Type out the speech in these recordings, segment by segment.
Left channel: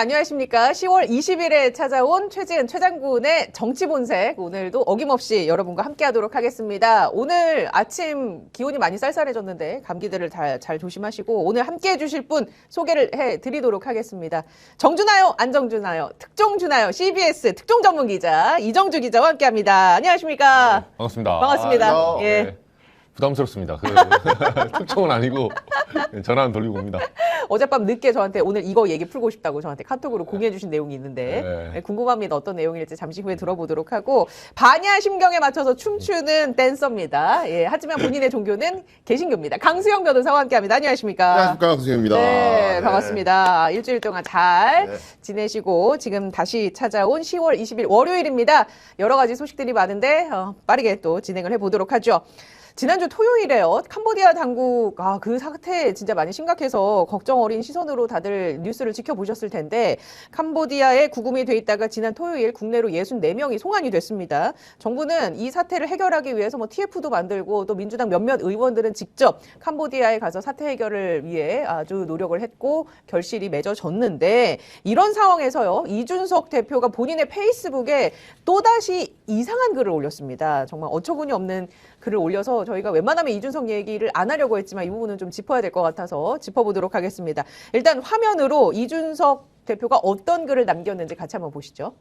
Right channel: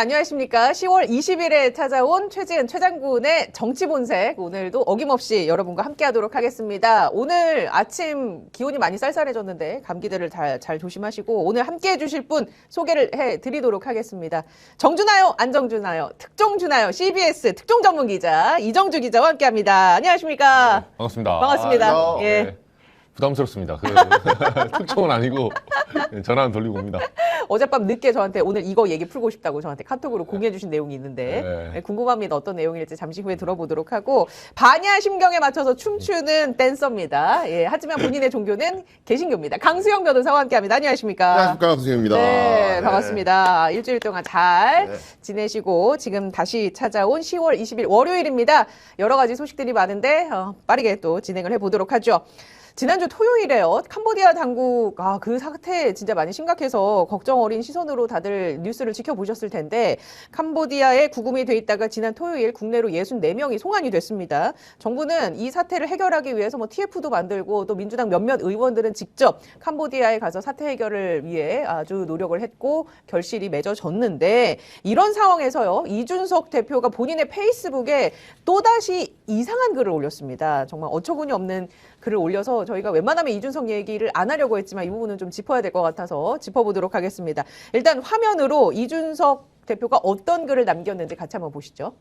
안녕하십니까. 10월 20일에 찾아온 최지은 최장군의 정치본색. 오늘도 어김없이 여러분과 함께 하도록 하겠습니다. 오늘 아침 기온이 많이 쌀쌀해졌는데 감기들을 잘 조심하시고 오늘 함께 해주실 분 소개를 해드리도록 하겠습니다. 정주나요? 안정주나요? 특종주나요? CBS 특종전문기자 이정주 기자와 함께합니다. 안녕하십니까. 반갑습니다. 반갑습니다. 예. 네. 부담스럽습니다. 특종은 아니고 전화는 돌리고 옵니다. 어젯밤 늦게 저한테 오늘 이거 얘기 풀고 싶다고 저한테 카톡으로 공유해 주신 내용이 있는데 네. 궁금합니다. 어떤 내용일지 잠시 후에 들어보도록 하고 반야 심경에 맞춰서 춤추는 댄서입니다. 예, 하지만 본인의 종교는 개신교입니다. 강수영 변호사와 함께합니다. 안녕하십니까? 안녕하십니까, 강수영입니다. 네, 반갑습니다. 일주일 동안 잘 지내시고 지금 다시 찾아온 10월 20일 월요일입니다. 여러 가지 소식들이 많은데 빠르게 또 진행을 해보도록 하죠. 지난주 토요일에요. 캄보디아 당국, 그 사태 진짜 많이 심각해서 걱정 어린 시선으로 다들 뉴스를 지켜보셨을 텐데, 캄보디아에 구금이 돼 있다가 지난 토요일 국내로 64명이 송환이 됐습니다. 정부는 이 사태를 해결하기 위해서 TF도 만들고 또 민주당 몇몇 의원들은 직접 캄보디아에 가서 사태 해결을 위해 아주 노력을 했고 결실이 맺어졌는데, 이런 상황에서요, 이준석 대표가 본인의 페이스북에 또다시 이상한 글을 올렸습니다. 정말 어처구니 없는 글을 올려서 저희가 웬만하면 이준석 얘기를 안 하려고 했지만 이 부분은 좀 짚어야 될 것 같아서 짚어보도록 하겠습니다. 일단 화면으로 이준석 대표가 어떤 글을 남겼는지 같이 한번 보시죠.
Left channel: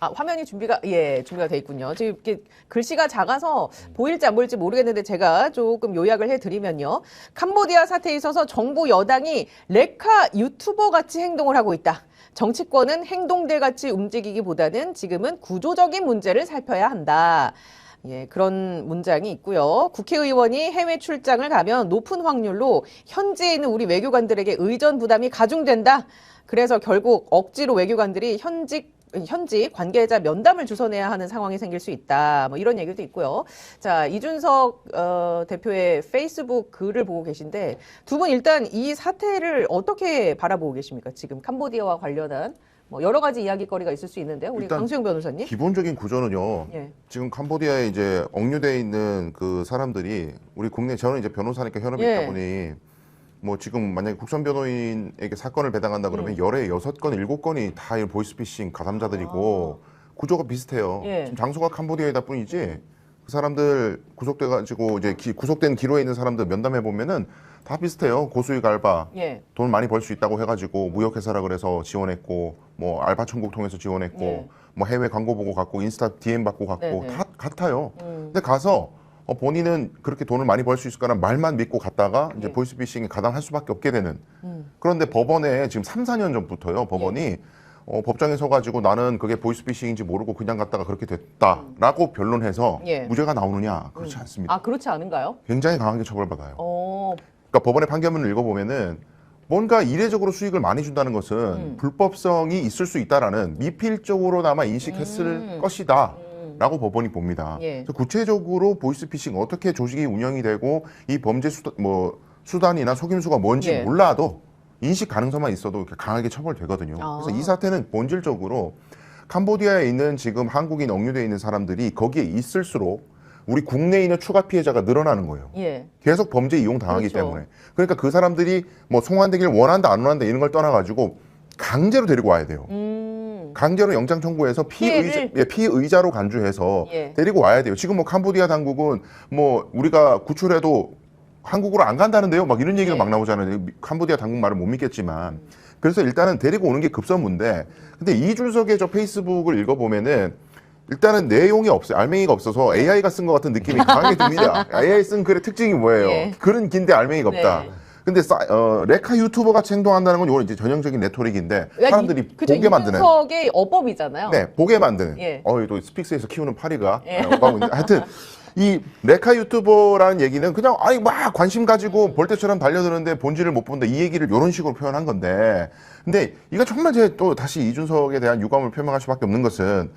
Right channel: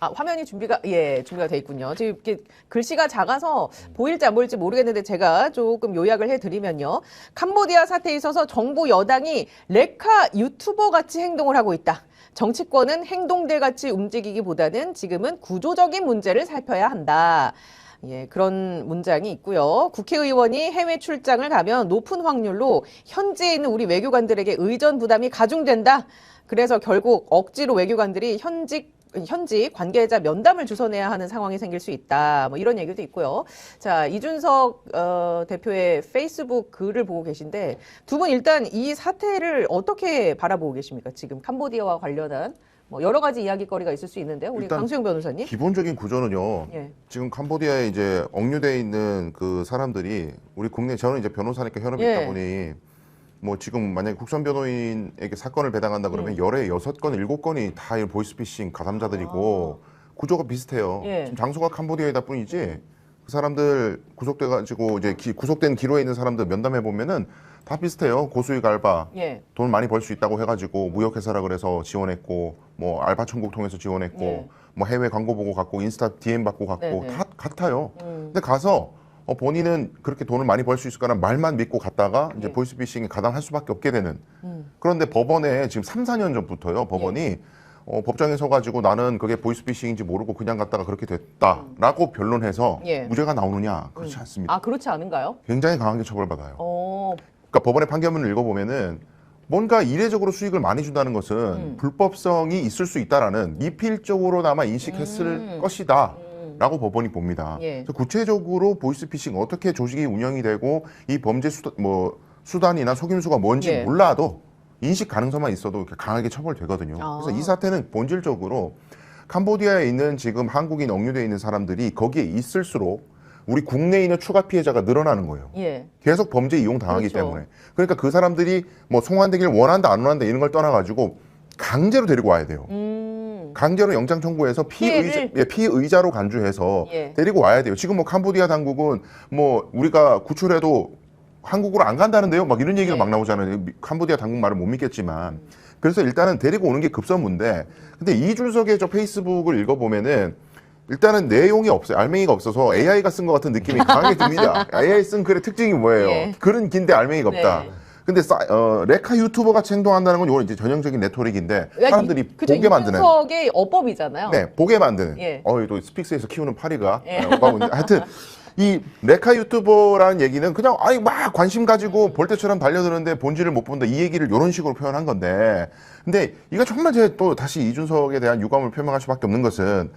화면이 준비가 돼 있군요. 지금 이렇게 글씨가 작아서 보일지 안 보일지 모르겠는데 제가 조금 요약을 해드리면요. 캄보디아 사태에 있어서 정부 여당이 레카 유튜버 같이 행동을 하고 있다. 정치권은 행동들 같이 움직이기보다는 지금은 구조적인 문제를 살펴야 한다. 예, 그런 문장이 있고요. 국회의원이 해외 출장을 가면 높은 확률로 현지에 있는 우리 외교관들에게 의전 부담이 가중된다. 그래서 결국 억지로 외교관들이 현지 관계자 면담을 주선해야 하는 상황이 생길 수 있다. 이런 얘기도 있고요. 자, 이준석 대표의 페이스북 글을 보고 계신데 두 분 일단 이 사태를 어떻게 바라보고 계십니까? 지금 캄보디아와 관련한 여러 가지 이야기거리가 있을 수 있는데 우리 강수영 변호사님. 기본적인 구조는요. 예. 지금 캄보디아에 이제 억류돼 있는 그 사람들이 우리 국내 저는 이제 변호사니까 혈압이 예. 있다 보니 지금 만약에 국선 변호인에게 사건을 배당한다 그러면 열에 6건, 7건이 다 보이스피싱 가담자들이고 구조가 비슷해요. 예. 지금 장소가 캄보디아이다 뿐이지 그 사람들 구속돼가지고 이제 구속된 기로에 있는 사람들 면담해 보면은 다 비슷해요. 고수익 알바, 예. 돈 많이 벌 수 있다고 해가지고 무역회사라 그래서 지원했고, 알바 천국 통해서 지원했고, 예. 해외 광고 보고 갔고, 인스타 DM 받고 갔고, 네네. 다 같아요. 근데 가서 본인은 그렇게 돈을 많이 벌 수 있을 거란 말만 믿고 갔다가 이제 예. 보이스피싱에 가담할 수밖에 없게 되는. 그런데 법원에 지금 3, 4년 전부터요, 법원이 법정에 서가지고 나는 그게 보이스피싱인지 모르고 그냥 갔다가 그렇게 됐다라고 변론해서 예. 무죄가 나오느냐? 그렇지 않습니다. 그렇지 않은가요? 굉장히 강하게 처벌받아요. 어, 그러니까 법원의 판결문을 읽어보면은 뭔가 이례적으로 수익을 많이 준다는 것은 불법성이 있을 수 있다라는 미필적으로나마 인식했을 것이다. 라고 법원이 봅니다. 예. 그래서 구체적으로 보이스피싱 어떻게 조직이 운영이 되고 이 범죄 수단이나 속임수가 뭔지 예. 몰라도 인식 가능성만 있어도 이렇게 강하게 처벌되거든요. 그래서 이 사태는 본질적으로 캄보디아에 있는 지금 한국인 억류되어 있는 사람들이 거기에 있을수록 우리 국내에 있는 추가 피해자가 늘어나는 거예요. 예. 계속 범죄 이용 당하기 그렇죠. 때문에. 그러니까 그 사람들이 송환되길 원한다 안 원한다 이런 걸 떠나가지고 강제로 데리고 와야 돼요. 강제로 영장 청구해서 피의자로 간주해서 예. 데리고 와야 돼요. 지금 캄보디아 당국은 우리가 구출해도 한국으로 안 간다는데요? 막 이런 얘기가 막 나오잖아요. 캄보디아 당국 말을 못 믿겠지만. 그래서 일단은 데리고 오는 게 급선무인데, 근데 이준석의 저 페이스북을 읽어보면은 일단은 내용이 없어요. 알맹이가 없어서 AI가 쓴 것 같은 느낌이 강하게 듭니다. AI 쓴 글의 특징이 뭐예요? 예. 글은 긴데 알맹이가 없다. 네. 근데 레카 유튜버 같이 행동한다는 건 이건 이제 전형적인 레토릭인데 사람들이 보게 만드는. 이준석의 어법이잖아요. 네, 보게 만드는. 예. 또 스픽스에서 키우는 파리가. 예. 하여튼 이 레카 유튜버라는 얘기는 그냥 막 관심 가지고 벌떼처럼 달려드는데 본질을 못 본다 이 얘기를 이런 식으로 표현한 건데, 근데 이거 정말 또 다시 이준석에 대한 유감을 표명할 수밖에 없는 것은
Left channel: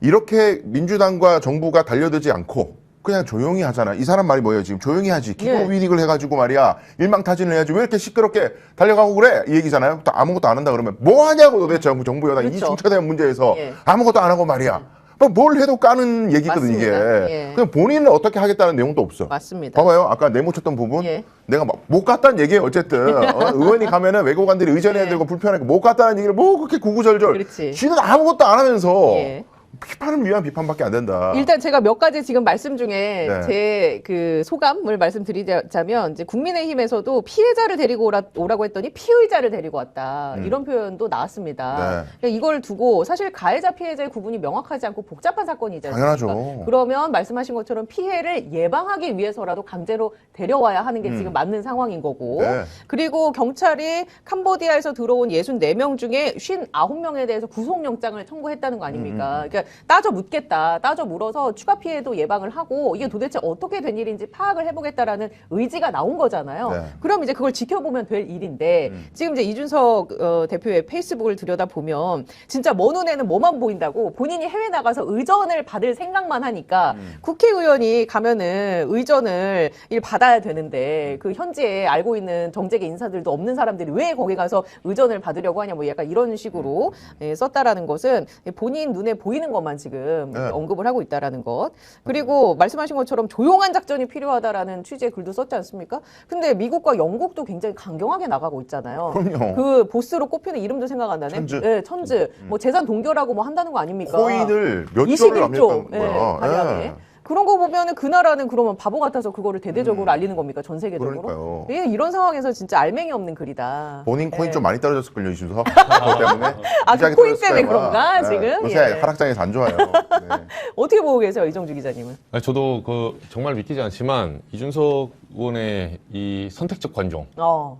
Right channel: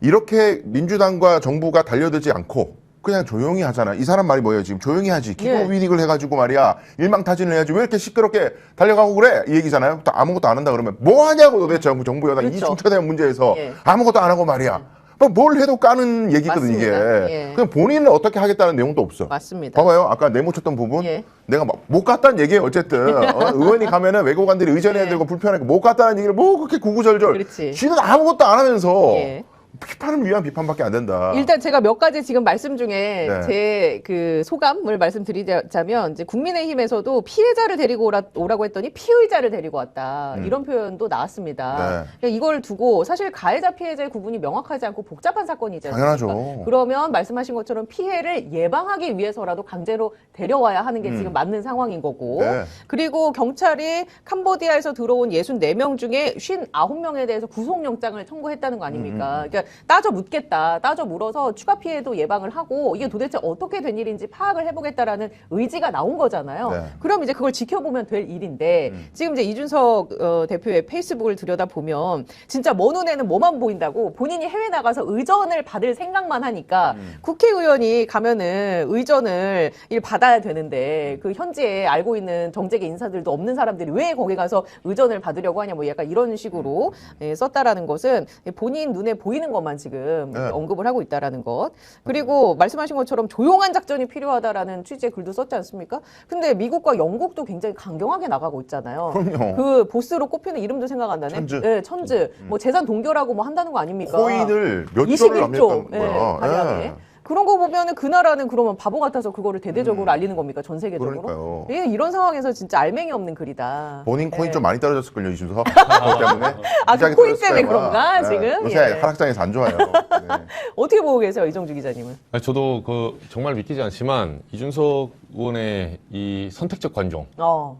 이렇게 민주당과 정부가 달려들지 않고 그냥 조용히 하잖아. 이 사람 말이 뭐예요? 지금 조용히 하지. 기본 위릭을 해가지고 말이야. 일망타진을 해야지. 왜 이렇게 시끄럽게 달려가고 그래? 이 얘기잖아요. 또 아무것도 안 한다 그러면 뭐 하냐고 도대체 정부 여당 그렇죠. 이 중차대한 문제에서 예. 아무것도 안 하고 말이야. 뭘 해도 까는 얘기거든, 이게. 맞습니다. 예. 그럼 본인은 어떻게 하겠다는 내용도 없어. 맞습니다. 봐봐요. 아까 네모 쳤던 부분. 예. 내가 막 못 갔다는 얘기예요, 어쨌든. 의원이 가면은 외교관들이 의전해야 예. 되고 불편하고 못 갔다는 얘기를 뭐 그렇게 구구절절. 그렇지. 지는 아무것도 안 하면서 예. 비판을 위한 비판밖에 안 된다. 일단 제가 몇 가지 지금 말씀 중에 네. 제 그 소감을 말씀드리자면 이제 국민의힘에서도 피해자를 데리고 오라고 했더니 피의자를 데리고 왔다. 이런 표현도 나왔습니다. 네. 그러니까 이걸 두고 사실 가해자 피해자의 구분이 명확하지 않고 복잡한 사건이잖아요. 당연하죠. 그러면 말씀하신 것처럼 피해를 예방하기 위해서라도 강제로 데려와야 하는 게 지금 맞는 상황인 거고. 네. 그리고 경찰이 캄보디아에서 들어온 64명 중에 59명에 대해서 구속영장을 청구했다는 거 아닙니까? 그러니까 따져 묻겠다. 따져 물어서 추가 피해도 예방을 하고 이게 도대체 어떻게 된 일인지 파악을 해보겠다라는 의지가 나온 거잖아요. 네. 그럼 이제 그걸 지켜보면 될 일인데 지금 이제 이준석 대표의 페이스북을 들여다보면 진짜 먼 눈에는 뭐만 보인다고 본인이 해외 나가서 의전을 받을 생각만 하니까 국회의원이 가면은 의전을 받아야 되는데 그 현지에 알고 있는 정재계 인사들도 없는 사람들이 왜 거기 가서 의전을 받으려고 하냐 뭐 약간 이런 식으로 썼다라는 것은 본인 눈에 보이는 것만 지금 네. 언급을 하고 있다라는 것. 그리고 말씀하신 것처럼 조용한 작전이 필요하다라는 취지의 글도 썼지 않습니까? 근데 미국과 영국도 굉장히 강경하게 나가고 있잖아요. 그럼요. 그 보스로 꼽히는 이름도 생각 안 나네. 천즈. 네, 천즈. 뭐 재산 동결하고 뭐 한다는 거 아닙니까? 코인을 몇 조를 21조. 남겼다는 네, 거야. 가량에. 예. 그런 거 보면은 그 나라는 그러면 바보 같아서 그거를 대대적으로 알리는 겁니까? 전 세계적으로? 그러니까요. 예, 이런 상황에서 진짜 알맹이 없는 글이다. 본인 코인 예. 좀 많이 떨어졌을걸요, 이준석. 그렇기 때문에. 아, 그 시장이 코인 때문에 떨어졌어요. 그런가, 네. 지금? 요새 예. 하락장에서 안 좋아요. 네. 어떻게 보고 계세요, 이정주 기자님은? 저도 정말 믿기지 않지만 이준석 의원의 이 선택적 관종,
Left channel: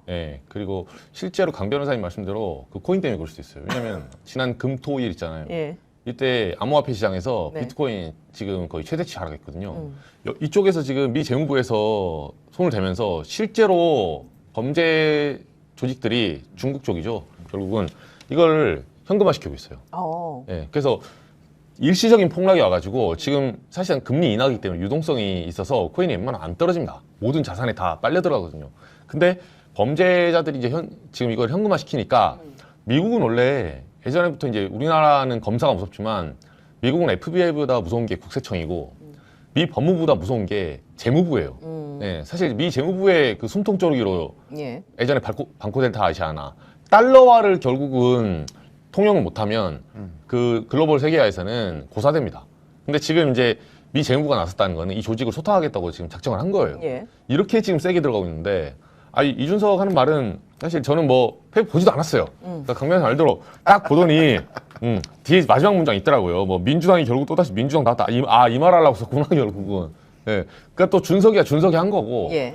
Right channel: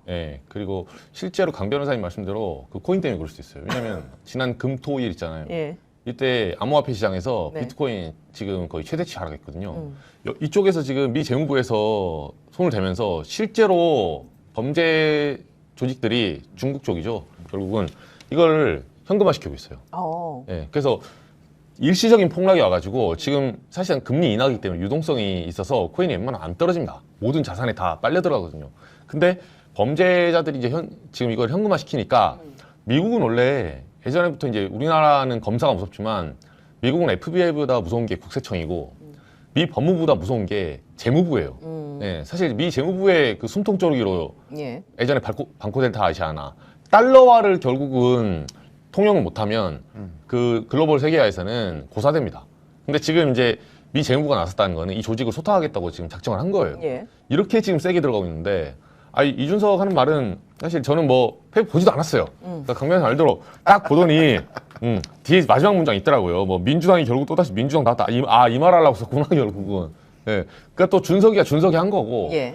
예, 그리고 실제로 강 변호사님 말씀대로 그 코인 때문에 그럴 수도 있어요. 왜냐면 지난 금, 토, 일 있잖아요. 예. 이때 암호화폐 시장에서 네. 비트코인 지금 거의 최대치 하락했거든요. 이쪽에서 지금 미 재무부에서 손을 대면서 실제로 범죄 조직들이 중국 쪽이죠. 결국은 이걸 현금화시키고 있어요. 예, 그래서 일시적인 폭락이 와가지고 지금 사실상 금리 인하기 때문에 유동성이 있어서 코인이 웬만하면 안 떨어집니다. 모든 자산에 다 빨려 들어가거든요. 근데 범죄자들이 이제 지금 이걸 현금화 시키니까 미국은 원래 예전에부터 이제 우리나라는 검사가 무섭지만 미국은 FBI보다 무서운 게 국세청이고 미 법무부보다 무서운 게 재무부예요. 네, 사실 미 재무부의 그 숨통 쪼르기로 예. 예전에 방코델타 아시아나 달러화를 결국은 통용을 못하면 그 글로벌 세계화에서는 고사됩니다. 근데 지금 이제 미 재무부가 나섰다는 거는 이 조직을 소탕하겠다고 지금 작정을 한 거예요. 예. 이렇게 지금 세게 들어가고 있는데 이준석 하는 말은 사실 저는 뭐 보지도 않았어요. 그러니까 강변에서 말대로 딱 보더니 뒤에 마지막 문장 있더라고요. 뭐 민주당이 결국 또다시 민주당 나왔다. 이 말 하려고 썼구나 결국은. 예. 그러니까 또 준석이 한 거고. 예.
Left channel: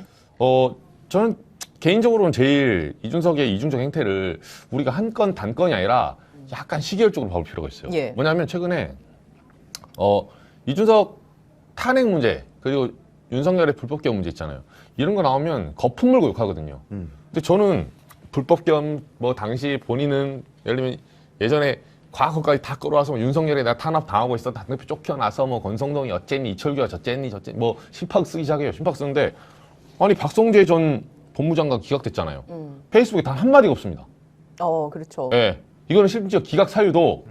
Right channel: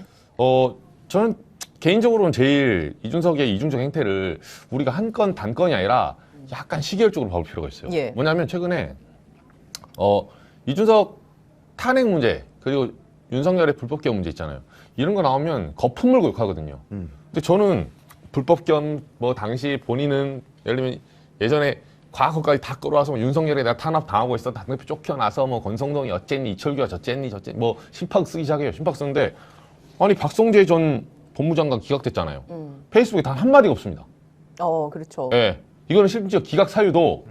저는 개인적으로는 제일 이준석의 이중적 행태를 우리가 한 건 단건이 아니라 약간 시기열적으로 봐볼 필요가 있어요. 예. 뭐냐면 최근에 이준석 탄핵 문제 그리고 윤석열의 불법개헌 문제 있잖아요. 이런 거 나오면 거품 물고 욕하거든요. 근데 저는 불법개헌 뭐 당시 본인은 예를 들면 예전에 과거까지 다 끌어와서 윤석열에 내가 탄압 당하고 있어 당대표 쫓겨나서 뭐 권성동이 어쨌니 이철규가 저쨌니 뭐 심박 쓰기 시작해요. 심박 쓰는데 아니 박성재 전 법무장관 기각됐잖아요. 페이스북에 단 한마디가 없습니다. 그렇죠. 예. 이거는 심지어 기각 사유도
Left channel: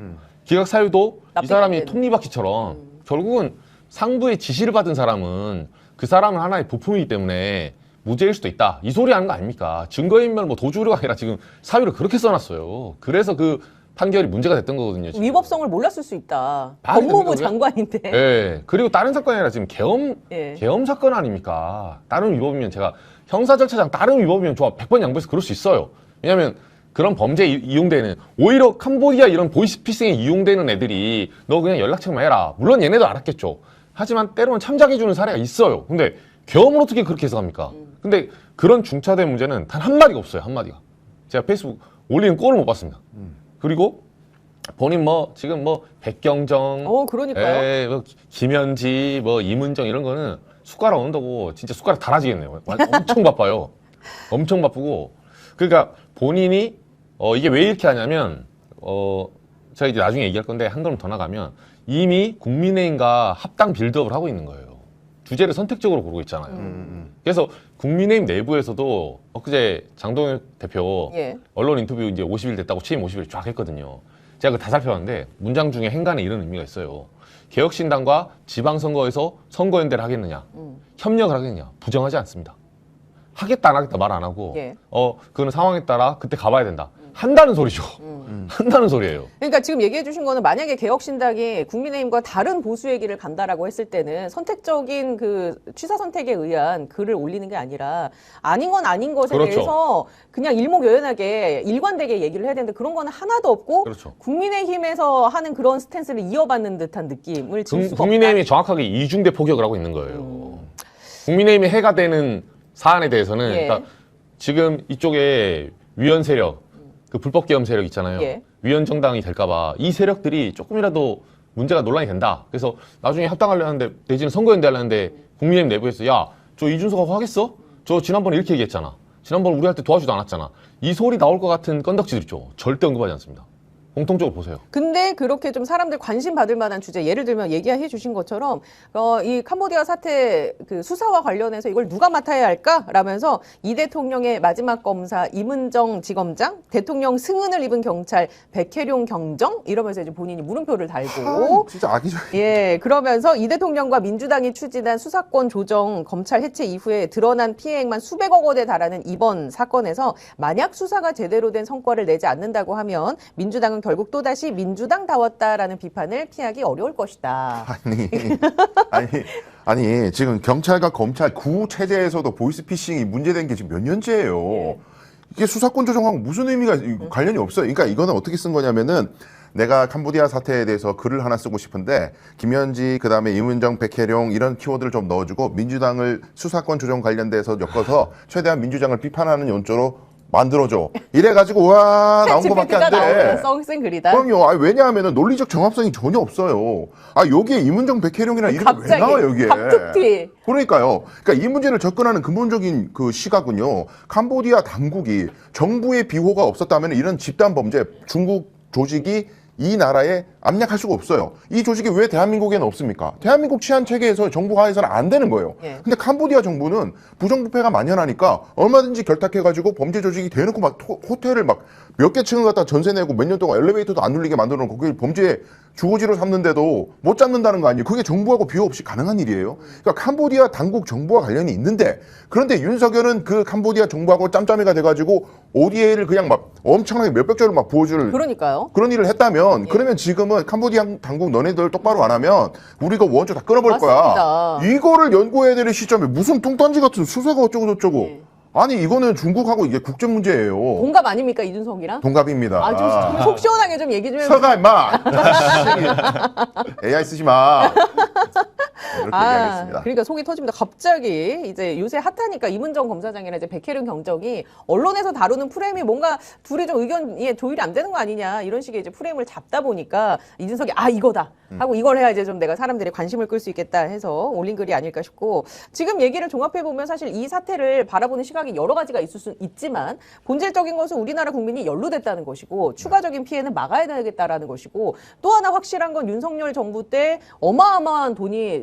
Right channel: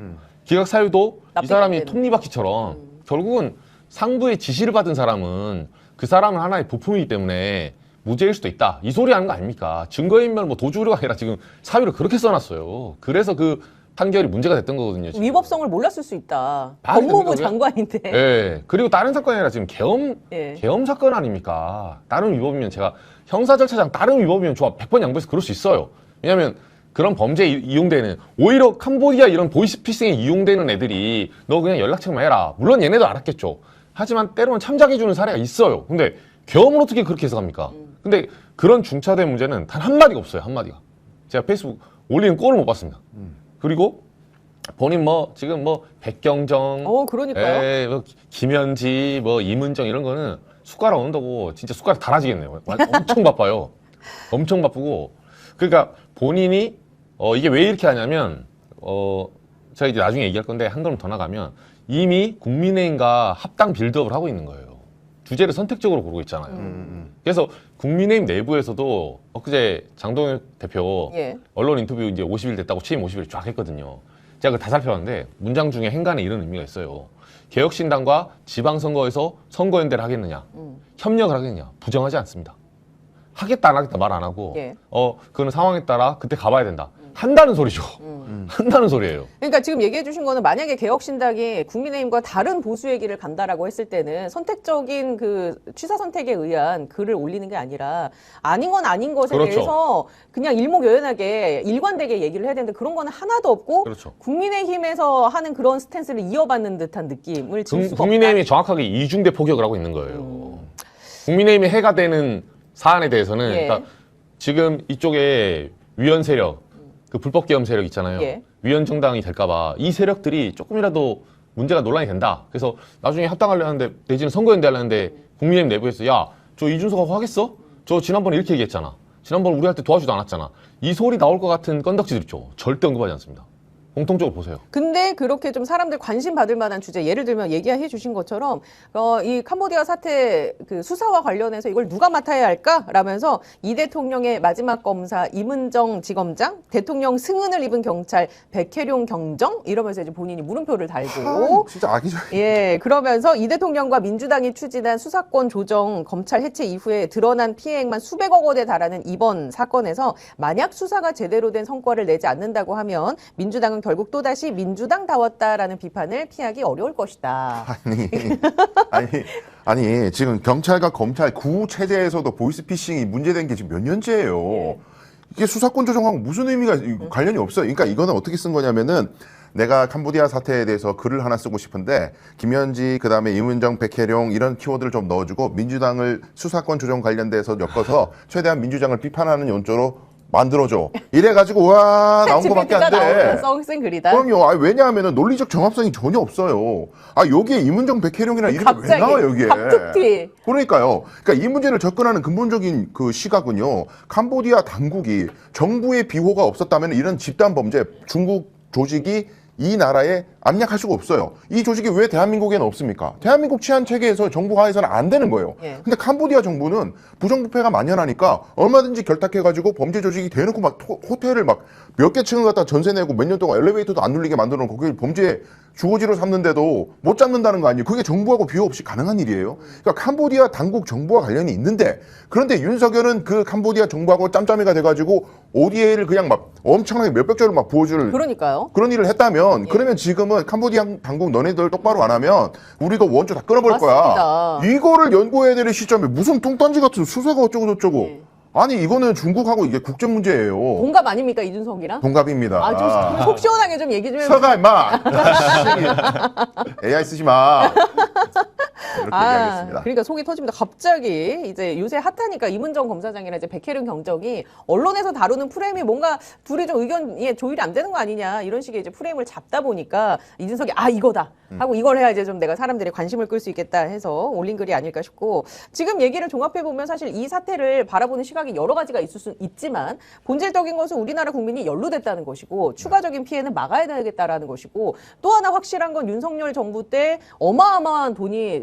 이 사람이 납득이 톱니바퀴처럼 결국은 상부의 지시를 받은 사람은 그 사람은 하나의 부품이기 때문에 무죄일 수도 있다. 이 소리 하는 거 아닙니까? 증거인멸 뭐 도주가 아니라 지금 사유를 그렇게 써놨어요. 그래서 그 판결이 문제가 됐던 거거든요. 지금. 위법성을 몰랐을 수 있다. 아, 법무부 그거는- 장관인데. 예. 그리고 다른 사건이 아니라 지금 예. 계엄 사건 아닙니까? 다른 위법이면 제가 형사 절차상 다른 위법이면 저 100번 양보해서 그럴 수 있어요. 왜냐면 그런 범죄에 이용되는 오히려 캄보디아 이런 보이스피싱에 이용되는 애들이 너 그냥 연락처만 해라. 물론 얘네도 알았겠죠. 하지만 때로는 참작해주는 사례가 있어요. 근데 계엄을 어떻게 그렇게 해석합니까? 근데 그런 중차대 문제는 단 한마디가 없어요. 한마디가. 제가 페이스북 올리는 꼴을 못 봤습니다. 그리고 본인 지금 백경정 그러니까요. 예, 김현지 이문정 이런 거는 숟가락 얹는다고 진짜 숟가락 다 나지겠네요. 엄청 바빠요. 엄청 바쁘고 그러니까 본인이 이게 왜 이렇게 하냐면 제가 이제 나중에 얘기할 건데 한 걸음 더 나가면 이미 국민의힘과 합당 빌드업을 하고 있는 거예요. 주제를 선택적으로 고르고 있잖아요. 그래서 국민의힘 내부에서도 엊그제 장동혁 대표 예. 언론 인터뷰 이제 50일 됐다고 취임 50일 쫙 했거든요. 제가 그 다 살펴봤는데 문장 중에 행간에 이런 의미가 있어요. 개혁신당과 지방선거에서 선거연대를 하겠느냐, 협력을 하겠느냐, 부정하지 않습니다. 하겠다 안 하겠다 말 안 하고 예. 그런 상황에 따라 그때 가봐야 된다. 한다는 소리죠. 한다는 소리예요. 그러니까 지금 얘기해 주신 거는 만약에 개혁신당이 국민의힘과 다른 보수의 길을 간다라고 했을 때는 선택적인 그 취사 선택에 의한 글을 올리는 게 아니라 아닌 건 아닌 것에 그렇죠. 대해서 그냥 일목요연하게 일관되게 얘기를 해야 되는데 그런 거는 하나도 없고 그렇죠. 국민의힘에서 하는 그런 스탠스를 이어받는 듯한 느낌을 질 수가 국민의힘이 없다. 정확하게 이중대 포격을 하고 있는 거예요. 국민의힘이 해가 되는 사안에 대해서는 예. 그러니까 지금 이쪽에 위헌 세력, 그 불법 계엄 세력 있잖아요. 예. 위헌 정당이 될까봐 이 세력들이 조금이라도 문제가 논란이 된다. 그래서 나중에 합당하려는데 내지는 선거연대 하려는데 국민의힘 내부에서 야, 저 이준석 하겠어? 저 지난번에 이렇게 얘기했잖아. 지난번에 우리 할 때 도와주지도 않았잖아. 이 소리 나올 것 같은 건덕지들 있죠. 절대 언급하지 않습니다. 공통적으로 보세요. 근데 그렇게 좀 사람들 관심 받을 만한 주제, 예를 들면 얘기해 주신 것처럼 이 캄보디아 사태 그 수사와 관련해서 이걸 누가 맡아야 할까라면서 이 대통령의 마지막 검사 임은정 지검장, 대통령 승은을 입은 경찰 백혜룡 경정 이러면서 이제 본인이 물음표를 달고 진짜 아니죠. 예, 그러면서 이 대통령과 민주당이 추진한 수사권 조정 검찰 해체 이후에 드러난 피해액만 수백억 원에 달하는 이번 사건에서 만약 수사가 제대로 된 성과를 내지 않는다고 하면 민주당은 결국 또다시 민주당다웠다라는 비판을 피하기 어려울 것이다. 아니, 지금 경찰과 검찰 구 체제에서도 보이스피싱이 문제된 게 지금 몇 년째예요. 이게 수사권 조정하고 무슨 의미가 관련이 없어요. 그러니까 이거는 어떻게 쓴 거냐면은 내가 캄보디아 사태에 대해서 글을 하나 쓰고 싶은데 김현지 그다음에 임은정 백혜룡 이런 키워드를 좀 넣어주고 민주당을 수사권 조정 관련돼서 엮어서 최대한 민주당을 비판하는 연조로 만들어줘. 이래가지고 와 나온 거밖에 안 돼. 썩센 글이다. 그럼요. 왜냐하면 논리적 정합성이 전혀 없어요. 여기에 임은정 백혜룡이랑 이렇게 왜 갑자기 나와 여기에. 갑툭튀. 그러니까요. 그러니까 이 문제를 접근하는 근본적인 그 시각은요. 캄보디아 당국이 정부의 비호가 없었다면 이런 집단 범죄 중국 조직이 이 나라에 압력할 수가 없어요. 이 조직이 왜 대한민국에는 없습니까? 대한민국 치안 체계에서 정부 하에서는 안 되는 거예요. 근데 캄보디아 정부는 부정부패가 만연하니까 얼마든지 결탁해가지고 범죄 조직이 대놓고 막 호텔을 막 몇 개 층을 갖다 전세 내고 몇 년 동안 엘리베이터도 안 눌리게 만들어 놓고 거기 범죄 주거지로 삼는데도 못 잡는다는 거 아니에요? 그게 정부하고 비호 없이 가능한 일이에요. 그러니까 캄보디아 당국 정부와 관련이 있는데 그런데 윤석열은 그 캄보디아 정부하고 짬짬이가 돼가지고 ODA를 그냥 막 엄청나게 몇백 조를 막 부어줄 그러니까요. 그런 일을 했다면 그러면 지금은 캄보디아 당국 너네들 똑바로 안 하면 우리가 원조 다 끊어버릴 거야. 맞습니다. 이거를 연구해야 되는 시점에 무슨 뚱딴지 같은 수사가 어쩌고 저쩌고. 아니 이거는 중국하고 이게 국제 문제예요. 동갑 아닙니까 이준석이랑? 동갑입니다. 좀 속 시원하게 좀 얘기 좀 해요. 서가 임마. AI 쓰지 마. 이렇게 얘기하겠습니다. 그러니까 속이 터집니다. 갑자기 이제 요새 핫하니까 임은정 검사장이나 이제 백혜룡 경정이 언론에서 다루는 프레임이 뭔가 둘의 좀 의견이 조율이 안 되는 거 아니냐 이런 식의 이제 프레임을 잡다 보니까 이준석이 이거다 하고 이걸 해야 이제 좀 내가 사람들의 관심을 끌 수 있겠다 해서 올린 글이 아닐까 싶고 지금 얘기를 종합해 보면 사실 이 사태를 바라보는 시각이 여러 가지가 있을 수 있지만 본질적인 것은 우리나라 국민이 연루됐다는 것이고 추가적인 피해는 막아야 되겠다라는 것이고 또 하나 확실한 건 윤석열 정부 때 어마어마한 돈이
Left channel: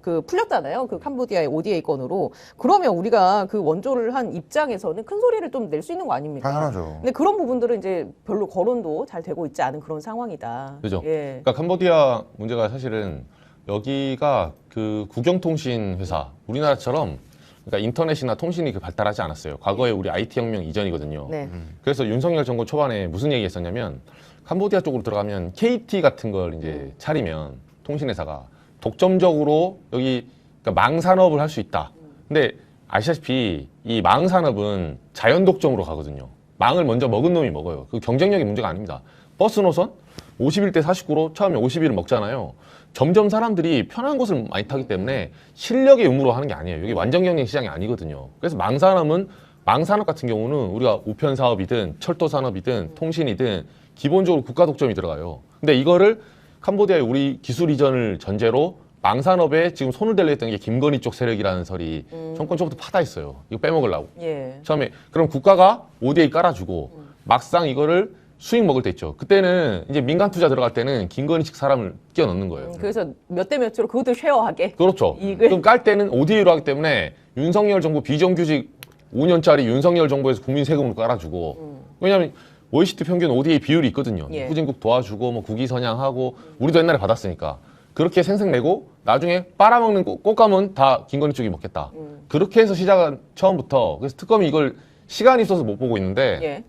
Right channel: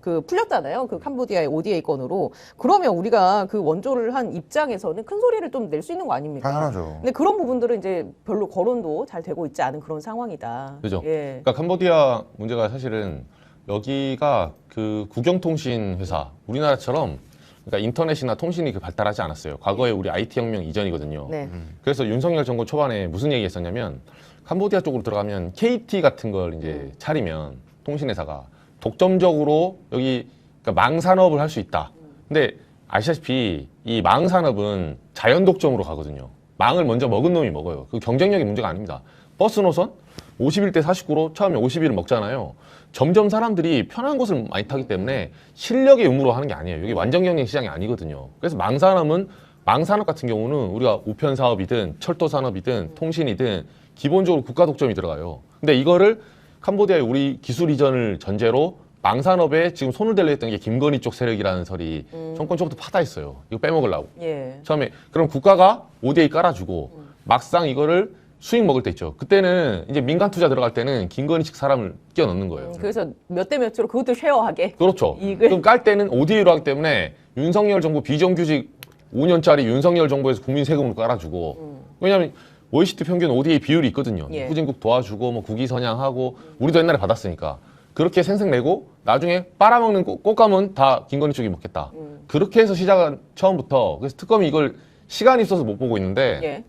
그 풀렸잖아요. 그 캄보디아의 ODA 건으로. 그러면 우리가 그 원조를 한 입장에서는 큰 소리를 좀 낼 수 있는 거 아닙니까? 당연하죠. 근데 그런 부분들은 이제 별로 거론도 잘 되고 있지 않은 그런 상황이다. 그죠? 예. 그러니까 캄보디아 문제가 사실은 여기가 그 국영통신 회사 우리나라처럼 그러니까 인터넷이나 통신이 그 발달하지 않았어요. 과거에 우리 IT 혁명 이전이거든요. 네. 그래서 윤석열 정부 초반에 무슨 얘기했었냐면 캄보디아 쪽으로 들어가면 KT 같은 걸 이제 차리면 통신회사가 독점적으로 여기 그러니까 망산업을 할 수 있다. 근데 아시다시피 이 망산업은 자연 독점으로 가거든요. 망을 먼저 먹은 놈이 먹어요. 그 경쟁력이 문제가 아닙니다. 버스 노선 51대 49로 처음에 51을 먹잖아요. 점점 사람들이 편한 곳을 많이 타기 때문에 실력의 의무로 하는 게 아니에요. 여기 완전 경쟁 시장이 아니거든요. 그래서 망산업 같은 경우는 우리가 우편 사업이든 철도 산업이든 통신이든 기본적으로 국가 독점이 들어가요. 근데 이거를 캄보디아의 우리 기술 이전을 전제로 망산업에 지금 손을 대려 했던 게 김건희 쪽 세력이라는 설이 정권 초부터 파다 있어요. 이거 빼먹으려고. 예. 처음에 그럼 국가가 ODA 깔아주고 막상 이거를 수익 먹을 때 있죠. 그때는 이제 민간 투자 들어갈 때는 김건희 식 사람을 끼워 넣는 거예요. 그래서 몇 대 몇으로 그것도 쉐어하게. 그렇죠. 이익을. 그럼 깔 때는 ODA로 하기 때문에 윤석열 정부 비정규직 5년짜리 윤석열 정부에서 국민 세금으로 깔아주고 왜냐하면 OECD 평균 ODA 비율이 있거든요. 예. 후진국 도와주고 뭐 국위 선양하고 우리도 옛날에 받았으니까 그렇게 생색내고 나중에 빨아먹는 꽃감은 다 김건희 쪽이 먹겠다. 그렇게 해서 시작은 처음부터. 그래서 특검이 이걸 시간이 있어서 못 보고 있는데 예.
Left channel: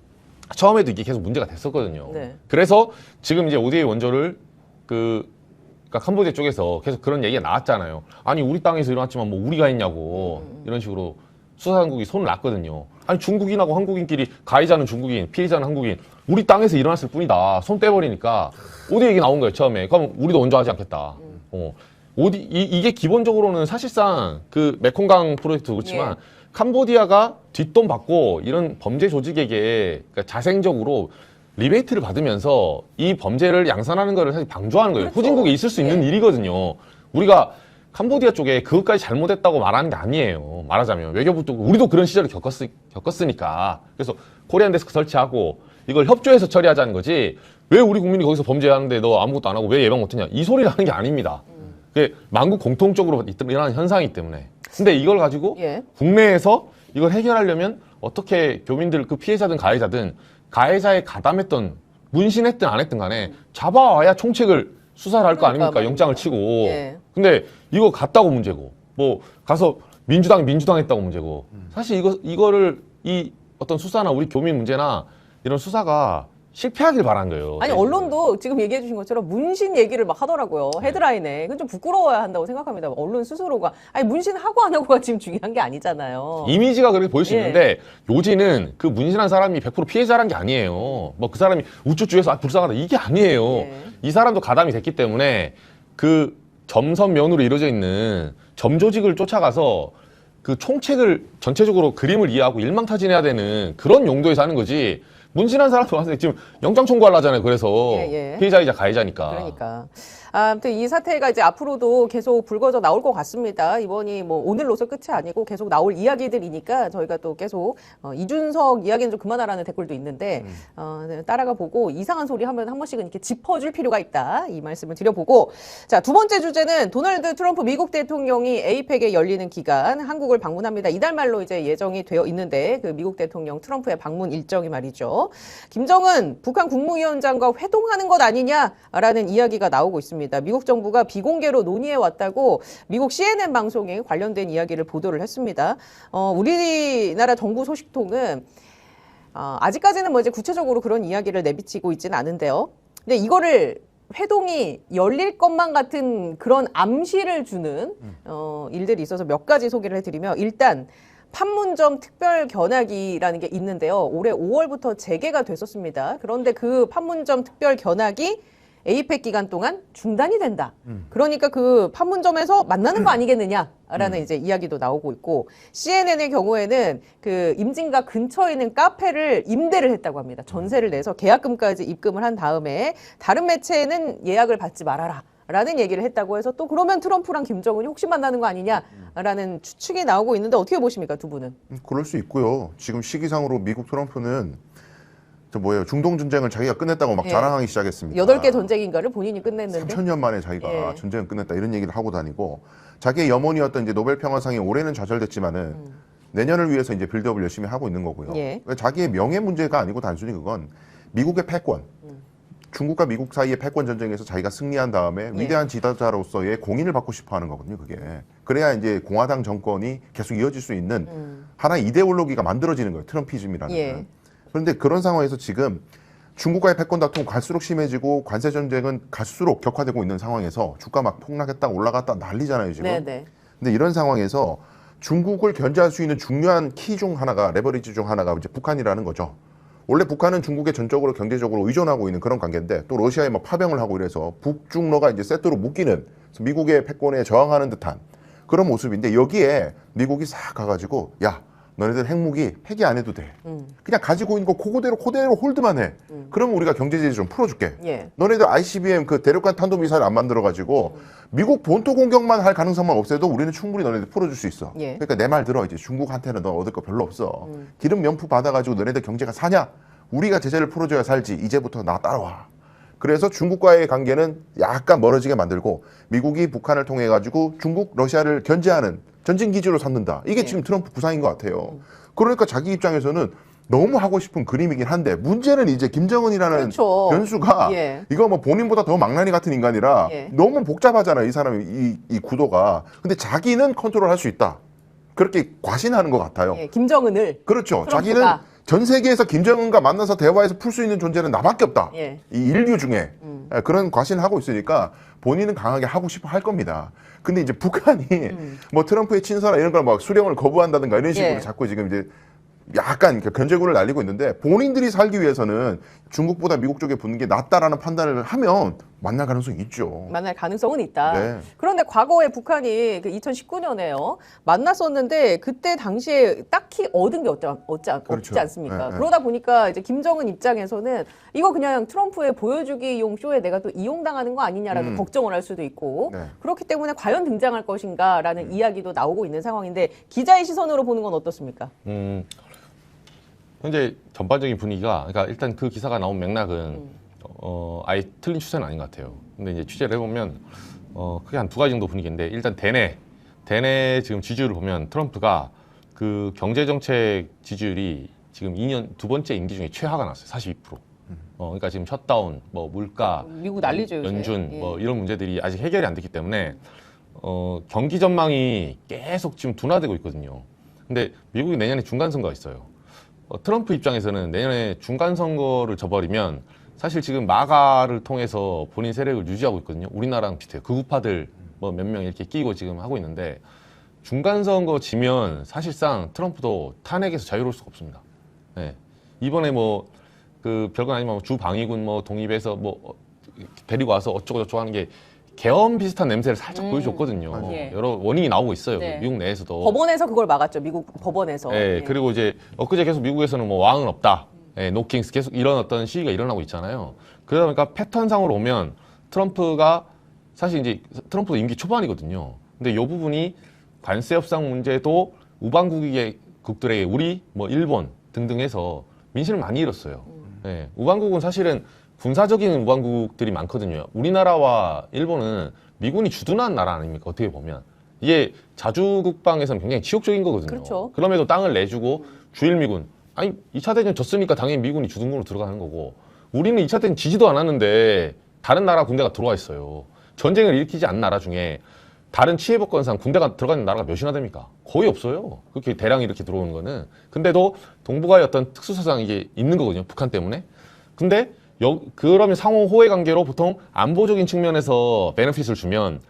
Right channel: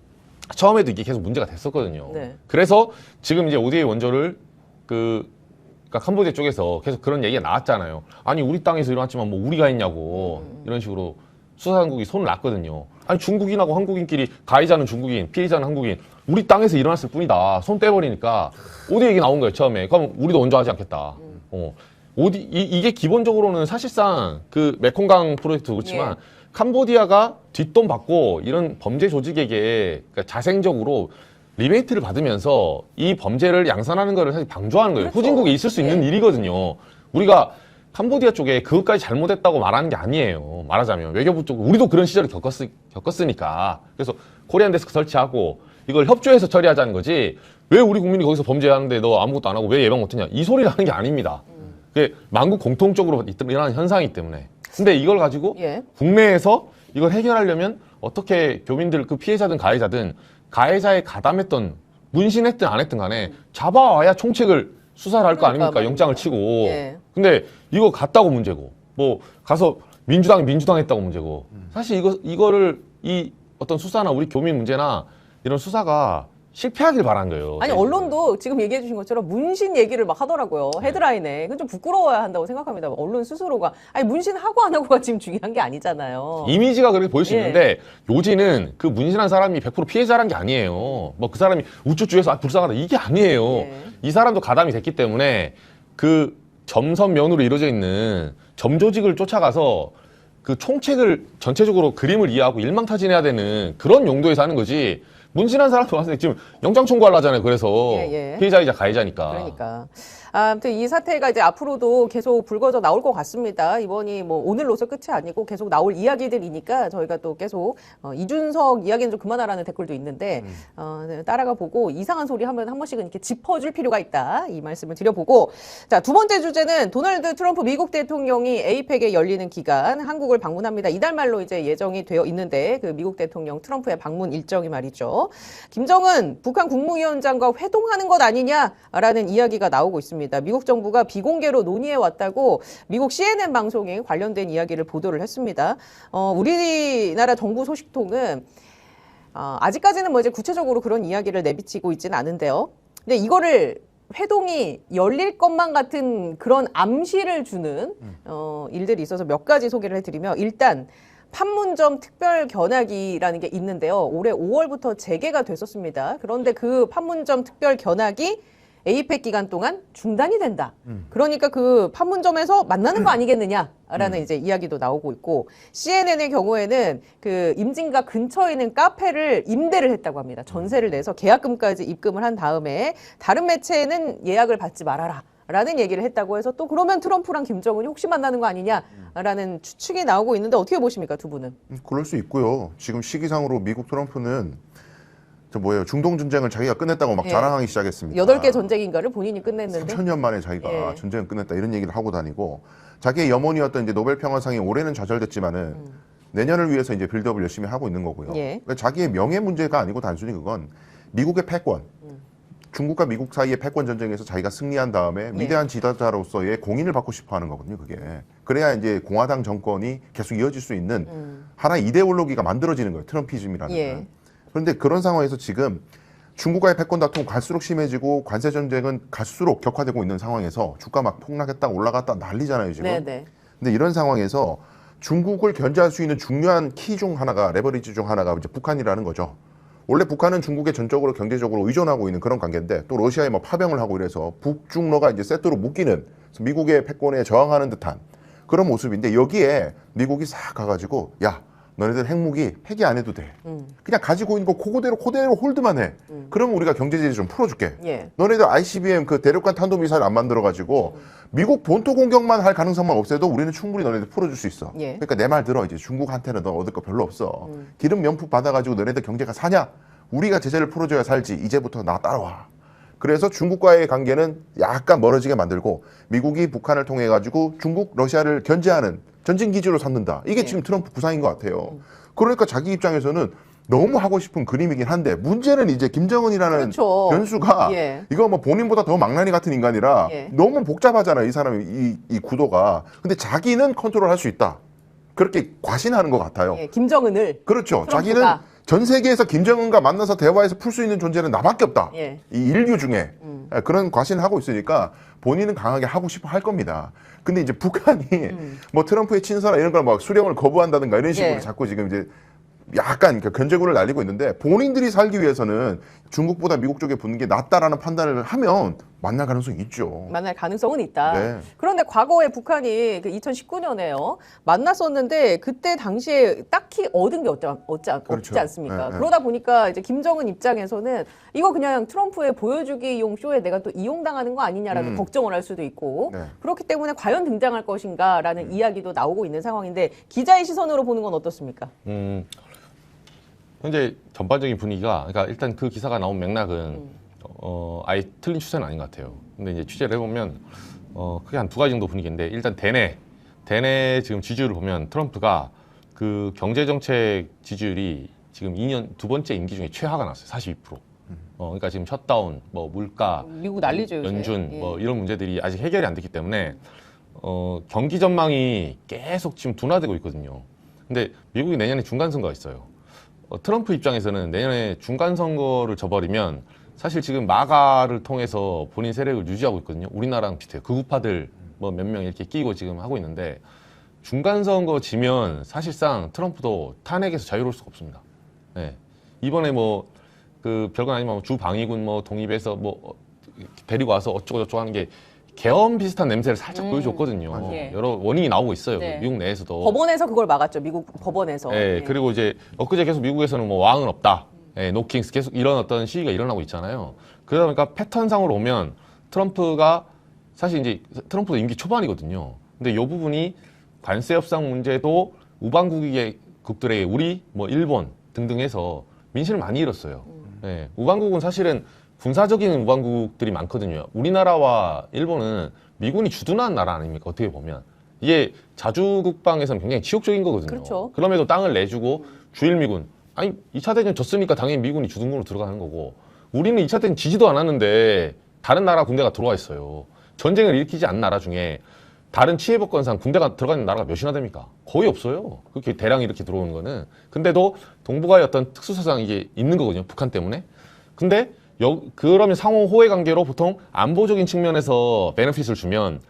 처음에도 이게 계속 문제가 됐었거든요. 네. 그래서 지금 이제 ODA 원조를 그러니까 캄보디아 쪽에서 계속 그런 얘기가 나왔잖아요. 아니 우리 땅에서 일어났지만 뭐 우리가 했냐고 이런 식으로 수사당국이 손을 놨거든요. 아니 중국인하고 한국인끼리 가해자는 중국인, 피해자는 한국인, 우리 땅에서 일어났을 뿐이다. 손 떼버리니까 ODA 얘기 나온 거예요 처음에. 그럼 우리도 원조하지 않겠다. 이게 기본적으로는 사실상 그 메콩강 프로젝트 그렇지만 예. 캄보디아가 뒷돈 받고 이런 범죄 조직에게 그러니까 자생적으로 리베이트를 받으면서 이 범죄를 양산하는 거를 사실 방조하는 거예요. 후진국에 있을 수 있는 일이거든요. 우리가 캄보디아 쪽에 그것까지 잘못했다고 말하는 게 아니에요. 말하자면 외교부 쪽 우리도 그런 시절을 겪었으니까. 그래서 코리안 데스크 설치하고 이걸 협조해서 처리하자는 거지. 왜 우리 국민이 거기서 범죄하는데 너 아무것도 안 하고 왜 예방 못했냐? 이 소리를 하는 게 아닙니다. 그게 만국 공통적으로 일어나는 현상이기 때문에. 근데 이걸 가지고 예. 국내에서 이걸 해결하려면 어떻게 교민들 그 피해자든 가해자에 가담했던 문신했든 안 했든 간에 잡아와야 총책을 수사를 할 거 아닙니까? 그러니까 영장을 치고. 예. 근데 이거 갔다고 문제고 뭐 가서 민주당 했다고 문제고 사실 이거를 이 어떤 수사나 우리 교민 문제나 이런 수사가 실패하길 바란 거예요. 아니 언론도 지금 얘기해 주신 것처럼 문신 얘기를 막 하더라고요. 헤드라인에. 그건 좀 부끄러워야 한다고 생각합니다. 언론 스스로가. 아니 문신하고 안 하고가 지금 중요한 게 아니잖아요. 이미지가 그렇게 보일 수 예. 있는데 요지는 그 문신한 사람이 100% 피해자란 게 아니에요. 뭐 그 사람이 우쭈쭈해서 불쌍하다 이게 아니에요. 예. 이 사람도 가담이 됐기 때문에 그 점선면으로 이루어져 있는 점조직을 쫓아가서 그 총책을 전체적으로 그림을 이해하고 일망타진해야 되는 그런 용도에서 하는 거지. 문신한 사람 와서 지금 영장 청구하려 하잖아요. 그래서 예, 예. 피해자이자 가해자니까. 그러니까. 아무튼 이 사태가 이제 앞으로도 계속 불거져 나올 것 같습니다. 이번이 뭐 오늘로서 끝이 아니고 계속 나올 이야기들이니까 저희가 또 계속 이준석 이야기는 좀 그만하라는 댓글도 있는데 네, 따라가 보고 이상한 소리 하면 한 번씩은 이렇게 짚어줄 필요가 있다. 이 말씀을 드려보고 자, 두 번째 주제는 도널드 트럼프 미국 대통령이 에이펙에 열리는 기간 한국을 방문합니다. 이달 말로 이제 예정이 되어 있는데 그 미국 대통령 트럼프의 방문 일정이 말이죠. 김정은 북한 국무위원장과 회동하는 것 아니냐라는 이야기가 나오고 있습니다. 미국 정부가 비공개로 논의해 왔다고 미국 CNN 방송에 관련된 이야기를 보도를 했습니다. 우리나라 정부 소식통은 아직까지는 뭐 이제 구체적으로 그런 이야기를 내비치고 있지는 않은데요. 근데 이거를 회동이 열릴 것만 같은 그런 암시를 주는 일들이 있어서 몇 가지 소개를 해드리면 일단 판문점 특별 견학이라는 게 있는데요. 올해 5월부터 재개가 됐었습니다. 그런데 그 판문점 특별 견학이 에이펙 기간 동안 중단이 된다. 그러니까 그 판문점에서 만나는 거 아니겠느냐라는 이제 이야기도 나오고 있고 CNN의 경우에는 그 임진각 근처에 있는 카페를 임대를 했다고 합니다. 전세를 내서 계약금까지 입금을 한 다음에 다른 매체에는 예약을 받지 말아라. 라는 얘기를 했다고 해서 또 그러면 트럼프랑 김정은이 혹시 만나는 거 아니냐라는 추측이 나오고 있는데 어떻게 보십니까, 두 분은? 그럴 수 있고요. 지금 시기상으로 미국 트럼프는 중동 전쟁을 자기가 끝냈다고 막 예. 자랑하기 시작했습니다. 8개 전쟁인가를 본인이 끝냈는데. 3,000년 만에 자기가 예. 전쟁을 끝냈다 이런 얘기를 하고 다니고 자기의 염원이었던 이제 노벨 평화상이 올해는 좌절됐지만은 내년을 위해서 이제 빌드업을 열심히 하고 있는 거고요. 예. 그러니까 자기의 명예 문제가 아니고 단순히 그건 미국의 패권, 중국과 미국 사이의 패권 전쟁에서 자기가 승리한 다음에 위대한 지도자로서의 공인을 받고 싶어하는 거거든요. 그게 그래야 이제 공화당 정권이 계속 이어질 수 있는 하나의 이데올로기가 만들어지는 거예요. 트럼피즘이라는. 예. 그런데 그런 상황에서 지금 중국과의 패권 다툼 갈수록 심해지고 관세 전쟁은 갈수록 격화되고 있는 상황에서 주가 막 폭락했다 올라갔다 난리잖아요 지금. 네네. 근데 이런 상황에서 중국을 견제할 수 있는 중요한 키 중 하나가 레버리지 중 하나가 이제 북한이라는 거죠. 원래 북한은 중국에 전적으로 경제적으로 의존하고 있는 그런 관계인데 또 러시아에 막 파병을 하고 이래서 북중러가 이제 세트로 묶이는 미국의 패권에 저항하는 듯한 그런 모습인데 여기에 미국이 싹 가가지고 야 너네들 핵무기 폐기 안 해도 돼. 그냥 가지고 있는 거 그대로 홀드만 해. 그럼 우리가 경제 제재 좀 풀어줄게. 예. 너네들 ICBM 그 대륙간 탄도미사일 안 만들어가지고 미국 본토 공격만 할 가능성만 없애도 우리는 충분히 너네들 풀어줄 수 있어. 예. 그러니까 내 말 들어 이제 중국한테는 너 얻을 거 별로 없어. 기름 명품 받아가지고 너네들 경제가 사냐? 우리가 제재를 풀어줘야 살지. 이제부터 나 따라와. 그래서 중국과의 관계는 약간 멀어지게 만들고 미국이 북한을 통해 가지고 중국, 러시아를 견제하는 전진 기지로 삼는다. 이게 네. 지금 트럼프 구상인 것 같아요. 그러니까 자기 입장에서는 너무 하고 싶은 그림이긴 한데 문제는 이제 김정은이라는 그렇죠. 변수가 예. 이거 뭐 본인보다 더 망나니 같은 인간이라 예. 너무 복잡하잖아요. 이 사람이 이 구도가. 근데 자기는 컨트롤할 수 있다. 그렇게 과신하는 것 같아요. 예, 김정은을. 그렇죠. 자기는 전 세계에서 김정은과 만나서 대화해서 풀 수 있는 존재는 나밖에 없다. 예. 이 인류 중에 그런 과신을 하고 있으니까 본인은 강하게 하고 싶어 할 겁니다. 근데 이제 북한이 뭐 트럼프의 친서나 이런 걸 막 수령을 거부한다든가 이런 식으로 예. 자꾸 지금 이제 약간 그 견제구를 날리고 있는데 본인들이 살기 위해서는 중국보다 미국 쪽에 붙는 게 낫다라는 판단을 하면 만날 가능성이 있죠. 만날 가능성은 있다. 네. 그런데 과거에 북한이 그 2019년에요. 만났었는데 그때 당시에 딱히 얻은 게 없지 그렇죠. 않습니까? 네, 네. 그러다 보니까 이제 김정은 입장에서는 이거 그냥 트럼프의 보여주기용 쇼에 내가 또 이용당하는 거 아니냐라는 걱정을 할 수도 있고 네. 그렇기 때문에 과연 등장할 것인가라는 이야기도 나오고 있는 상황인데 기자의 시선으로 보는 건 어떻습니까? 현재 전반적인 분위기가, 그러니까 일단 그 기사가 나온 맥락은 아예 틀린 추세는 아닌 것 같아요. 근데 이제 취재를 해보면 크게 한 두 가지 정도 분위기인데, 일단 대내 지금 지지율을 보면 트럼프가 그 경제정책 지지율이 지금 2년 두 번째 임기 중에 최하가 났어요. 42%. 그러니까 지금 셧다운, 뭐 물가, 미국 난리죠, 요새. 연준, 예. 뭐 이런 문제들이 아직 해결이 안 됐기 때문에 경기 전망이 계속 지금 둔화되고 있거든요. 근데 미국이 내년에 중간 선거가 있어요. 트럼프 입장에서는 내년에 중간 선거를 져버리면 사실 지금 마가를 통해서 본인 세력을 유지하고 있거든요. 우리나라랑 비슷해요. 극우파들 뭐 몇 명 이렇게 끼고 지금 하고 있는데, 중간 선거 지면 사실상 트럼프도 탄핵에서 자유로울 수가 없습니다. 네. 이번에 뭐 그 별거 아니면 주 방위군 뭐 독립해서 뭐 데리고 와서 어쩌고저쩌고 하는 게 계엄 비슷한 냄새를 살짝 보여줬거든요. 네. 여러 원인이 나오고 있어요. 네. 미국 내에서도. 법원에서 그걸 막았죠. 미국 법원에서. 네, 그리고 이제 엊그제 계속 미국에서는 뭐 왕은 없다. 네, 노킹스 계속 이런 어떤 시위가 일어나고 있잖아요. 그러다 보니까 패턴상으로 오면 트럼프가 사실 이제 트럼프가 임기 초반이거든요. 근데 이 부분이 관세 협상 문제도 우방국들의 우리 뭐 일본 등등 해서 민심을 많이 잃었어요. 네, 우방국은 사실은 군사적인 우방국들이 많거든요. 우리나라와 일본은 미군이 주둔한 나라 아닙니까? 어떻게 보면. 이게 자주국방에서는 굉장히 치욕적인 거거든요. 그렇죠. 그럼에도 땅을 내주고 주일미군. 아니 2차 대전 졌으니까 당연히 미군이 주둔군으로 들어가는 거고, 우리는 2차 대전 지지도 않았는데 다른 나라 군대가 들어와 있어요. 전쟁을 일으키지 않은 나라 중에 다른 치해법권상 군대가 들어가는 나라가 몇이나 됩니까? 거의 없어요. 그렇게 대량이 이렇게 들어오는 거는. 근데도 동북아의 어떤 특수사상 이게 있는 거거든요. 북한 때문에. 근데 그러면 상호 호혜 관계로 보통 안보적인 측면에서 베네핏을 주면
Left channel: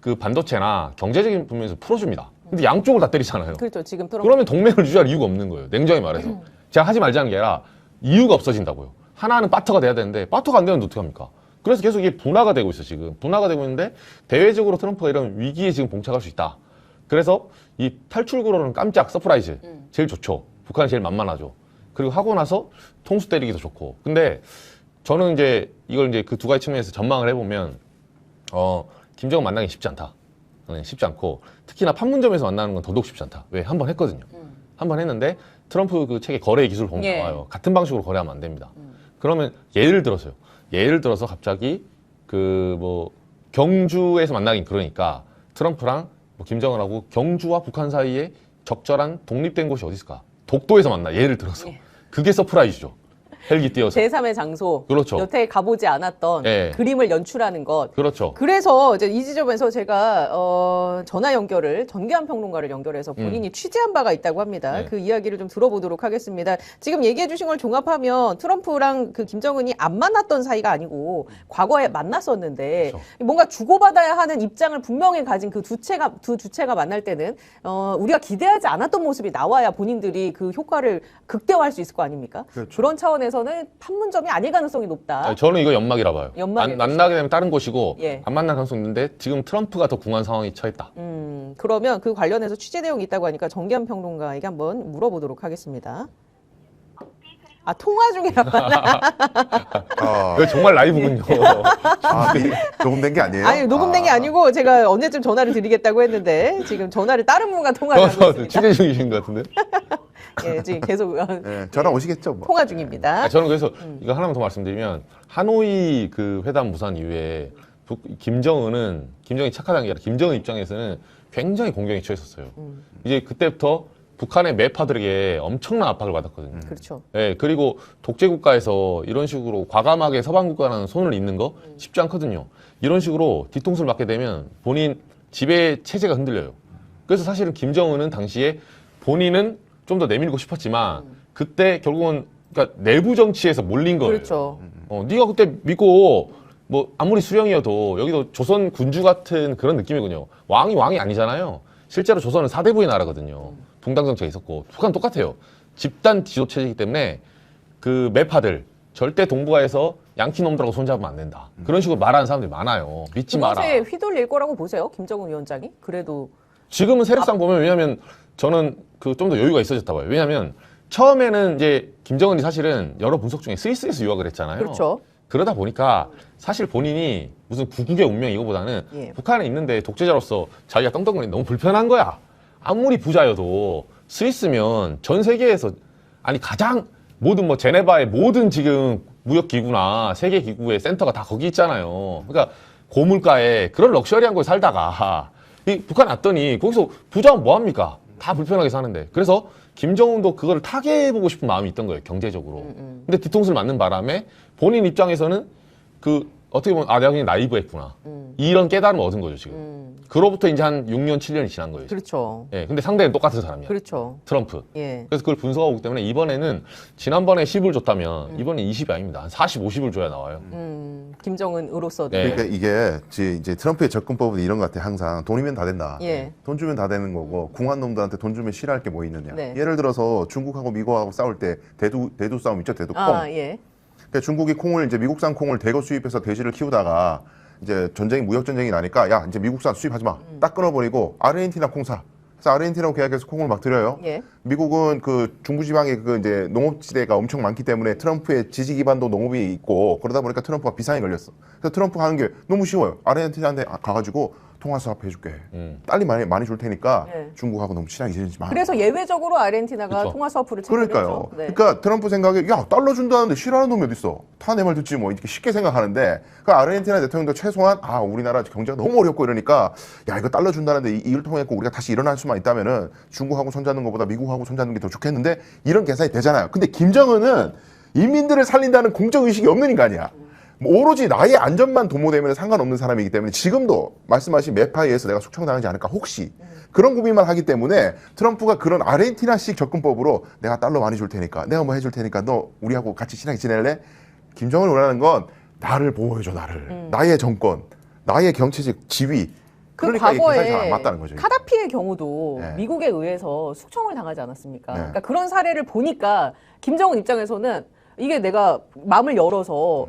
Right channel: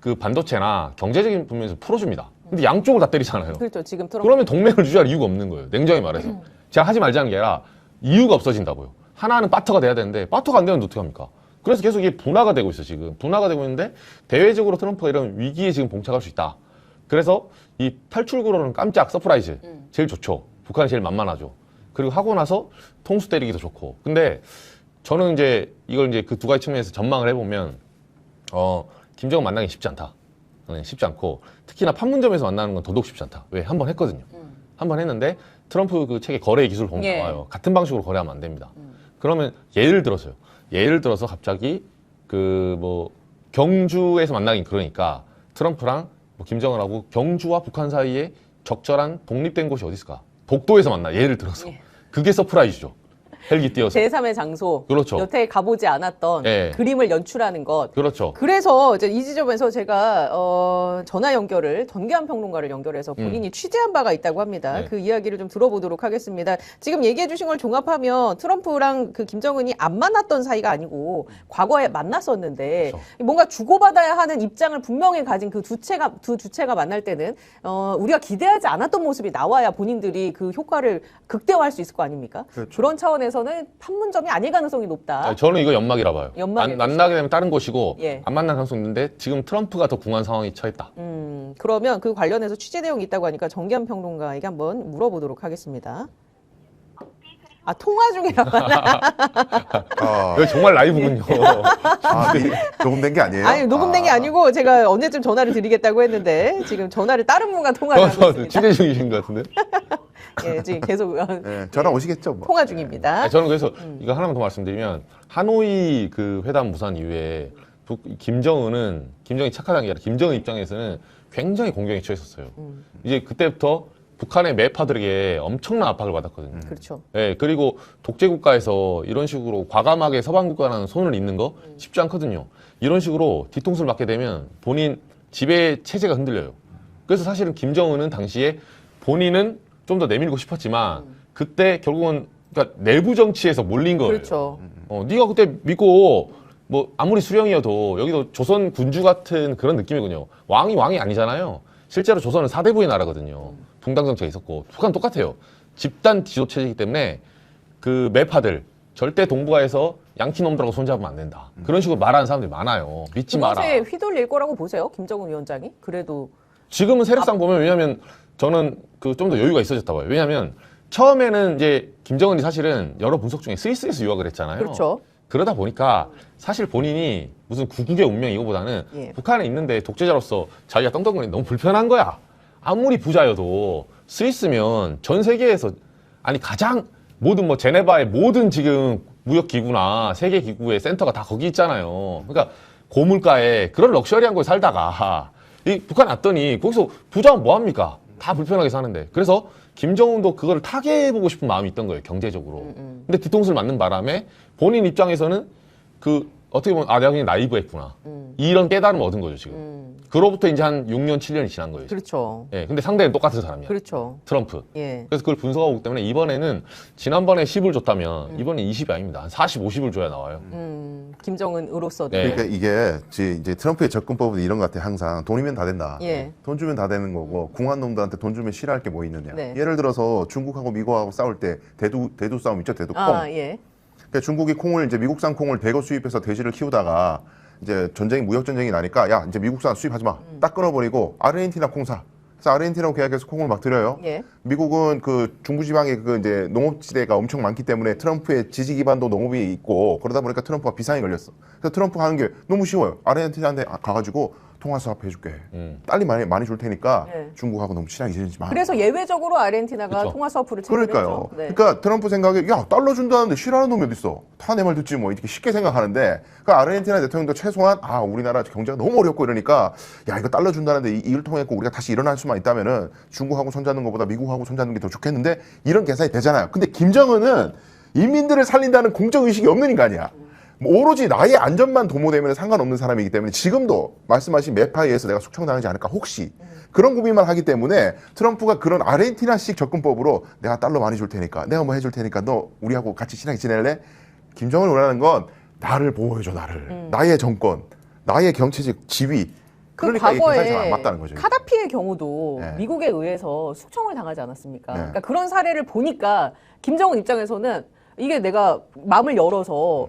그 반도체나 경제적인 부분에서 풀어줍니다. 근데 양쪽을 다 때리잖아요. 그렇죠. 지금 트럼프. 그러면 동맹을 유지할 이유가 없는 거예요. 냉정히 말해서. 제가 하지 말자는 게 아니라 이유가 없어진다고요. 하나는 파터가 돼야 되는데 파터가 안 되면 어떻게 합니까? 그래서 계속 이게 분화가 되고 있어 지금. 분화가 되고 있는데 대외적으로 트럼프가 이런 위기에 지금 봉착할 수 있다. 그래서 이 탈출구로는 깜짝 서프라이즈 제일 좋죠. 북한이 제일 만만하죠. 그리고 하고 나서 통수 때리기도 좋고. 근데 저는 이제 이걸 이제 그 두 가지 측면에서 전망을 해보면 김정은 만나기 쉽지 않다. 네, 쉽지 않고, 특히나 판문점에서 만나는 건 더더욱 쉽지 않다. 왜? 한 번 했거든요. 한 번 했는데 트럼프 그 책의 거래 기술 보면 예. 나와요. 같은 방식으로 거래하면 안 됩니다. 그러면 예를 들어서 갑자기 그 뭐 경주에서 만나긴 그러니까 트럼프랑 뭐 김정은하고 경주와 북한 사이에 적절한 독립된 곳이 어디 있을까? 독도에서 만나. 예를 들어서. 그게 서프라이즈죠. 헬기 띄어서. 제3의 장소. 그렇죠. 여태 가보지 않았던 네. 그림을 연출하는 것. 그렇죠. 그래서 이제 이 지점에서 제가 전화 연결을 전기한 평론가를 연결해서 본인이 취재한 바가 있다고 합니다. 네. 그 이야기를 좀 들어보도록 하겠습니다. 지금 얘기해 주신 걸 종합하면 트럼프랑 그 김정은이 안 만났던 사이가 아니고 과거에 만났었는데 그렇죠. 뭔가 주고받아야 하는 입장을 분명히 가진 그 두 주체가 만날 때는 우리가 기대하지 않았던 모습이 나와야 본인들이 그 효과를 극대화할 수 있을 거 아닙니까? 그렇죠. 그런 차원에서는 판문점이 아닐 가능성이 높다. 저는 이거 연막이라 봐요. 연막이 만나게 되면 다른 곳이고 예. 안 만날 가능성이 있는데 지금 트럼프가 더 궁한 상황에 처했다. 그러면 그 관련해서 취재 내용이 있다고 하니까 정기한 평론가에게 한번 물어보도록 하겠습니다. 아, 통화 중이라고 하나? 이거 정말 라이브군요. 녹음된 게 아니에요? 아니, 녹음된 게 아니고 제가 언제쯤 전화를 드리겠다고 했는데 지금 전화를 다른 분과 통화를 하고 있습니다. 취재 중이신 것 같은데? 예, 지금 계속 네, 전화 오시겠죠, 뭐. 통화 중입니다. 저는 그래서 이거 하나만 더 말씀드리면, 하노이 그 회담 무산 이후에 김정은이 착하다는 게 아니라 김정은 입장에서는 굉장히 공경에 처했었어요. 이제 그때부터 북한의 매파들에게 엄청난 압박을 받았거든요. 그렇죠. 예, 그리고 독재국가에서 이런 식으로 과감하게 서방국가랑 손을 잇는 거 쉽지 않거든요. 이런 식으로 뒤통수를 맞게 되면 본인 지배 체제가 흔들려요. 그래서 사실은 김정은은 당시에 본인은 좀 더 내밀고 싶었지만 그때 결국은 그러니까 내부 정치에서 몰린 거예요. 그렇죠. 네가 그때 믿고 뭐 아무리 수령이어도 여기도 조선 군주 같은 그런 느낌이군요. 왕이 아니잖아요. 실제로 조선은 사대부의 나라거든요. 동당 정치가 있었고 북한 똑같아요. 집단 지도 체제이기 때문에 그 매파들 절대 동북아에서 양키 놈들하고 손잡으면 안 된다. 그런 식으로 말하는 사람들이 많아요. 믿지 마라. 그것에 휘둘릴 거라고 보세요, 김정은 위원장이? 그래도 지금은 세력상 보면 왜냐면 저는 그 좀 더 여유가 있어졌다고 해요. 왜냐면 처음에는 이제 김정은이 사실은 여러 분석 중에 스위스에서 유학을 했잖아요. 그렇죠. 그러다 보니까 사실 본인이 무슨 구국의 운명 이거보다는 예. 북한에 있는데 독재자로서 자기가 떵떵거리는 너무 불편한 거야. 아무리 부자여도 스위스면 전 세계에서 아니 가장 모든 뭐 제네바의 모든 지금 무역기구나 세계기구의 센터가 다 거기 있잖아요. 그러니까 고물가에 그런 럭셔리한 곳에 살다가 이 북한 왔더니 거기서 부자면 뭐합니까? 다 불편하게 사는데. 그래서 김정은도 그걸 타개해보고 싶은 마음이 있던 거예요, 경제적으로. 근데 뒤통수를 맞는 바람에 본인 입장에서는 그 어떻게 보면 아 내가 그냥 나이브했구나. 이런 깨달음을 얻은 거죠, 지금. 그로부터 이제 한 6년, 7년이 지난 거예요. 지금. 그렇죠. 예, 근데 상대는 똑같은 사람이야. 그렇죠. 트럼프. 예. 그래서 그걸 분석하고 있기 때문에 이번에는 지난번에 10을 줬다면 이번에 20이 아닙니다. 한 40, 50을 줘야 나와요. 김정은으로서 네. 그러니까 이게 이제 트럼프의 접근법은 이런 것 같아. 항상 돈이면 다 된다. 예. 돈 주면 다 되는 거고 궁한 놈들한테 돈 주면 싫어할 게 뭐 있느냐. 네. 예를 들어서 중국하고 미국하고 싸울 때 대두 싸움 있죠. 대두 콩. 아, 예. 그러니까 중국이 콩을 이제 미국산 콩을 대거 수입해서 돼지를 키우다가 이제 전쟁이 무역 전쟁이 나니까 야 이제 미국산 수입하지 마. 딱 끊어버리고 아르헨티나 콩 사. 그래서 아르헨티나하고 계약해서 콩을 막 들여요. 예. 미국은 그 중부지방에 그 이제 농업지대가 엄청 많기 때문에 트럼프의 지지 기반도 농업이 있고 그러다 보니까 트럼프가 비상이 걸렸어. 그래서 트럼프가 하는 게 너무 쉬워요. 아르헨티나한테 가가지고 통화 수합 해줄게. 딸리 많이 줄 테니까 네. 중국하고 너무 친하게 지내지 마. 그래서 예외적으로 아르헨티나가 그렇죠. 통화 서프를 그러니까요. 네. 그러니까 트럼프 생각에 야 달러 준다는데 싫어하는 놈이 어딨어. 다 내 말 듣지 뭐 이렇게 쉽게 생각하는데 그 아르헨티나 대통령도 최소한 아 우리나라 경제가 너무 어렵고 이러니까 야 이거 달러 준다는데 이걸 통해서 우리가 다시 일어날 수만 있다면은 중국하고 손잡는 것보다 미국하고 손잡는 게 더 좋겠는데 이런 계산이 되잖아요. 근데 김정은은 인민들을 살린다는 공적 의식이 없는 인간이야. 뭐 오로지 나의 안전만 도모되면 상관없는 사람이기 때문에 지금도 말씀하신 매파에 의해서 내가 숙청당하지 않을까 혹시 그런 고민만 하기 때문에 트럼프가 그런 아르헨티나식 접근법으로 내가 달러 많이 줄 테니까 내가 뭐 해줄 테니까 너 우리하고 같이 친하게 지낼래? 김정은이 원하는 건 나를 보호해줘 나를 나의 정권 나의 경제적 지위 그러니까 이 계산이 잘 안 맞다는 거죠. 카다피의 경우도 네. 미국에 의해서 숙청을 당하지 않았습니까? 네. 그러니까 그런 사례를 보니까 김정은 입장에서는 이게 내가 마음을 열어서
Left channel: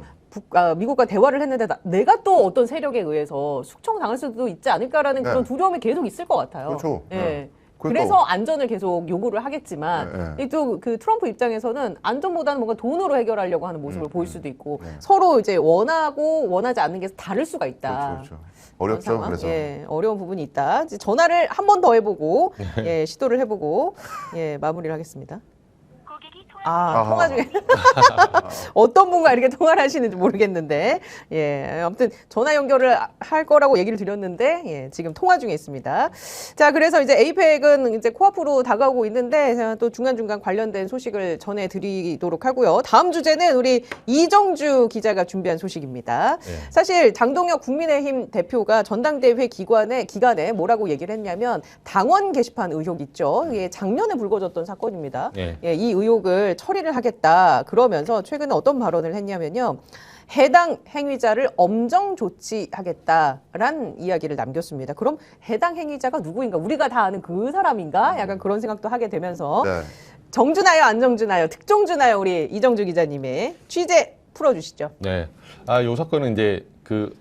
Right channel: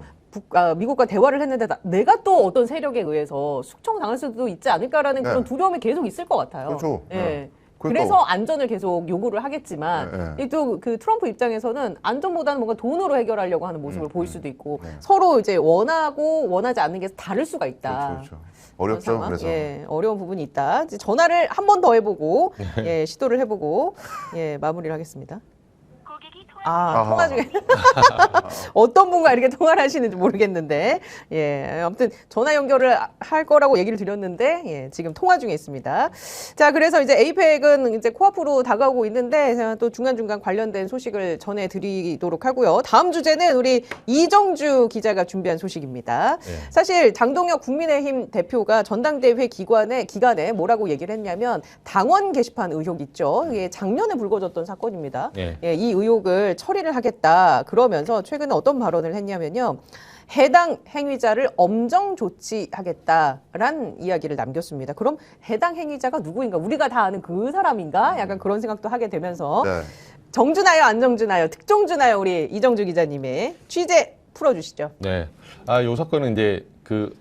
미국과 대화를 했는데 내가 또 어떤 세력에 의해서 숙청당할 수도 있지 않을까라는 네. 그런 두려움이 계속 있을 것 같아요. 그렇죠. 예. 네. 그래서 안전을 계속 요구를 하겠지만 네. 또 그 트럼프 입장에서는 안전보다는 뭔가 돈으로 해결하려고 하는 모습을 네. 보일 수도 있고 네. 서로 이제 원하고 원하지 않는 게 다를 수가 있다. 그렇죠. 어렵죠. 그래서 예, 어려운 부분이 있다. 이제 전화를 한 번 더 해보고, 예, 시도를 해보고, 예, 마무리를 하겠습니다. 통화 중에. 어떤 분과 이렇게 통화를 하시는지 모르겠는데, 예, 아무튼 전화 연결을 할 거라고 얘기를 드렸는데, 예, 지금 통화 중에 있습니다. 자, 그래서 이제 에이펙은 이제 코앞으로 다가오고 있는데, 제가 또 중간중간 관련된 소식을 전해드리도록 하고요. 다음 주제는 우리 이정주 기자가 준비한 소식입니다. 네. 사실 장동혁 국민의힘 대표가 전당대회 기간에 뭐라고 얘기를 했냐면, 당원 게시판 의혹 있죠. 이게 작년에 불거졌던 사건입니다. 네. 예, 이 의혹을 처리를 하겠다. 그러면서 최근에 어떤 발언을 했냐면요. 해당 행위자를 엄정 조치하겠다라는 이야기를 남겼습니다. 그럼 해당 행위자가 누구인가? 우리가 다 아는 그 사람인가? 약간 그런 생각도 하게 되면서 네. 정주나요, 안정주나요, 특종주나요? 우리 이정주 기자님의 취재 풀어주시죠. 네. 요 사건은 이제 그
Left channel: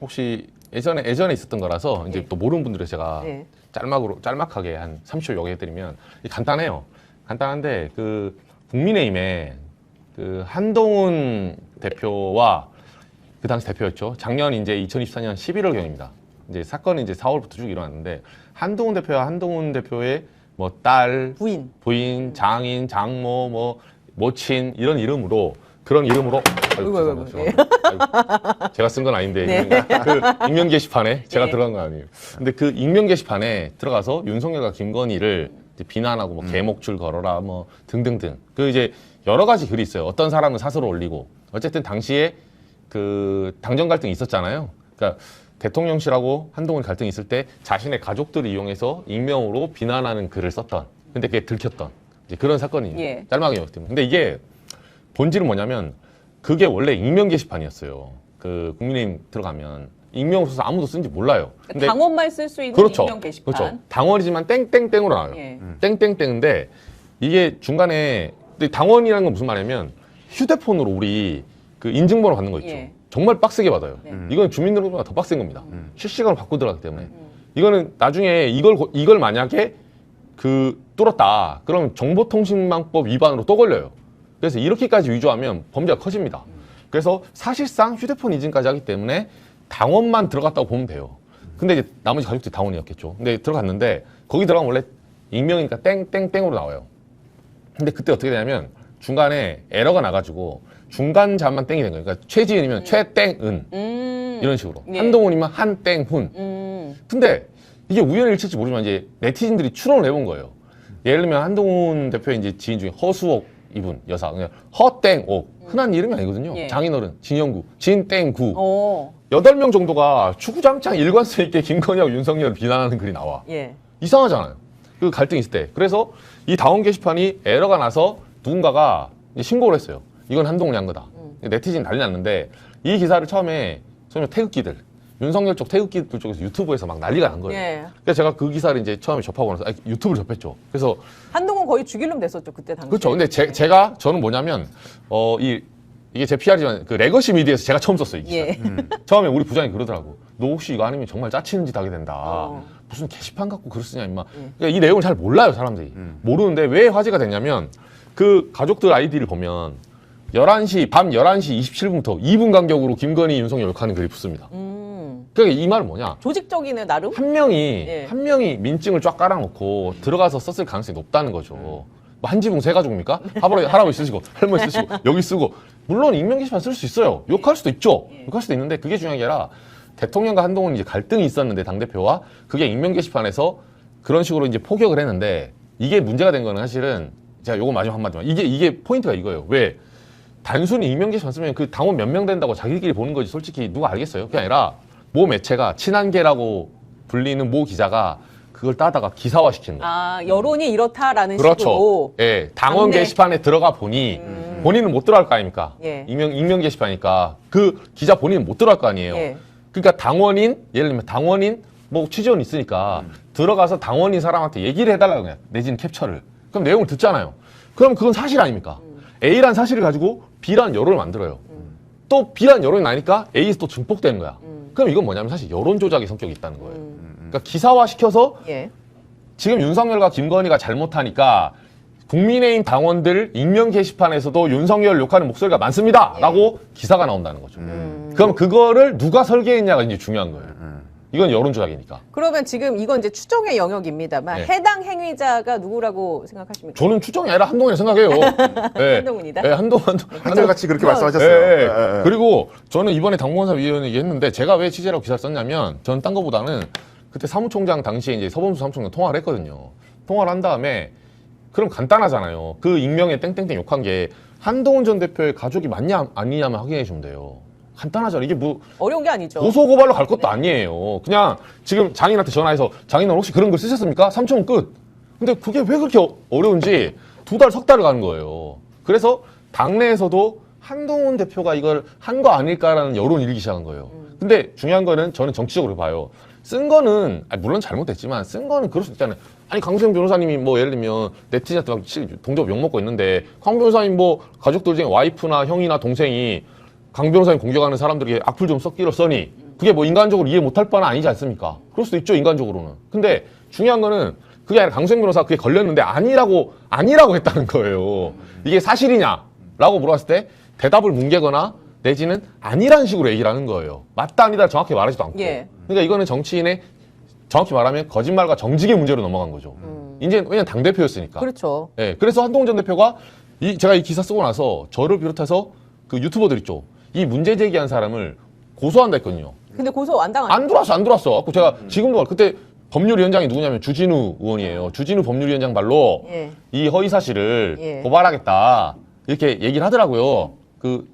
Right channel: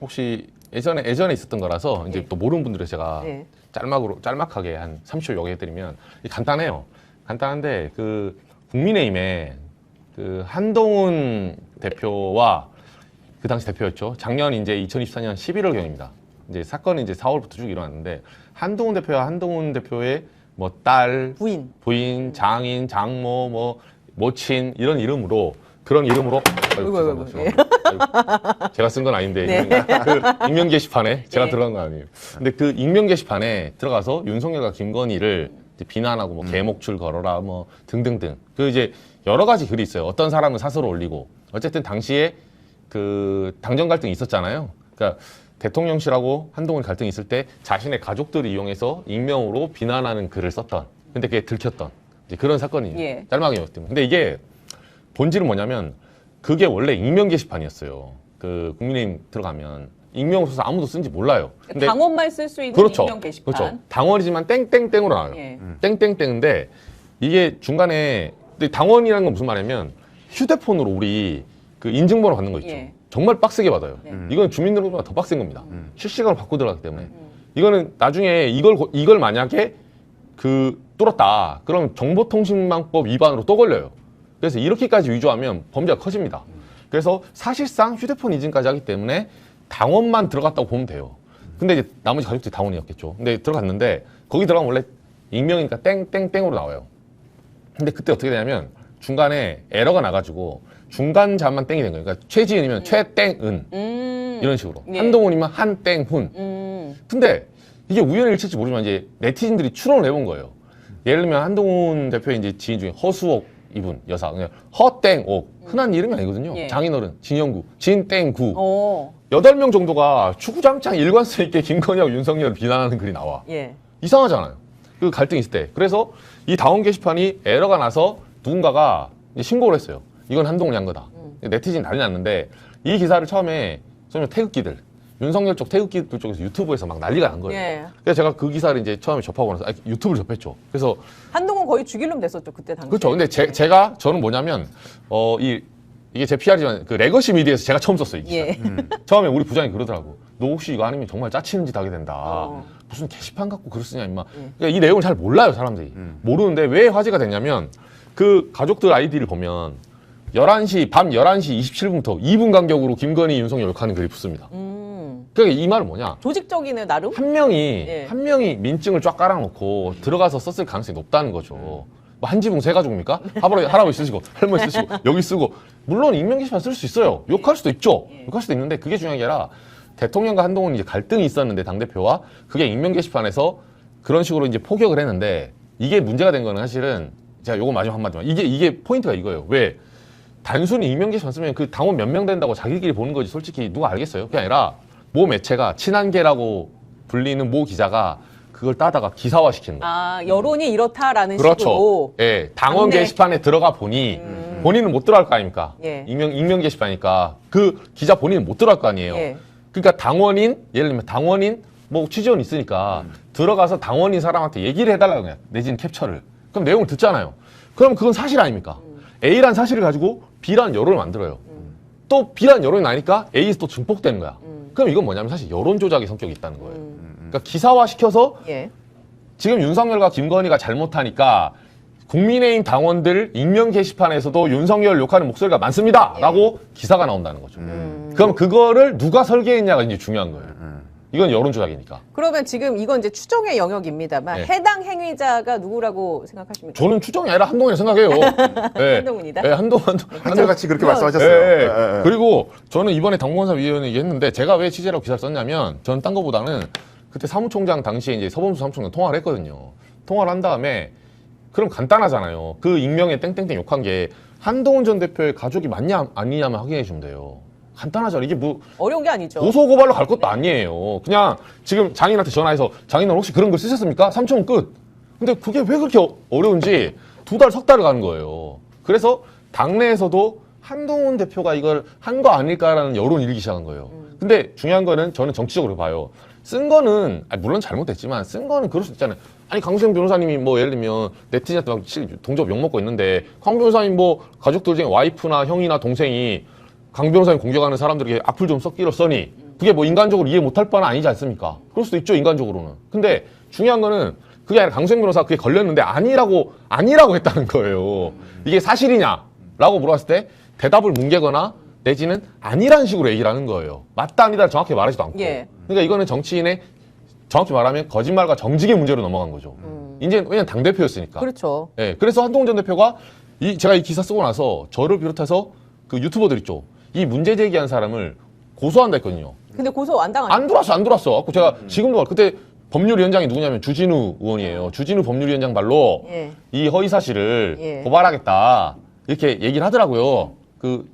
혹시 예전에 있었던 거라서 이제 네. 또 모르는 분들을 제가 네. 짤막하게 한 30초 요약해드리면 간단해요. 간단한데 그 국민의힘에 그 한동훈 대표와 그 당시 대표였죠. 작년 이제 2024년 11월경입니다. 이제 사건이 이제 4월부터 쭉 일어났는데 한동훈 대표와 한동훈 대표의 뭐 딸, 부인. 부인, 장인, 장모, 뭐 모친 이런 이름으로 그런 이름으로 아이고. 제가 쓴 건 아닌데 네. 그 익명 게시판에 제가 네. 들어간 건 아니에요. 근데 그 익명 게시판에 들어가서 윤석열과 김건희를 이제 비난하고 뭐 개목줄 걸어라 뭐 등등등 그 이제 여러 가지 글이 있어요. 어떤 사람은 사설을 올리고 어쨌든 당시에 그 당정 갈등이 있었잖아요. 그러니까 대통령실하고 한동훈 갈등이 있을 때 자신의 가족들을 이용해서 익명으로 비난하는 글을 썼던 근데 그게 들켰던 이제 그런 사건이 예. 짤막하게 봤습니다. 근데 이게 본질은 뭐냐면 그게 원래 익명 게시판이었어요. 그 국민의힘 들어가면 익명으로 써서 아무도 쓴지 몰라요. 근데 당원만 쓸 수 있는 그렇죠. 익명 게시판. 그렇죠. 당원이지만 땡땡땡으로 나와요. 예. 땡땡땡인데 이게 중간에 근데 당원이라는 건 무슨 말이냐면 휴대폰으로 우리 그 인증번호 받는 거 있죠. 예. 정말 빡세게 받아요. 네. 이건 주민등록보다 더 빡센 겁니다. 실시간으로 받고 들어가기 때문에 이거는 나중에 이걸 만약에 그 뚫었다. 그럼 정보통신망법 위반으로 또 걸려요. 그래서 이렇게까지 위조하면 범죄가 커집니다. 그래서 사실상 휴대폰 인증까지 하기 때문에 당원만 들어갔다고 보면 돼요. 근데 이제 나머지 가족들이 당원이었겠죠. 근데 들어갔는데 거기 들어가면 원래 익명이니까 땡땡땡으로 나와요. 근데 그때 어떻게 되냐면 중간에 에러가 나가지고 중간자만 땡이 된 거예요. 그러니까 최지은이면 최땡은 이런 식으로 예. 한동훈이면 한땡훈. 근데 이게 우연히 일치할지 모르지만 이제 네티즌들이 추론을 해본 거예요. 예를 들면 한동훈 대표의 이제 지인 중에 허수옥 이분 여사 그냥 허땡옥 흔한 이름이 아니거든요. 예. 장인어른 진영구 진땡구 어. 8명 정도가 주구장창 일관성 있게 김건희하고 윤석열을 비난하는 글이 나와. 예. 이상하잖아요. 그 갈등이 있을 때. 그래서 이 당원 게시판이 에러가 나서 누군가가 이제 신고를 했어요. 이건 한동훈이 한 거다. 네티즌 난리 났는데 이 기사를 처음에 소위 태극기들 윤석열 쪽 태극기들 쪽에서 유튜브에서 막 난리가 난 거예요. 예. 그래서 제가 그 기사를 이제 처음에 접하고 나서 유튜브를 접했죠. 그래서 한동훈 거의 죽일 놈 됐었죠 그때 당시. 그렇죠. 근데 저는 뭐냐면 이게 제 PR이지만 그 레거시 미디어에서 제가 처음 썼어요. 이 기사. 예. 처음에 우리 부장이 그러더라고. 너 혹시 이거 아니면 정말 짜치는 짓 하게 된다. 어. 무슨 게시판 갖고 글을 쓰냐 임마. 그러니까 이 내용을 잘 몰라요 사람들이. 모르는데 왜 화제가 됐냐면 그 가족들 아이디를 보면 밤 11시 27분부터 2분 간격으로 김건희 윤석열 욕하는 글이 붙습니다. 그러니까 이 말은 뭐냐. 조직적이네 나름. 한 명이 네. 민증을 쫙 깔아놓고 들어가서 썼을 가능성이 높다는 거죠. 뭐 한지붕 세 가족입니까? 할아버지 쓰시고 할머니 쓰시고 여기 쓰고 물론 익명 게시판 쓸 수 있어요. 욕할 수도 있죠. 욕할 수도 있는데 그게 중요한 게 아니라 대통령과 한동훈이 이제 갈등이 있었는데 당대표와 그게 익명 게시판에서 그런 식으로 이제 포격을 했는데 이게 문제가 된 거는 사실은 제가 요거 마지막 한마디만 이게 포인트가 이거예요. 왜 단순히 익명 게시판 쓰면 그 당원 몇 명 된다고 자기들끼리 보는 거지 솔직히 누가 알겠어요? 그게 아니라 모 매체가 친한계라고 불리는 모 기자가 그걸 따다가 기사화시키는 거예요. 아 여론이 이렇다라는 그렇죠. 식으로. 예, 당원 네. 게시판에 들어가 보니 본인은 못 들어갈 거 아닙니까? 예. 익명 게시판이니까 그 기자 본인은 못 들어갈 거 아니에요. 예. 그러니까 예를 들면 당원인 뭐 취지원 있으니까 들어가서 당원인 사람한테 얘기를 해달라고 해요. 내지는 캡처를. 그럼 내용을 듣잖아요. 그럼 그건 사실 아닙니까? A란 사실을 가지고 B라는 여론을 만들어요. 또 B라는 여론이 나니까 A에서 또 증폭된 거야. 그럼 이건 뭐냐면 사실 여론 조작의 성격이 있다는 거예요. 그러니까 기사화 시켜서 예. 지금 윤석열과 김건희가 잘못하니까 국민의힘 당원들 익명 게시판에서도 윤석열 욕하는 목소리가 많습니다. 라고 기사가 나온다는 거죠. 그럼 그거를 누가 설계했냐가 이제 중요한 거예요. 이건 여론 조작이니까. 그러면 지금 이건 이제 추정의 영역입니다.만 네. 해당 행위자가 누구라고 생각하십니까? 저는 추정이 아니라 한동훈이 생각해요. 네. 한동훈이다? 네, 한동훈. 한결같이 그렇게 말씀하셨습니다. 네. 예, 예, 예. 그리고 저는 이번에 당무원사 위원회 얘기했는데 제가 왜 취재라고 기사를 썼냐면 저는 딴 거보다는 그때 사무총장 당시에 이제 서범수 사무총장 통화를 했거든요. 통화를 한 다음에 그럼 간단하잖아요. 그 익명에 땡땡땡 욕한 게 한동훈 전 대표의 가족이 맞냐 아니냐만 확인해 주면 돼요. 간단하잖아요. 이게 뭐 어려운 게 아니죠. 고소고발로 갈 것도 아니에요. 그냥 지금 장인한테 전화해서 장인은 혹시 그런 글 쓰셨습니까? 3천 끝. 근데 그게 왜 그렇게 어려운지 2달, 석 달을 가는 거예요. 그래서 당내에서도 한동훈 대표가 이걸 한 거 아닐까라는 여론이 일기 시작한 거예요. 근데 중요한 거는 저는 정치적으로 봐요. 쓴 거는 물론 잘못됐지만 쓴 거는 그럴 수 있잖아요. 아니 강수영 변호사님이 뭐 예를 들면 네티즌한테 막 동접 욕먹고 있는데 강 변호사님 뭐 가족들 중에 와이프나 형이나 동생이 강 변호사님 공격하는 사람들에게 악플 좀 써니 그게 뭐 인간적으로 이해 못할 바는 아니지 않습니까? 그럴 수도 있죠 인간적으로는. 근데 중요한 거는 그게 아니라 강수영 변호사가 그게 걸렸는데 아니라고 했다는 거예요. 이게 사실이냐라고 물어봤을 때 대답을 뭉개거나 내지는 아니라는 식으로 얘기를 하는 거예요. 맞다 아니다 정확히 말하지도 않고. 예. 그러니까 이거는 정치인의 정확히 말하면 거짓말과 정직의 문제로 넘어간 거죠. 이제 왜냐면 당대표였으니까. 그렇죠. 예, 그래서 한동훈 전 대표가 제가 이 기사 쓰고 나서 저를 비롯해서 그 유튜버들 있죠. 이 문제 제기한 사람을 고소한다 했거든요. 근데 고소 완당하죠. 안 들어왔어. 제가 지금도 그때 법률위원장이 누구냐면 주진우 의원이에요. 주진우 법률위원장 말로 예. 이 허위 사실을 예. 고발하겠다 이렇게 얘기를 하더라고요. 그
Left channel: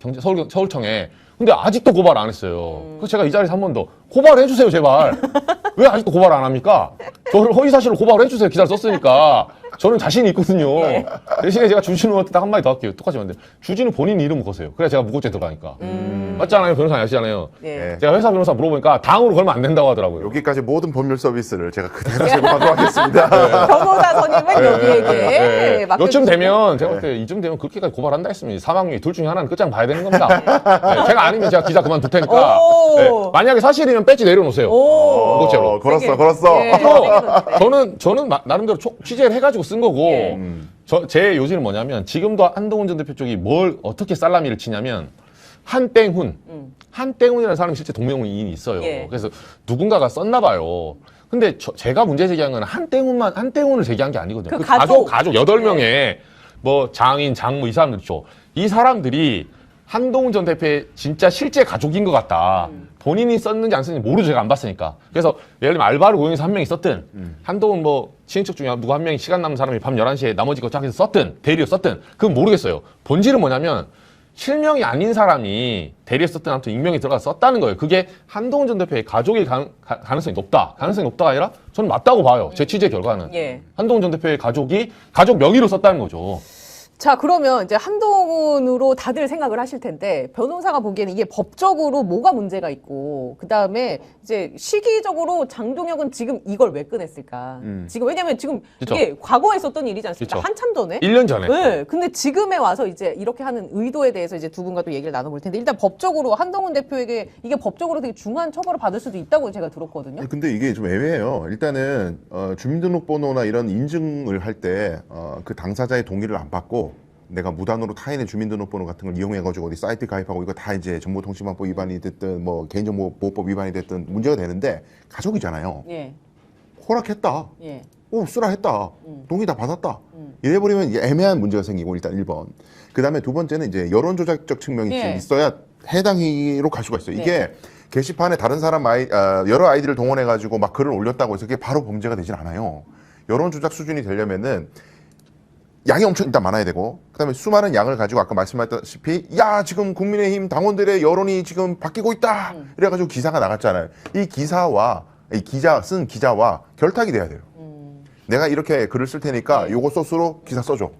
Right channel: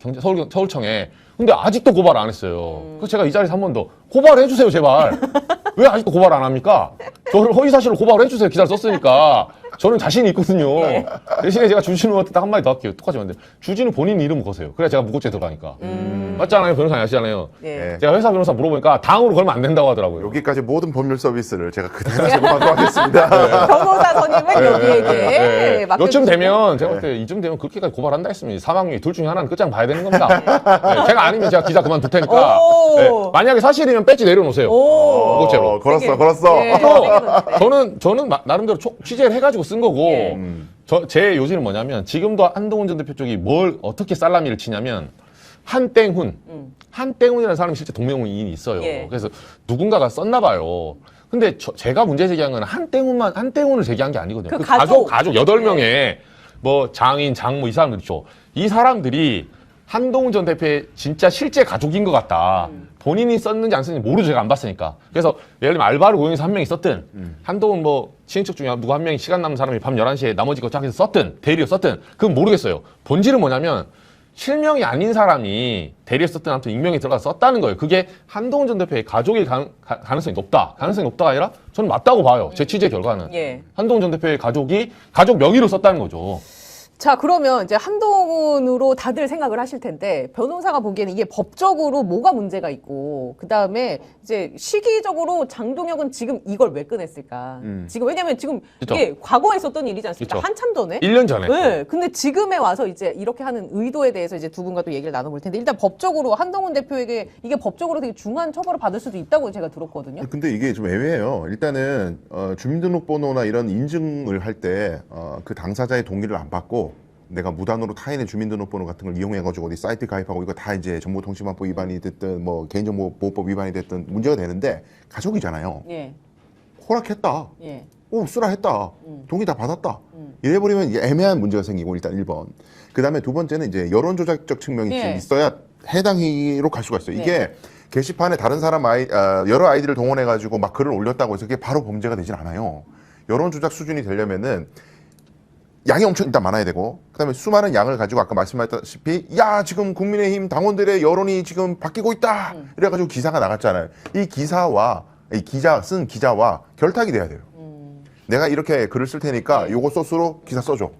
서울청에. 근데 아직도 고발 안 했어요. 그래서 제가 이 자리에서 한 번 더 고발해 주세요, 제발. 왜 아직도 고발 안 합니까? 저를 허위 사실로 고발해 주세요. 기사를 썼으니까. 저는 자신이 있거든요. 대신에 제가 주진우한테 딱 한마디 더 할게요. 똑같이 근데 주진우 본인 이름 거세요. 그래야 제가 무고죄 들어가니까. 맞지 않아요? 변호사 아시잖아요. 예. 제가 회사 변호사 물어보니까 당으로 걸면 안 된다고 하더라고요. 여기까지 모든 법률 서비스를 제가 그대로 제공하도록 하겠습니다. 변호사 선임은 여기에 요쯤 되면 제가 볼 때 이쯤 되면 그렇게까지 고발한다 했으면 사망유예 둘 중에 하나는 끝장 봐야 되는 겁니다. 제가 아니면 제가 기자 그만둘 테니까. 오. 네. 만약에 사실이면 배지 내려놓으세요. 오. 무고죄로. 걸었어. 네. 저는 나름대로 취재를 해가지고 쓴 거고, 제 요지는 뭐냐면, 지금도 한동훈 전 대표 쪽이 뭘 어떻게 살라미를 치냐면, 한땡훈이라는 사람이 실제 동명이인이 있어요. 예. 그래서 누군가가 썼나 봐요. 근데 제가 문제 제기한 건 한땡훈을 제기한 게 아니거든요. 그 그 가족 8명에 뭐 장인, 장모 이 사람들 있죠. 이 사람들이 한동훈 전 대표의 진짜 실제 가족인 것 같다. 본인이 썼는지 안 썼는지 모르죠. 제가 안 봤으니까. 그래서 예를 들면 알바를 고용해서 한 명이 썼든 한동훈 뭐 친인척 중에 누구 한 명이 시간 남은 사람이 밤 11시에 나머지 거 짝해서 썼든 대리에 썼든 그건 모르겠어요. 본질은 뭐냐면 실명이 아닌 사람이 대리에 썼든 아무튼 익명에 들어가서 썼다는 거예요. 그게 한동훈 전 대표의 가족일 가능성이 높다. 가능성이 높다가 아니라 저는 맞다고 봐요. 제 취재 결과는. 예. 한동훈 전 대표의 가족이 가족 명의로 썼다는 거죠. 자, 그러면 이제 한동훈으로 다들 생각을 하실 텐데, 변호사가 보기에는 이게 법적으로 뭐가 문제가 있고, 그 다음에 이제 시기적으로 장동혁은 지금 이걸 왜 꺼냈을까? 지금, 왜냐면 지금 그쵸. 이게 과거에 있었던 일이지 않습니까? 그쵸. 한참 전에? 1년 전에. 네. 근데 지금에 와서 이제 이렇게 하는 의도에 대해서 이제 두 분과 또 얘기를 나눠볼 텐데, 일단 법적으로 한동훈 대표에게 이게 법적으로 되게 중한 처벌을 받을 수도 있다고 제가 들었거든요. 근데 이게 좀 애매해요. 일단은 주민등록번호나 이런 인증을 할 때 그 당사자의 동의를 안 받고 내가 무단으로 타인의 주민등록번호 같은 걸 이용해가지고 어디 사이트 가입하고 이거 다 이제 정보통신망법 위반이 됐든 뭐 개인정보보호법 위반이 됐든 문제가 되는데 가족이잖아요. 예. 허락했다. 예. 쓰라 했다. 동의 다 받았다. 이래버리면 이게 애매한 문제가 생기고 일단 1번. 그 다음에 두 번째는 이제 여론조작적 측면이 예. 좀 있어야 해당 행위로 갈 수가 있어요. 이게 게시판에 다른 사람 여러 아이디를 동원해가지고 막 글을 올렸다고 해서 그게 바로 범죄가 되진 않아요. 여론조작 수준이 되려면은 양이 엄청 일단 많아야 되고, 그 다음에 수많은 양을 가지고 아까 말씀하셨다시피, 야, 지금 국민의힘 당원들의 여론이 지금 바뀌고 있다! 이래가지고 기사가 나갔잖아요. 이 쓴 기자와 결탁이 돼야 돼요. 내가 이렇게 글을 쓸 테니까 요거 소스로 기사 써줘.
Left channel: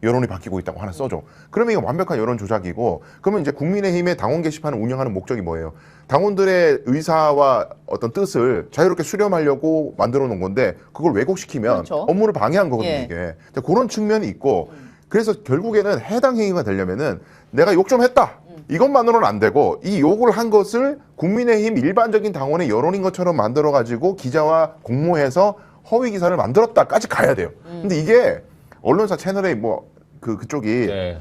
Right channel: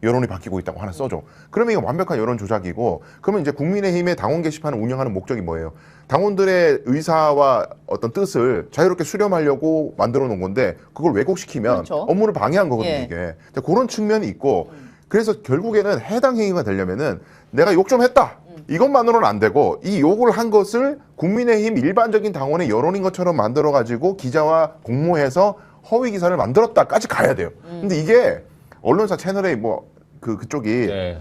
여론이 바뀌고 있다고 하나 써줘. 그러면 이거 완벽한 여론 조작이고, 그러면 이제 국민의힘의 당원 게시판을 운영하는 목적이 뭐예요? 당원들의 의사와 어떤 뜻을 자유롭게 수렴하려고 만들어 놓은 건데, 그걸 왜곡시키면 그렇죠. 업무를 방해한 거거든요, 예. 이게. 근데 그런 측면이 있고, 그래서 결국에는 해당 행위가 되려면은 내가 욕 좀 했다. 이것만으로는 안 되고, 이 욕을 한 것을 국민의힘 일반적인 당원의 여론인 것처럼 만들어가지고 기자와 공모해서 허위 기사를 만들었다까지 가야 돼요. 근데 이게 언론사 채널에 그쪽이 네.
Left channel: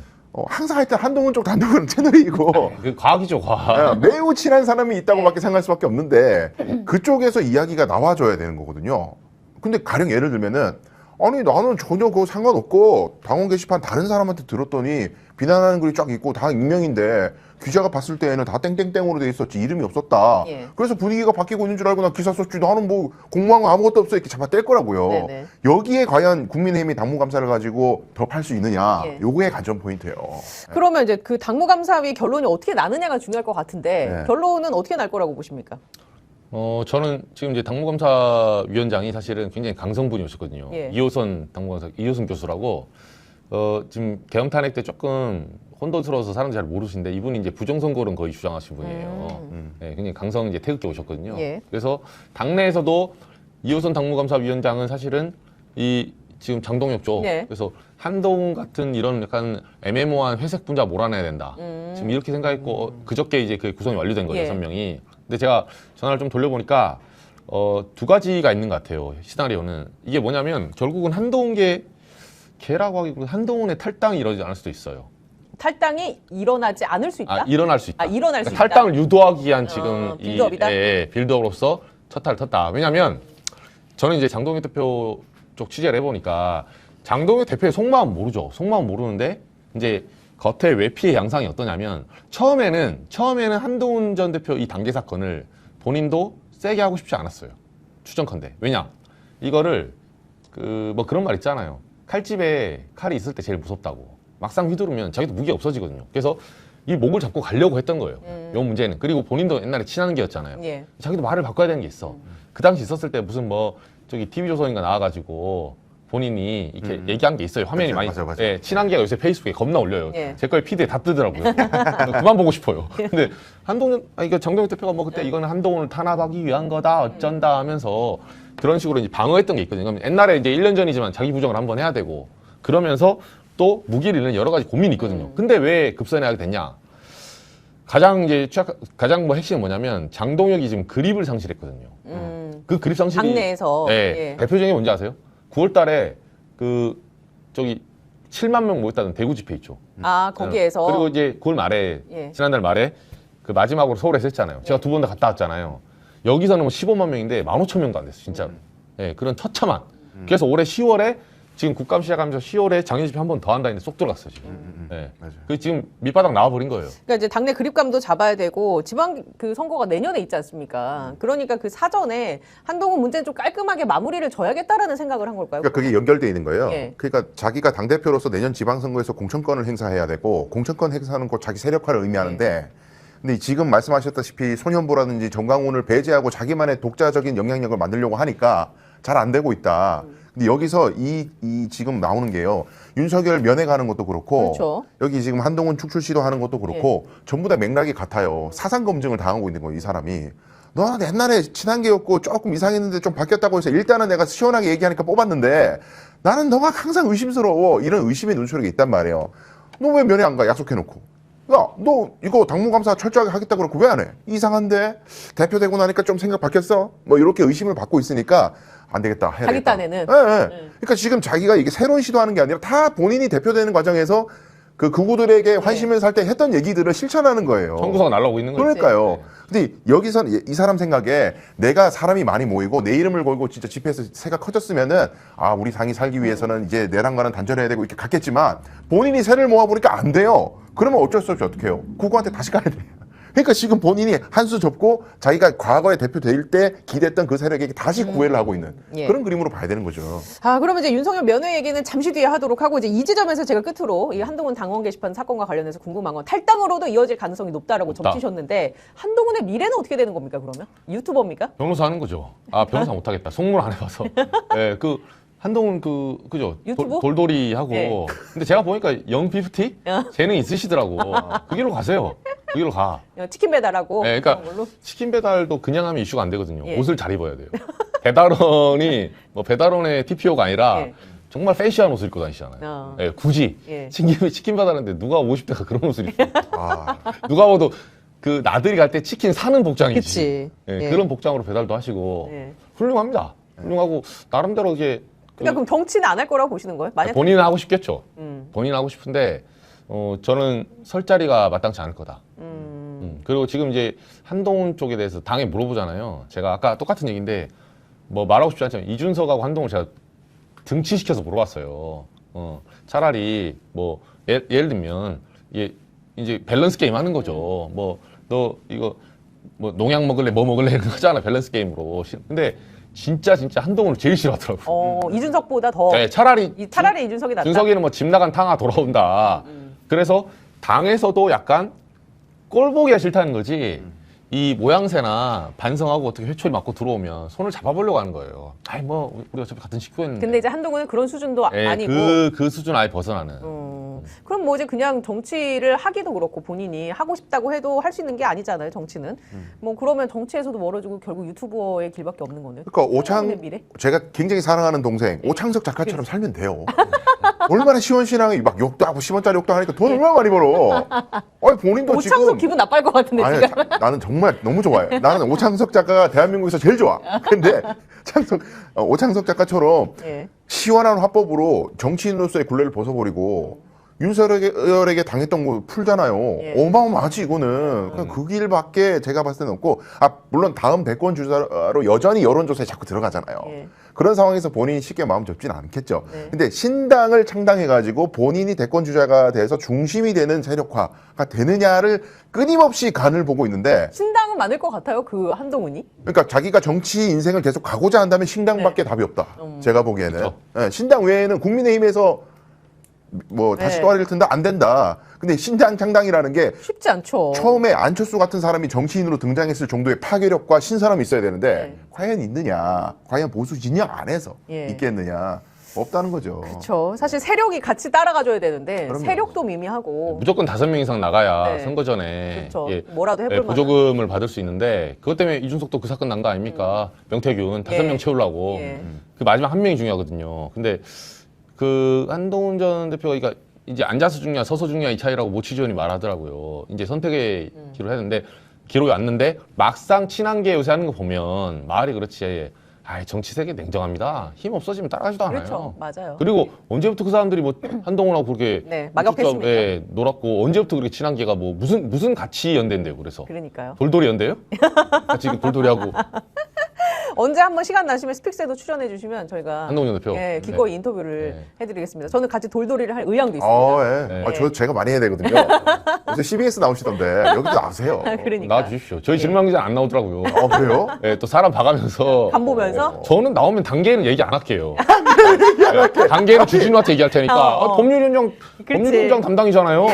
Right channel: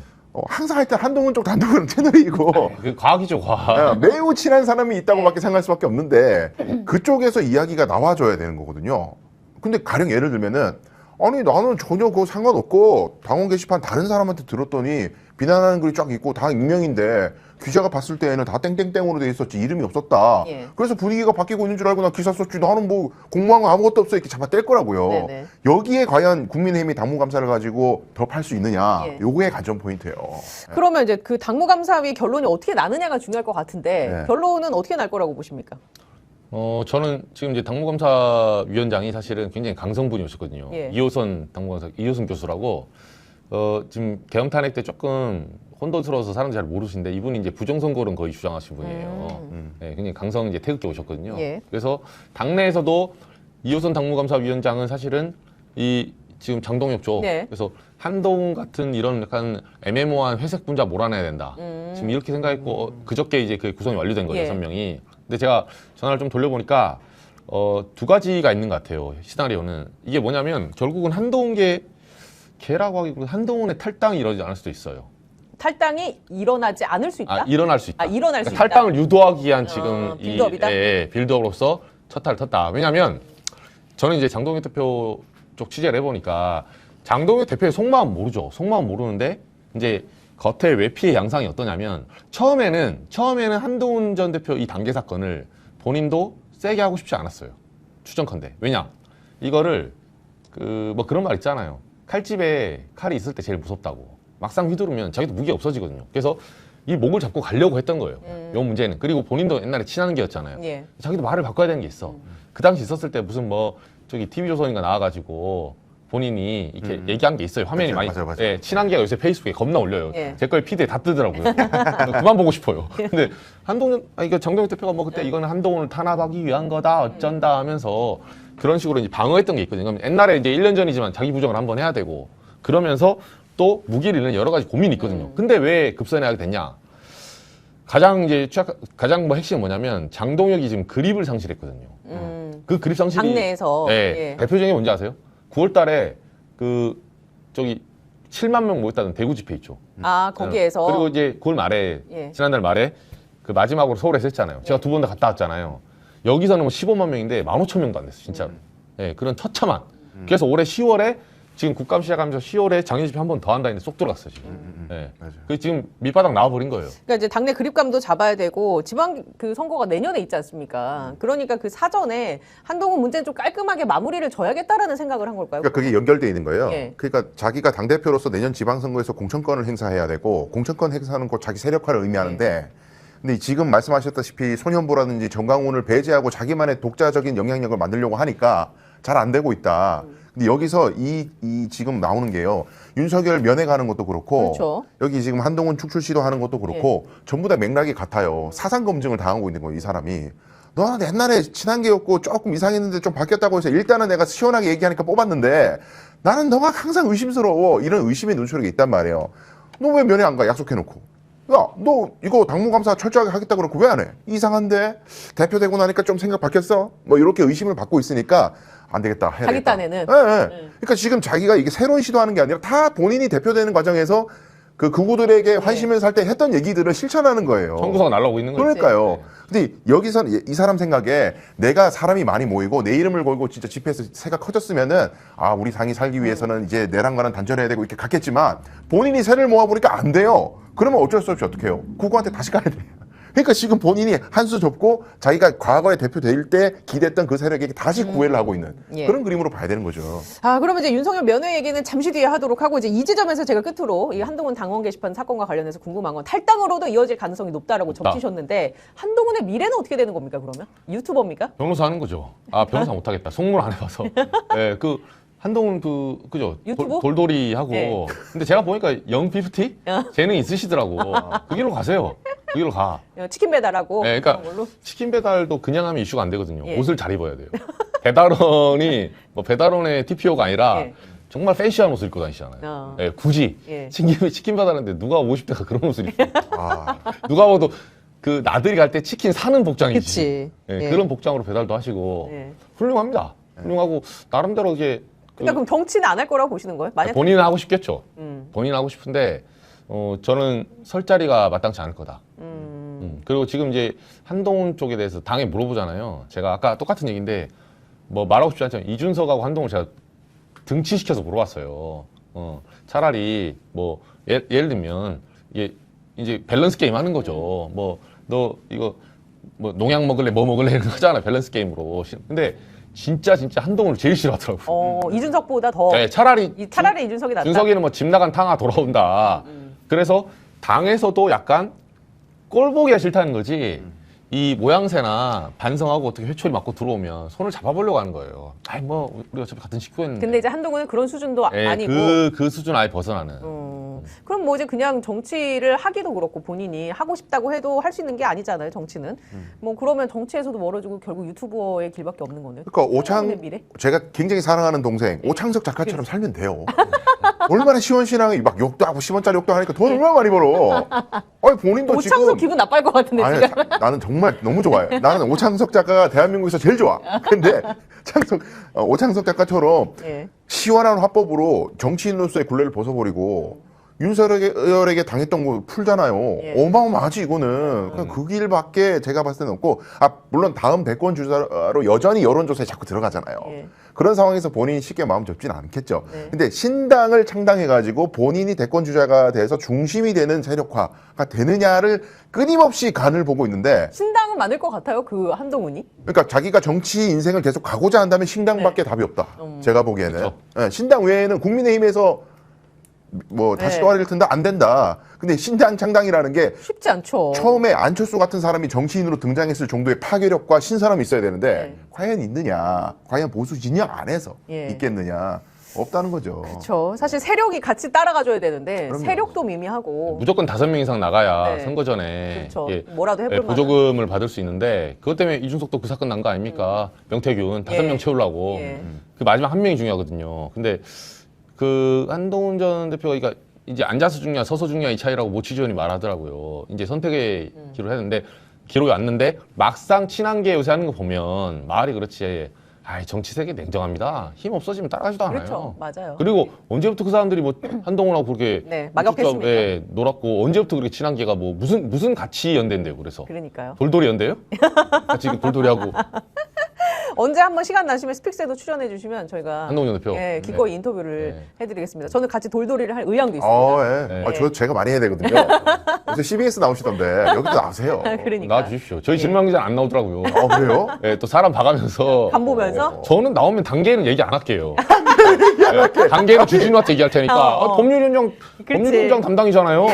항상 하여튼 한동훈 쪽 단독은 채널이고 그게 과학이죠, 과학. 매우 친한 사람이 있다고밖에 생각할 수밖에 없는데 그쪽에서 이야기가 나와줘야 되는 거거든요. 근데 가령 예를 들면은 아니 나는 전혀 그거 상관없고 당원 게시판 다른 사람한테 들었더니 비난하는 글이 쫙 있고 다 익명인데 기자가 봤을 때에는 다 땡땡땡으로 돼 있었지 이름이 없었다. 예. 그래서 분위기가 바뀌고 있는 줄 알고 나 기사 썼지. 나는 뭐 공모한 거 아무것도 없어 이렇게 잡아뗄 거라고요. 네네. 여기에 과연 국민의힘이 당무감사를 가지고 더 팔 수 있느냐. 예. 요거의 관전 포인트예요. 그러면 이제 그 당무감사위 결론이 어떻게 나느냐가 중요할 것 같은데, 네. 결론은 어떻게 날 거라고 보십니까? 저는 지금 이제 당무감사위원장이 사실은 굉장히 강성분이었거든요. 예. 이호선 교수라고, 지금 계엄탄핵 때 조금 혼돈스러워서 사람들이 잘 모르시는데 이분이 이제 부정선거론 거의 주장하신 분이에요. 네, 굉장히 강성 이제 태극기 오셨거든요. 예. 그래서 당내에서도 이호선 당무감사위원장은 사실은 이 지금 장동혁 쪽, 예. 그래서 한동 같은 이런 약간 애매모호한 회색 분자 몰아내야 된다. 지금 이렇게 생각했고 그저께 이제 그 구성이 완료된 거예요, 예. 6명이. 근데 제가 전화를 좀 돌려보니까 두 가지가 있는 것 같아요. 시나리오는 이게 뭐냐면 결국은 개라고 하기보다 한동훈의 탈당이 이러지 않을 수도 있어요. 탈당이 일어나지 않을 수 있다? 일어날 수 있다. 일어날 수 그러니까 있다. 탈당을 유도하기 위한 지금 빌드업이다? 빌드업으로서 첫 탈을 텄다. 왜냐하면 저는 이제 장동혁 대표 쪽 취재를 해보니까 장동혁 대표의 속마음 모르죠. 속마음 모르는데 이제 겉에 외피의 양상이 어떠냐면 처음에는 한동훈 전 대표 이 당계 사건을 본인도 세게 하고 싶지 않았어요. 추정컨대. 왜냐? 이거를 뭐 그런 말 있잖아요. 칼집에 칼이 있을 때 제일 무섭다고. 막상 휘두르면 자기도 무기가 없어지거든요. 그래서 이 목을 잡고 가려고 했던 거예요. 이 문제는. 그리고 본인도 옛날에 친한 게였잖아요. 예. 자기도 말을 바꿔야 되는 게 있어. 그 당시 있었을 때 무슨 뭐 저기 TV조선인가 나와가지고 본인이 이렇게 얘기한 게 있어요. 화면이 많이. 맞아요. 예, 친한 게가 요새 페이스북에 겁나 올려요. 예. 제 거에 피드에 다 뜨더라고요. 그만 보고 싶어요. 근데 이거 정동영 대표가 뭐 그때 이거는 한동훈을 탄압하기 위한 거다 어쩐다 하면서 그런 식으로 이제 방어했던 게 있거든요. 옛날에 이제 1년 전이지만 자기 부정을 한번 해야 되고 그러면서 또 무기를 잃는 여러 가지 고민이 있거든요. 근데 왜 급선회 하게 됐냐? 가장 뭐 핵심이 뭐냐면 장동혁이 지금 그립을 상실했거든요. 그 그립 상실이 당내에서. 네, 예. 대표적인 게 뭔지 아세요? 9월 달에 저기 7만 명 모였다는 대구 집회 있죠. 아, 거기에서. 그리고 이제 9월 말에 예. 지난달 말에 그 마지막으로 서울에서 했잖아요. 제가 2번 다 갔다 왔잖아요. 여기서는 뭐 15만 명인데 15,000명도 안 됐어요, 진짜로. 예, 그런 처참한. 그래서 올해 10월에 지금 국감 시작하면서 10월에 장례 집회 한 번 더 한다는데 쏙 들어갔어요. 지금. 예. 그 지금 밑바닥 나와버린 거예요. 그러니까 이제 당내 그립감도 잡아야 되고 지방 그 선거가 내년에 있지 않습니까? 그러니까 그 사전에 한동훈 문제는 좀 깔끔하게 마무리를 져야겠다라는 생각을 한 걸까요? 그러니까 그게 연결돼 있는 거예요. 네. 그러니까 자기가 당대표로서 내년 지방선거에서 공천권을 행사해야 되고 공천권 행사는 곧 자기 세력화를 의미하는데 근데 지금 말씀하셨다시피 손현보라든지 정강훈을 배제하고 자기만의 독자적인 영향력을 만들려고 하니까 잘 안 되고 있다. 근데 여기서 이 지금 나오는 게요. 윤석열 면회가는 것도 그렇고 그렇죠. 여기 지금 한동훈 축출 시도하는 것도 그렇고 전부 다 맥락이 같아요. 사상 검증을 당하고 있는 거예요, 이 사람이. 너는 옛날에 친한 게였고 조금 이상했는데 좀 바뀌었다고 해서 일단은 내가 시원하게 얘기하니까 뽑았는데 나는 너가 항상 의심스러워. 이런 의심의 눈초리가 있단 말이에요. 너 왜 면회 안 가? 약속해놓고. 야, 너 이거 당무감사 철저하게 하겠다 그러고 왜 안 해? 이상한데? 대표 되고 나니까 좀 생각 바뀌었어? 뭐 이렇게 의심을 받고 있으니까 안 되겠다. 해야 되겠다. 하겠다네는. 그러니까 지금 자기가 이게 새로운 시도하는 게 아니라 다 본인이 대표되는 과정에서 그 그구들에게 환심을 살 때 했던 얘기들을 실천하는 거예요. 청구서가 날라오고 있는 거예요. 그러니까요. 근데 여기서는 이 사람 생각에 내가 사람이 많이 모이고 내 이름을 걸고 진짜 집회에서 새가 커졌으면은 아, 우리 당이 살기 위해서는 이제 내랑과는 단절해야 되고 이렇게 갔겠지만 본인이 새를 모아보니까 안 돼요. 그러면 어쩔 수 없이 어떻게 해요? 구구한테 다시 가야 돼요. 그러니까 지금 본인이 한 수 접고 자기가 과거에 대표될 때 기대했던 그 세력에게 다시 구애를 하고 있는 예. 그런 그림으로 봐야 되는 거죠. 아, 그러면 이제 윤석열 면회 얘기는 잠시 뒤에 하도록 하고 이제 이 지점에서 제가 끝으로 이 한동훈 당원 게시판 사건과 관련해서 궁금한 건 탈당으로도 이어질 가능성이 높다라고 적으셨는데 한동훈의 미래는 어떻게 되는 겁니까 그러면? 유튜버입니까? 변호사 하는 거죠. 아, 변호사 못하겠다. 속물 안 해봐서. 예, 한동훈 그죠? 유튜브? 돌돌이 하고. 네. 근데 제가 보니까 영피프티? 재능 있으시더라고. 그 길로 가세요. 그 길로 가. 치킨 배달하고 네, 그러니까 그런 걸로? 치킨 배달도 그냥 하면 이슈가 안 되거든요. 예. 옷을 잘 입어야 돼요. 배달원이 뭐 배달원의 TPO가 아니라 예. 정말 패시한 옷을 입고 다니시잖아요. 예, 굳이 예. 치킨 배달하는데 누가 50대가 그런 옷을 입고 아, 누가 봐도 그 나들이 갈 때 치킨 사는 복장이지. 그치. 예, 예. 그런 복장으로 배달도 하시고 예. 훌륭합니다. 훌륭하고 나름대로 이게 그러니까 그럼 정치는 안 할 거라고 보시는 거예요? 만약 본인은 하고 싶겠죠. 음. 본인은 하고 싶은데 저는 설 자리가 마땅치 않을 거다. 그리고 지금 이제 한동훈 쪽에 대해서 당에 물어보잖아요. 제가 아까 똑같은 얘기인데 뭐 말하고 싶지 않지만 이준석하고 한동훈 제가 등치시켜서 물어봤어요. 차라리 뭐 예를 들면 이제 밸런스 게임 하는 거죠. 뭐 너 이거 뭐 농약 먹을래 뭐 먹을래 이런 거 하잖아 밸런스 게임으로. 근데 진짜 한동훈을 제일 싫어하더라고. 이준석보다 더 네, 차라리 이준석이 낫다. 준석이는 뭐 집 나간 탕아 돌아온다. 그래서 당에서도 약간 꼴보기가 싫다는 거지. 이 모양새나 반성하고 어떻게 회초리 맞고 들어오면 손을 잡아보려고 하는 거예요. 아이 뭐 우리 어차피 같은 식구였는데. 근데 이제 한동훈은 그런 수준도 예, 아니고. 그 수준 아예 벗어나는. 그럼 뭐 이제 그냥 정치를 하기도 그렇고 본인이 하고 싶다고 해도 할 수 있는 게 아니잖아요, 정치는. 뭐 그러면 정치에서도 멀어지고 결국 유튜버의 길밖에 없는 거네요. 그러니까 한동훈의 미래? 제가 굉장히 사랑하는 동생 오창석 작가처럼 살면 돼요. 얼마나 시원시원하게 막 욕도 하고 10원짜리 욕도 하니까 돈 얼마나 많이 벌어. 아니 본인도 오창석 지금 기분 나빠할 것 같은데 아니, 지금. 나는 정말 너무 좋아요. 나는 오창석 작가가 대한민국에서 제일 좋아. 근데 오창석 작가처럼 예. 시원한 화법으로 정치인으로서의 굴레를 벗어버리고 윤석열에게 당했던 거 풀잖아요. 예. 어마어마하지 이거는. 그냥 그 길밖에 제가 봤을 때는 없고, 물론 다음 대권 주자로 여전히 여론조사에 자꾸 들어가잖아요. 예. 그런 상황에서 본인이 쉽게 마음 접지는 않겠죠. 네. 근데 신당을 창당해가지고 본인이 대권 주자가 돼서 중심이 되는 세력화가 되느냐를 끊임없이 간을 보고 있는데, 신당은 많을 것 같아요, 그 한동훈이. 그러니까 자기가 정치 인생을 계속 가고자 한다면 신당밖에 답이 없다. 제가 보기에는. 그렇죠. 예, 신당 외에는 국민의힘에서 뭐 다시 네. 떠올릴 텐데 안 된다. 근데 신당 창당이라는 게 쉽지 않죠. 처음에 안철수 같은 사람이 정치인으로 등장했을 정도의 파괴력과 신선함이 있어야 되는데 네. 과연 있느냐? 과연 보수 진영 안에서 예. 있겠느냐? 없다는 거죠. 그렇죠. 사실 세력이 같이 따라가줘야 되는데 그럼요. 세력도 미미하고. 무조건 5명 이상 나가야 네. 선거 전에 그렇죠. 예, 뭐라도 해볼 예, 만한. 보조금을 받을 수 있는데 그것 때문에 이준석도 그 사건 난 거 아닙니까? 명태균 5명 채우려고 예. 그 마지막 한 명이 중요하거든요. 근데 그 한동훈 전 대표가 그러니까 이제 앉아서 죽냐 서서 죽냐 이 차이라고 모 취재원이 말하더라고요. 이제 선택의 기로 했는데 기록이 왔는데 막상 친한계 요새 하는 거 보면 말이 그렇지. 아이 정치 세계 냉정합니다. 힘 없어지면 따라가지도 않아요. 그렇죠. 맞아요. 그리고 언제부터 그 사람들이 뭐 한동훈하고 그렇게 네, 막역했습니까? 예, 놀았고 언제부터 그렇게 친한계가 뭐 무슨 같이 연대인데요. 그래서 그러니까요. 돌돌이 연대요? 같이 그 돌돌이하고 언제 한번 시간 나시면 스픽스에도 출연해 주시면 저희가 한동훈 대표. 예, 기꺼이 인터뷰를 네. 해드리겠습니다. 저는 같이 돌돌이를 할 의향도 있습니다. 아, 예. 네. 제가 많이 해야 되거든요. 요새 CBS 나오시던데 여기도 나오세요. 그러니까 나와주십시오. 저희 질문기자 안 나오더라고요. 그래요? 네, 또 사람 봐가면서 간 보면서 저는 나오면 단계는 얘기 안 할게요. 네, 단계는 주진우한테 얘기할 테니까 법률위원장 법률위원장 담당이잖아요.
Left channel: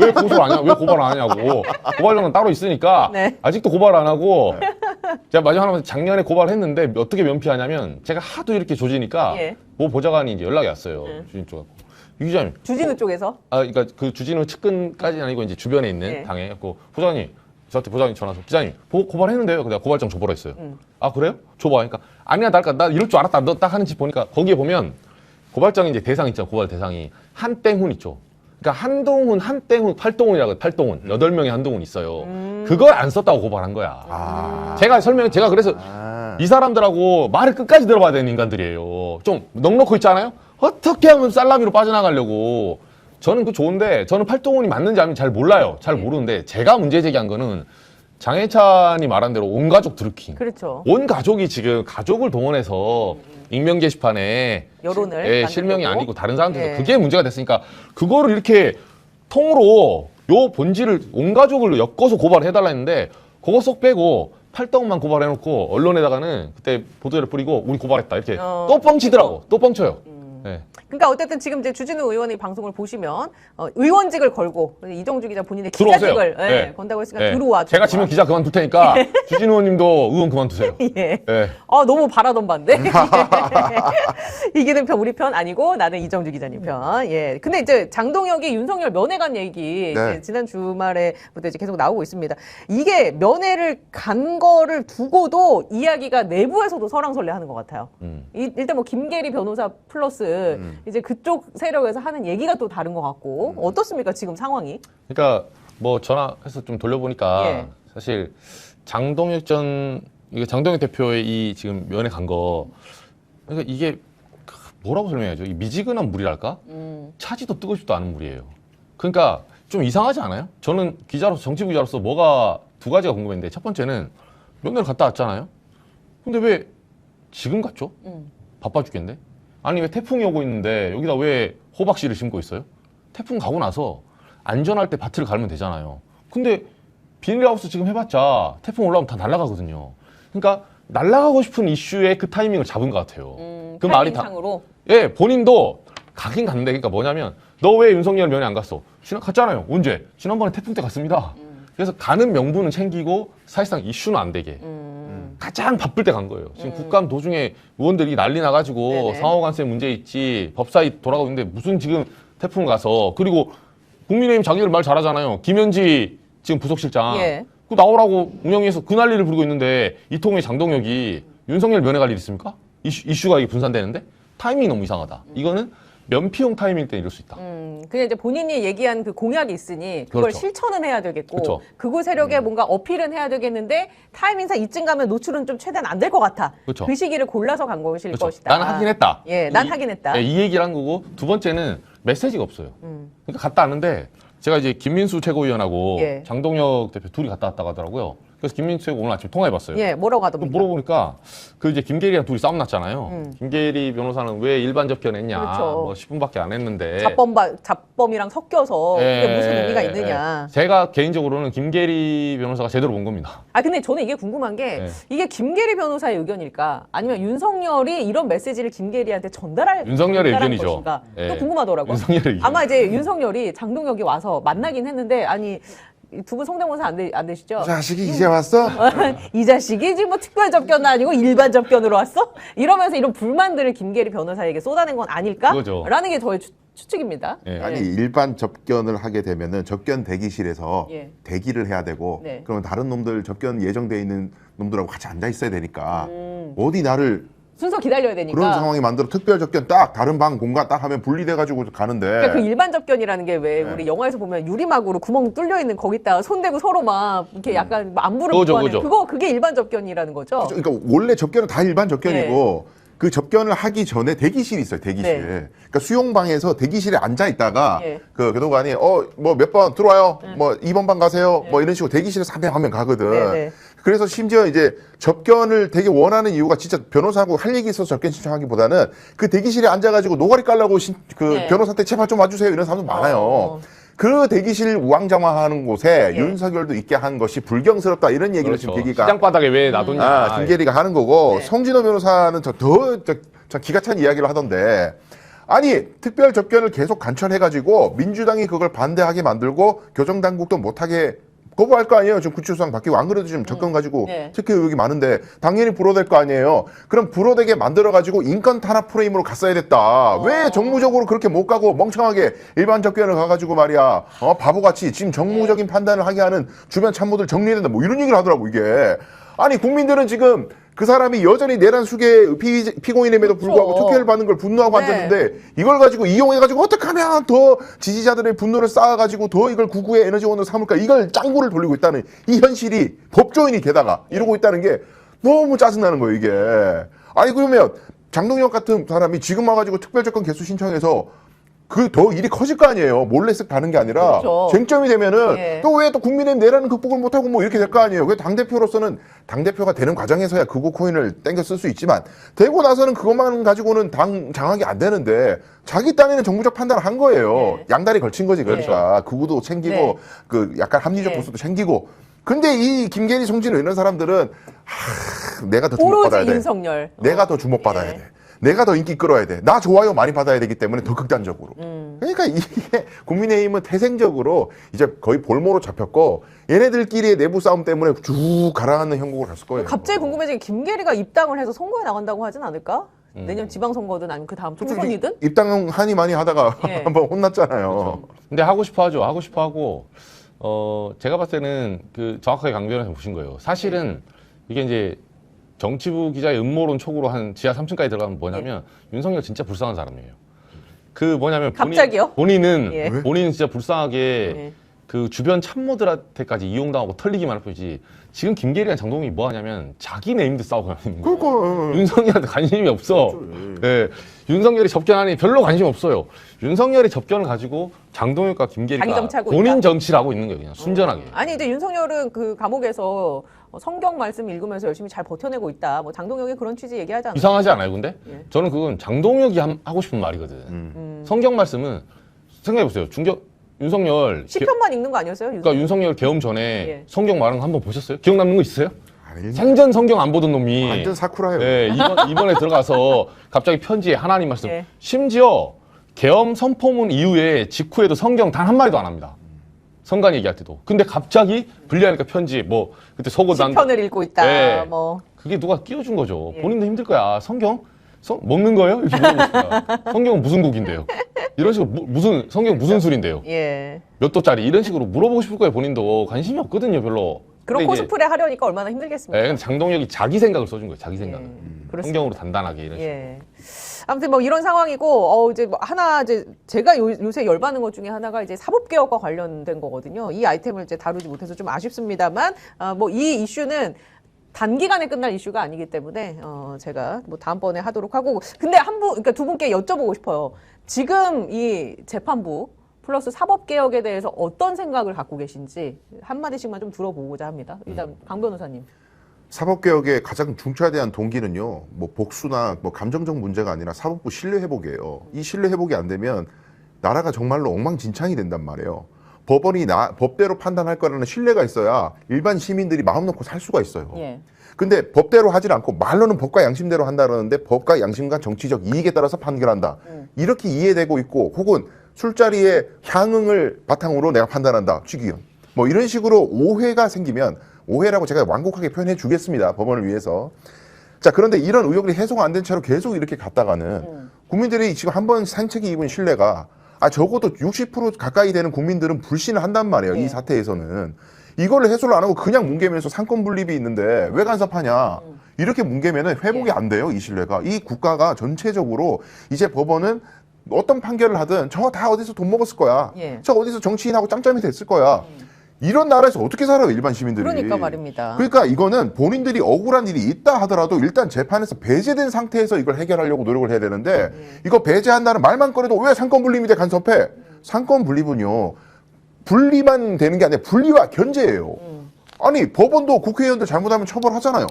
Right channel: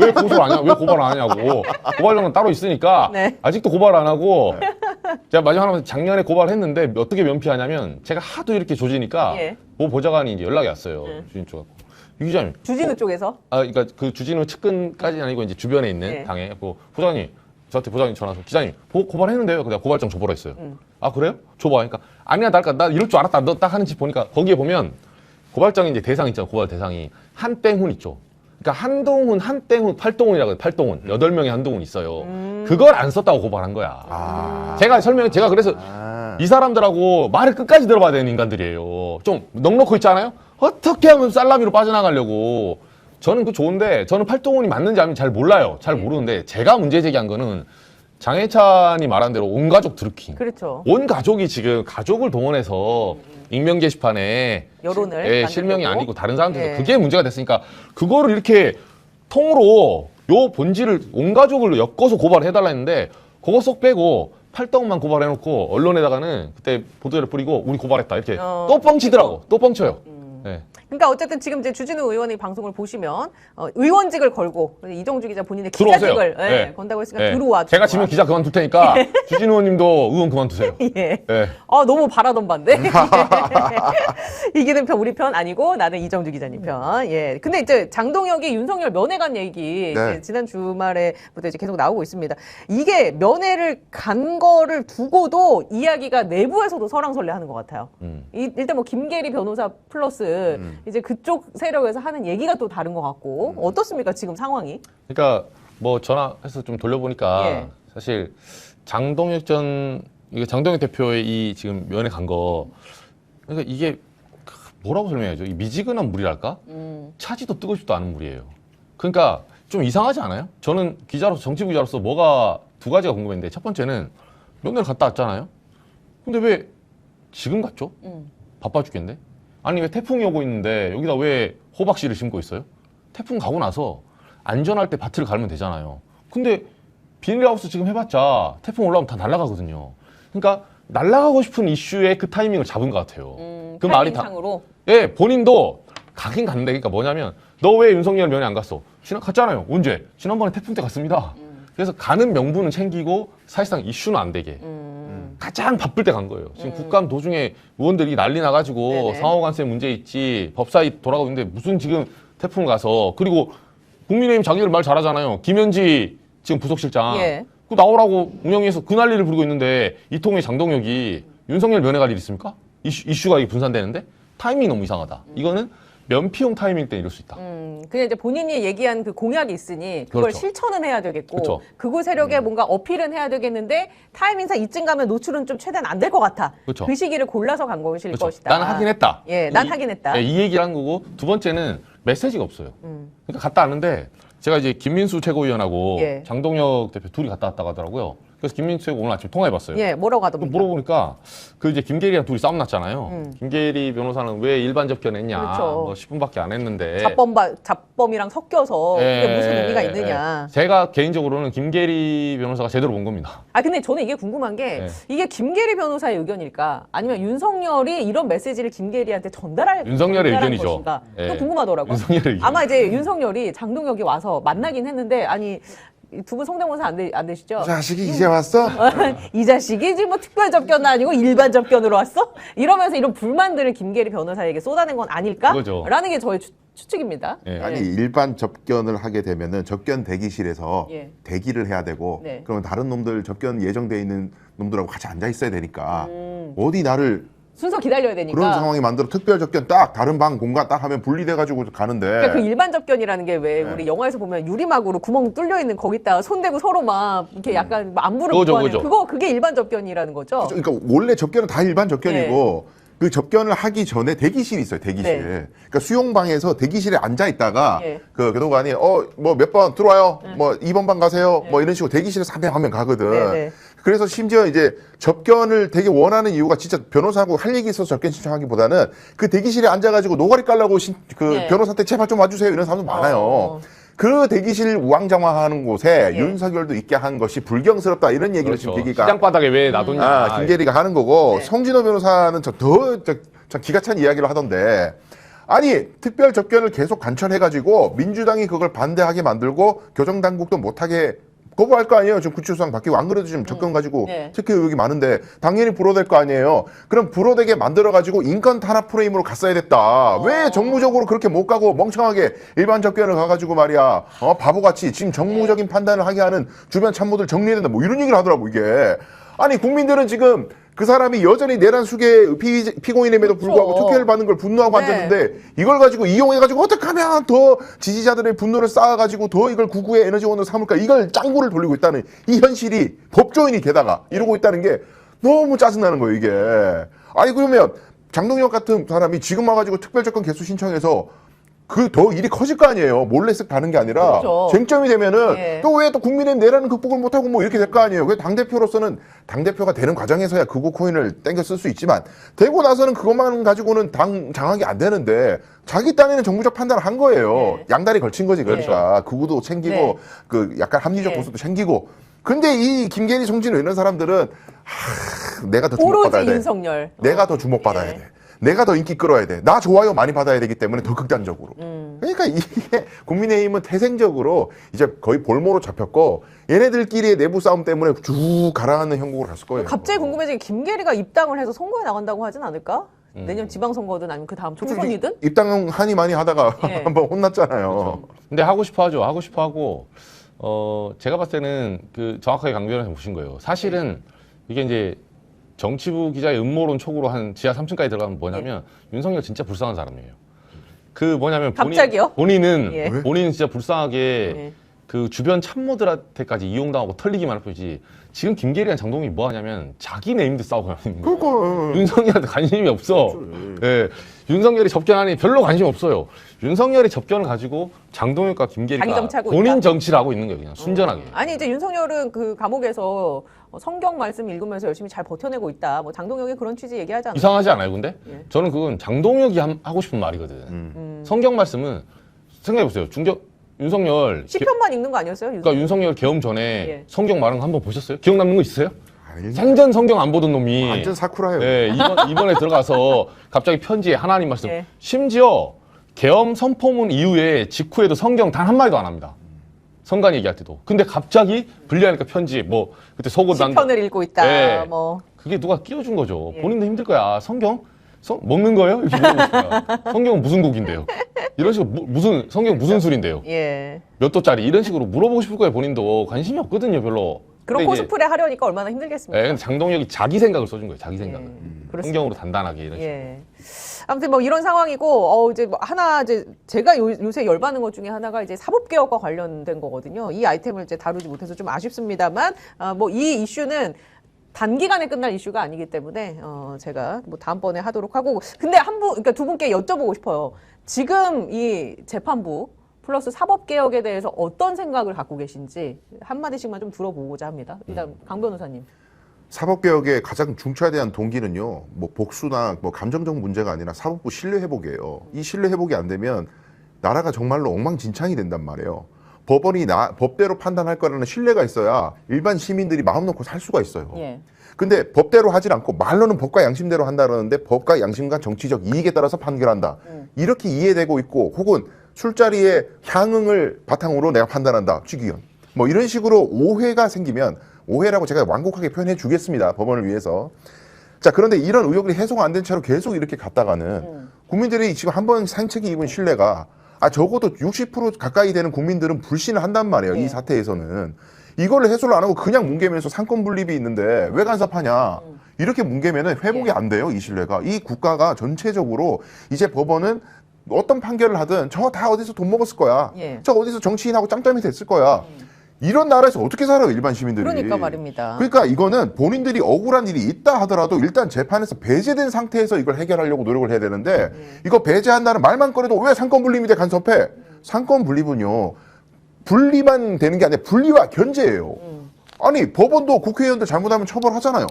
왜 고소를 안 하냐? 왜 고발 안 하냐고. 고발장은 따로 있으니까 네. 아직도 고발 안 하고 제가 마지막으로 작년에 고발했는데 어떻게 면피하냐면 제가 하도 이렇게 조지니까 예. 모 보좌관이 이제 연락이 왔어요. 주진우 쪽. 유 기자님. 주진우 쪽에서 그러니까 그 주진우 측근까지는 아니고 이제 주변에 있는 네. 당에 그 보좌관님 저한테 보좌관님 전화 와서 기자님 고발했는데요. 내가 고발장 줘보라 했어요. 아 그래요? 줘봐. 그러니까 아니야 나 이럴 줄 알았다. 너 딱 하는지 보니까 거기에 보면 고발장 이제 대상 있잖아. 고발 대상이 한땡훈 있죠. 그러니까 한동훈, 한땡훈, 팔동훈이라고 8명의 한동훈 있어요. 그걸 안 썼다고 고발한 거야. 제가 그래서 이 사람들하고 말을 끝까지 들어봐야 되는 인간들이에요. 좀 넉넉히 있잖아요? 어떻게 하면 살라미로 빠져나가려고. 저는 그 좋은데, 저는 팔동훈이 맞는지 아닌지 잘 몰라요. 잘 모르는데, 제가 문제 제기한 거는 장해찬이 말한 대로 온 가족 드루킹. 그렇죠. 온 가족이 지금 가족을 동원해서 익명 게시판에 여론을 만들려고. 실명이 아니고 다른 사람들도 예. 그게 문제가 됐으니까 그거를 이렇게 통으로 요 본질을 온 가족을 엮어서 고발해달라 했는데 그거 쏙 빼고 팔떡만 고발해놓고 언론에다가는 그때 보도를 뿌리고 우리 고발했다 이렇게 또 뻥치더라고. 또 뻥쳐요. 네. 그러니까 어쨌든 지금 이제 주진우 의원이 방송을 보시면 의원직을 걸고 그리고 이정주 기자 본인의 들어오세요. 기자직을 네. 건다고 했으니까 네. 들어와. 제가 지금 기자 그만둘 테니까 주진우 의원님도 의원 그만두세요. 예. 네. 너무 바라던 반대. 이기는 편 우리 편 아니고 나는 이정주 기자님 편. 예. 근데 이제 장동혁이 윤석열 면회 간 얘기 네. 이제 지난 주말에부터 이제 계속 나오고 있습니다. 이게 면회를 간 거를 두고도 이야기가 내부에서도 설왕설래하는 것 같아요. 일단 뭐 김계리 변호사 플러스 이제 그쪽 세력에서 하는 얘기가 또 다른 것 같고 어떻습니까 지금 상황이? 그러니까 뭐 전화해서 좀 돌려보니까 예. 사실 장동혁 대표의 이 지금 면회 간 거 그러니까 이게 뭐라고 설명해야죠? 이 미지근한 물이랄까? 차지도 뜨거지도 않은 물이에요. 그러니까 좀 이상하지 않아요? 저는 기자로서 정치부 기자로서 뭐가 두 가지가 궁금했는데 첫 번째는 면회를 갔다 왔잖아요. 근데 왜 지금 갔죠? 바빠 죽겠네. 아니 왜 태풍이 오고 있는데 여기다 왜 호박씨를 심고 있어요? 태풍 가고 나서 안전할 때 밭을 갈면 되잖아요. 근데 비닐하우스 지금 해봤자 태풍 올라오면 다 날아가거든요. 그러니까 날아가고 싶은 이슈에 그 타이밍을 잡은 것 같아요. 그 말이 다. 타이밍상으로. 예, 본인도 가긴 갔는데 그러니까 뭐냐면 너 왜 윤석열 면회 안 갔어? 갔잖아요. 언제? 지난번에 태풍 때 갔습니다. 그래서 가는 명분은 챙기고 사실상 이슈는 안 되게 가장 바쁠 때 간 거예요. 지금 국감 도중에 의원들이 난리 나가지고 네네. 상호관세 문제 있지 법사위 돌아가고 있는데 무슨 지금 태풍 가서 그리고 국민의힘 자기들 말 잘하잖아요. 김현지 지금 부속실장 예. 그 나오라고 운영위에서 그 난리를 부르고 있는데 이통의 장동혁이 윤석열 면회 갈 일 있습니까? 이슈가 이게 분산되는데 타이밍이 너무 이상하다. 이거는 면피용 타이밍 때 이럴 수 있다. 그냥 이제 본인이 얘기한 그 공약이 있으니 그걸 그렇죠. 실천은 해야 되겠고 그렇죠. 극우 세력에 뭔가 어필은 해야 되겠는데 타이밍상 이쯤 가면 노출은 좀 최대한 안 될 것 같아. 그렇죠. 그 시기를 골라서 간 것일 그렇죠. 것이다. 나는 하긴 했다. 예, 난 하긴 했다. 이 얘기를 한 거고 두 번째는 메시지가 없어요. 그러니까 갔다 왔는데 제가 이제 김민수 최고위원하고 예. 장동혁 대표 둘이 갔다 왔다고 하더라고요. 그래서 김민수 최고 오늘 아침 통화해봤어요. 예, 뭐라고 그 하던가. 물어보니까 그 이제 김계리랑 둘이 싸움 났잖아요. 김계리 변호사는 왜 일반 접견했냐. 그렇죠. 뭐 10분밖에 안 했는데. 잡범이랑 섞여서 그게 예, 무슨 의미가 예, 있느냐. 예. 제가 개인적으로는 김계리 변호사가 제대로 본 겁니다. 아, 근데 저는 이게 궁금한 게 이게 김계리 변호사의 의견일까? 아니면 윤석열이 이런 메시지를 김계리한테 전달할 윤석열의 전달하는 의견이죠. 것인가? 예. 이게 궁금하더라고요. 윤석열의 의견. 아마 이제 윤석열이 장동혁이 와서 만나긴 했는데 아니 두 분 성대모사 안 되시죠? 자식이 이제 왔어? 이 자식이 지금 뭐 특별 접견 아니고 일반 접견으로 왔어? 이러면서 이런 불만들을 김계리 변호사에게 쏟아낸 건 아닐까? 그거죠. 라는 게 저의 추측입니다. 예. 아니 일반 접견을 하게 되면은 접견 대기실에서 예. 대기를 해야 되고 네. 그러면 다른 놈들 접견 예정돼 있는 놈들하고 같이 앉아 있어야 되니까 어디 나를 순서 기다려야 되니까. 그런 상황이 만들어 특별 접견 딱 다른 방 공간 딱 하면 분리돼 가지고 가는데 그러니까 그 일반 접견이라는 게 왜 네. 우리 영화에서 보면 유리막으로 구멍 뚫려 있는 거기다 손대고 서로 막 이렇게 약간 안부를 그거죠, 묻고 하는 그거죠. 그게 일반 접견이라는 거죠. 그러니까 원래 접견은 다 일반 접견이고 그 접견을 하기 전에 대기실이 있어요. 대기실. 네. 그러니까 수용방에서 대기실에 앉아 있다가 네. 그동안이 뭐 몇 번 들어와요. 뭐 2번 방 가세요. 뭐 이런 식으로 대기실에 300명 가거든. 네, 네. 그래서 심지어 이제 접견을 되게 원하는 이유가 진짜 변호사하고 할 얘기 있어서 접견 신청하기보다는 그 대기실에 앉아가지고 노가리 깔라고 네. 변호사한테 제발 좀 와주세요. 이런 사람도 많아요. 그 대기실 우왕좌왕하는 곳에 예. 윤석열도 있게 한 것이 불경스럽다 이런 얘기를 지금 그렇죠. 계기가 시장바닥에 왜 놔뒀냐. 김계리가 하는 거고 성진호 변호사는 저 기가 찬 이야기를 하던데 아니 특별 접견을 계속 관철해가지고 민주당이 그걸 반대하게 만들고 교정당국도 못하게 거부할 거 아니에요. 지금 구치소장 바뀌고 안 그래도 지금 접견 가지고 네. 특혜 의혹이 많은데 당연히 불어댈 거 아니에요. 그럼 불어대게 만들어가지고 인권 탄압 프레임으로 갔어야 됐다. 왜 정무적으로 그렇게 못 가고 멍청하게 일반 접견을 가가지고 말이야 바보같이 지금 정무적인 판단을 하게 하는 주변 참모들 정리해야 된다. 뭐 이런 얘기를 하더라고 이게. 아니 국민들은 지금 그 사람이 여전히 내란 수계 피고인임에도 불구하고 그렇죠. 특혜를 받는 걸 분노하고 네. 앉았는데 이걸 가지고 이용해가지고 어떻게 하면 더 지지자들의 분노를 쌓아가지고 더 이걸 구구의 에너지원으로 삼을까 이걸 짱구를 돌리고 있다는 이 현실이 법조인이 게다가 이러고 있다는 게 너무 짜증나는 거예요 이게. 아니 그러면 장동혁 같은 사람이 지금 와가지고 특별조건 개수 신청해서 그 더 일이 커질 거 아니에요. 몰래 쓱 가는 게 아니라 그렇죠. 쟁점이 되면은 예. 또 왜 또 국민의 내란을 극복을 못하고 뭐 이렇게 될 거 아니에요. 그 당대표로서는 당대표가 되는 과정에서야 그거 코인을 땡겨 쓸 수 있지만 되고 나서는 그것만 가지고는 당 장악이 안 되는데 자기 땅에는 정무적 판단을 한 거예요. 네. 양다리 걸친 거지 그러니까 극우도 챙기고 네. 그 약간 합리적 네. 모습도 챙기고 근데 이 김계리 송진우 이런 사람들은 내가 더 주목받아야 오로지 돼. 윤석열. 내가 더 주목받아야 네. 돼. 내가 더 인기 끌어야 돼. 나 좋아요 많이 받아야 되기 때문에 더 극단적으로. 그러니까 이게 국민의힘은 태생적으로 이제 거의 볼모로 잡혔고 얘네들끼리의 내부 싸움 때문에 쭉 가라앉는 형국을 갔을 거예요. 갑자기 궁금해진 게 김계리가 입당을 해서 선거에 나간다고 하진 않을까? 내년 지방선거든 아니면 그 다음 총선이든? 입당 한이 많이 하다가 네. 한번 혼났잖아요. 근데 하고 싶어 하죠. 하고 싶어 하고, 제가 봤을 때는 그 정확하게 강변에서 보신 거예요. 사실은 이게 이제 정치부 기자의 음모론 촉으로 한 지하 3층까지 들어가면 뭐냐면 윤석열 진짜 불쌍한 사람이에요. 그 뭐냐면 갑자기요? 본인은 예. 본인은 진짜 불쌍하게 예. 그 주변 참모들한테까지 이용당하고 털리기만 할 뿐이지 지금 김계리랑 장동혁이 뭐 하냐면 자기네 힘들 싸우고 하는 거예요. 그러니까 윤석열한테 관심이 없어. 네. 윤석열이 접견하니 별로 관심 없어요. 윤석열이 접견을 가지고 장동혁과 자기 김계리가 정치하고 본인 있다. 정치를 하고 있는 거예요. 그냥 순전하게. 아니 이제 윤석열은 그 감옥에서 성경 말씀 읽으면서 열심히 잘 버텨내고 있다. 뭐 장동혁이 그런 취지 얘기하잖아. 이상하지 않아요, 근데? 예. 저는 그건 장동혁이 하고 싶은 말이거든. 음. 성경 말씀은 생각해보세요. 윤석열 10편만 읽는 거 아니었어요? 그러니까 윤석열 계엄 전에 예. 성경 말한 거 한번 보셨어요? 기억 남는 거 있어요? 생전 성경 안 보던 놈이 완전 사쿠라예요. 네, 이번에 들어가서 갑자기 편지에 하나님 말씀 예. 심지어 계엄 선포문 이후에 직후에도 성경 단 한 마디도 안 합니다. 성간 얘기할 때도. 근데 갑자기 분리하니까 편지 뭐 그때 속옷 안 10편을 읽고 있다. 네. 뭐 그게 누가 끼워준 거죠. 본인도 힘들 거야. 성경? 먹는 거예요? 이렇게 물어보니까. 성경은 무슨 곡인데요? 이런 식으로 무슨 성경 무슨 술인데요? 예. 몇 도짜리 이런 식으로 물어보고 싶을 거예요. 본인도 관심이 없거든요, 별로. 그런 근데 이제- 코스프레 하려니까 얼마나 힘들겠습니까? 네, 근데 장동혁이 자기 생각을 써준 거예요. 자기 생각을. 그렇습니다. 성경으로 단단하게 이런 식으로. 예. 아무튼 뭐 이런 상황이고 이제 뭐 하나 이제 제가 요새 열받는 것 중에 하나가 이제 사법개혁과 관련된 거거든요. 이 아이템을 이제 다루지 못해서 좀 아쉽습니다만 뭐 이 이슈는 단기간에 끝날 이슈가 아니기 때문에 제가 뭐 다음번에 하도록 하고 근데 그러니까 두 분께 여쭤보고 싶어요. 지금 이 재판부 플러스 사법개혁에 대해서 어떤 생각을 갖고 계신지 한마디씩만 좀 들어보고자 합니다. 일단 강 변호사님. 사법개혁의 가장 중차대한 동기는요, 뭐 복수나 뭐 감정적 문제가 아니라 사법부 신뢰 회복이에요. 이 신뢰 회복이 안 되면 나라가 정말로 엉망진창이 된단 말이에요. 법원이 법대로 판단할 거라는 신뢰가 있어야 일반 시민들이 마음 놓고 살 수가 있어요. 예. 근데 법대로 하질 않고 말로는 법과 양심대로 한다는데 법과 양심과 정치적 이익에 따라서 판결한다. 이렇게 이해되고 있고 혹은 술자리의 향응을 바탕으로 내가 판단한다. 취기현. 뭐 이런 식으로 오해가 생기면 오해라고 제가 완곡하게 표현해 주겠습니다. 법원을 위해서. 자, 그런데 이런 의혹이 해소가 안 된 채로 계속 이렇게 갔다가는 국민들이 지금 한 번 상책에 입은 신뢰가 적어도 60% 가까이 되는 국민들은 불신을 한단 말이에요. 이 사태에서는. 이걸 해소를 안 하고 그냥 뭉개면서 상권 분립이 있는데 왜 간섭하냐. 이렇게 뭉개면은 회복이 안 돼요. 이 신뢰가. 이 국가가 전체적으로 이제 법원은 어떤 판결을 하든 저 다 어디서 돈 먹었을 거야. 저 어디서 정치인하고 짬짬이 됐을 거야. 이런 나라에서 어떻게 살아요, 일반 시민들이. 그러니까 말입니다. 그러니까 이거는 본인들이 억울한 일이 있다 하더라도 일단 재판에서 배제된 상태에서 이걸 해결하려고 노력을 해야 되는데 이거 배제한다는 말만 꺼내도 왜 상권 분립이 돼 간섭해? 상권 분립은요. 분리만 되는 게 아니라 분리와 견제예요. 아니 법원도 국회의원도 잘못하면 처벌하잖아요.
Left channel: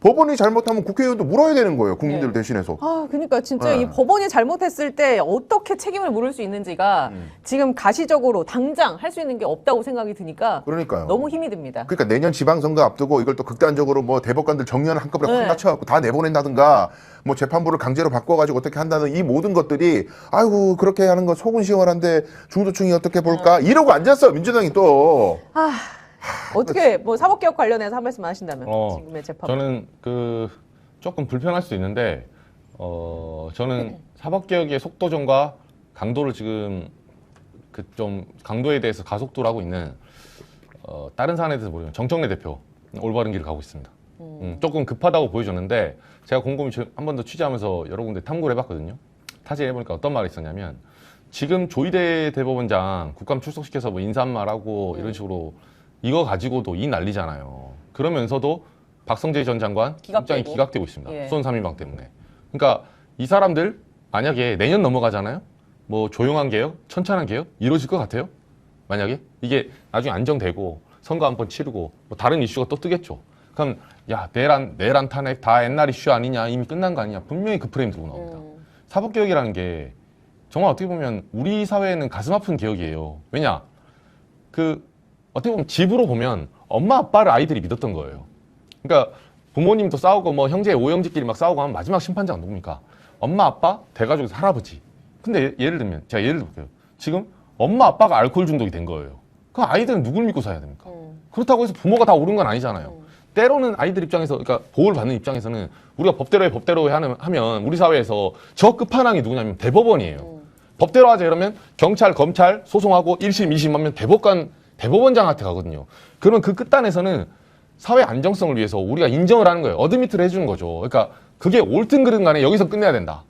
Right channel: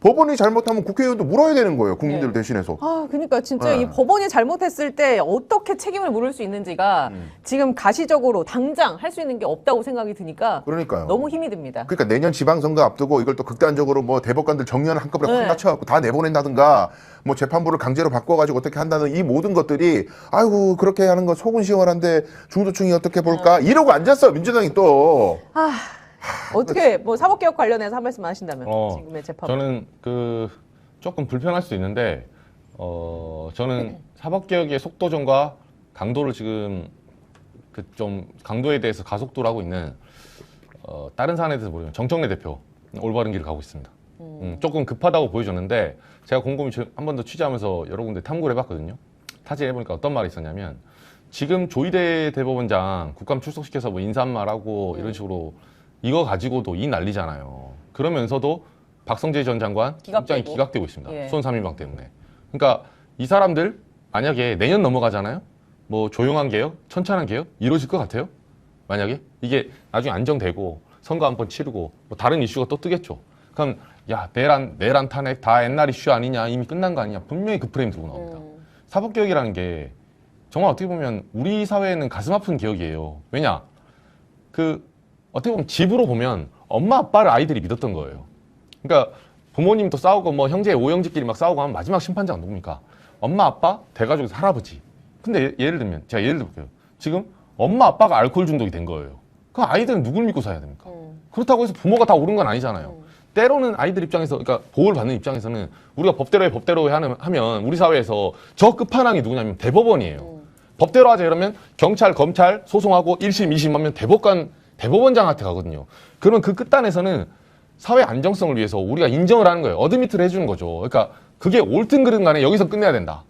법원이 잘못하면 국회의원도 물어야 되는 거예요. 국민들을 대신해서. 그러니까 진짜 이 법원이 잘못했을 때 어떻게 책임을 물을 수 있는지가 지금 가시적으로 당장 할 수 있는 게 없다고 생각이 드니까 그러니까요. 너무 힘이 듭니다. 그러니까 내년 지방선거 앞두고 이걸 또 극단적으로 뭐 대법관들 정년 한꺼번에 확 낮춰갖고 다 내보낸다든가 뭐 재판부를 강제로 바꿔가지고 어떻게 한다는 이 모든 것들이 아이고 그렇게 하는 거 속은 시원한데 중도층이 어떻게 볼까 이러고 앉았어 민주당이 또. 어떻게 뭐 사법개혁 관련해서 한 말씀 하신다면 지금의 재판. 저는 조금 불편할 수 있는데 저는 사법개혁의 속도전과 강도를 지금 좀 강도에 대해서 가속도를 하고 있는 다른 사안에 대해서 모르면 정청래 대표 올바른 길을 가고 있습니다. 조금 급하다고 보여줬는데 제가 곰곰이 한 번 더 취재하면서 여러 군데 탐구를 해봤거든요. 타진해보니까 어떤 말이 있었냐면 지금 조희대 대법원장 국감 출석시켜서 뭐 인사말하고 이런 식으로 이거 가지고도 이 난리잖아요. 그러면서도 박성재 전 장관 굉장히 기각되고 있습니다. 수원 3인방 때문에. 그러니까 이 사람들 만약에 내년 넘어가잖아요. 뭐 조용한 개혁, 천천한 개혁 이러실 것 같아요. 만약에 이게 나중에 안정되고 선거 한번 치르고 뭐 다른 이슈가 또 뜨겠죠. 그럼 야 내란 탄핵 다 옛날 이슈 아니냐 이미 끝난 거 아니냐 분명히 그 프레임 들고 나옵니다. 사법개혁이라는 게 정말 어떻게 보면 우리 사회에는 가슴 아픈 기억이에요. 왜냐 어떻게 보면 집으로 보면 엄마 아빠를 아이들이 믿었던 거예요. 그러니까 부모님도 싸우고 뭐 형제 오형제끼리 막 싸우고 하면 마지막 심판자가 누굽니까? 엄마 아빠 대가족에서 할아버지. 근데 예를 들면 제가 예를 들어볼게요. 지금 엄마 아빠가 알코올 중독이 된 거예요. 그럼 아이들은 누굴 믿고 살아야 됩니까? 그렇다고 해서 부모가 다 옳은 건 아니잖아요. 때로는 아이들 입장에서 그러니까 보호를 받는 입장에서는 우리가 법대로 하면 우리 사회에서 저 끝판왕이 누구냐면 대법원이에요. 법대로 하자 이러면 경찰, 검찰 소송하고 1심, 2심 하면 대법원장한테 가거든요. 그러면 그 끝단에서는 사회 안정성을 위해서 우리가 인정을 하는 거예요. 어드미트를 해주는 거죠. 그러니까 그게 옳든 그르든 간에 여기서 끝내야 된다.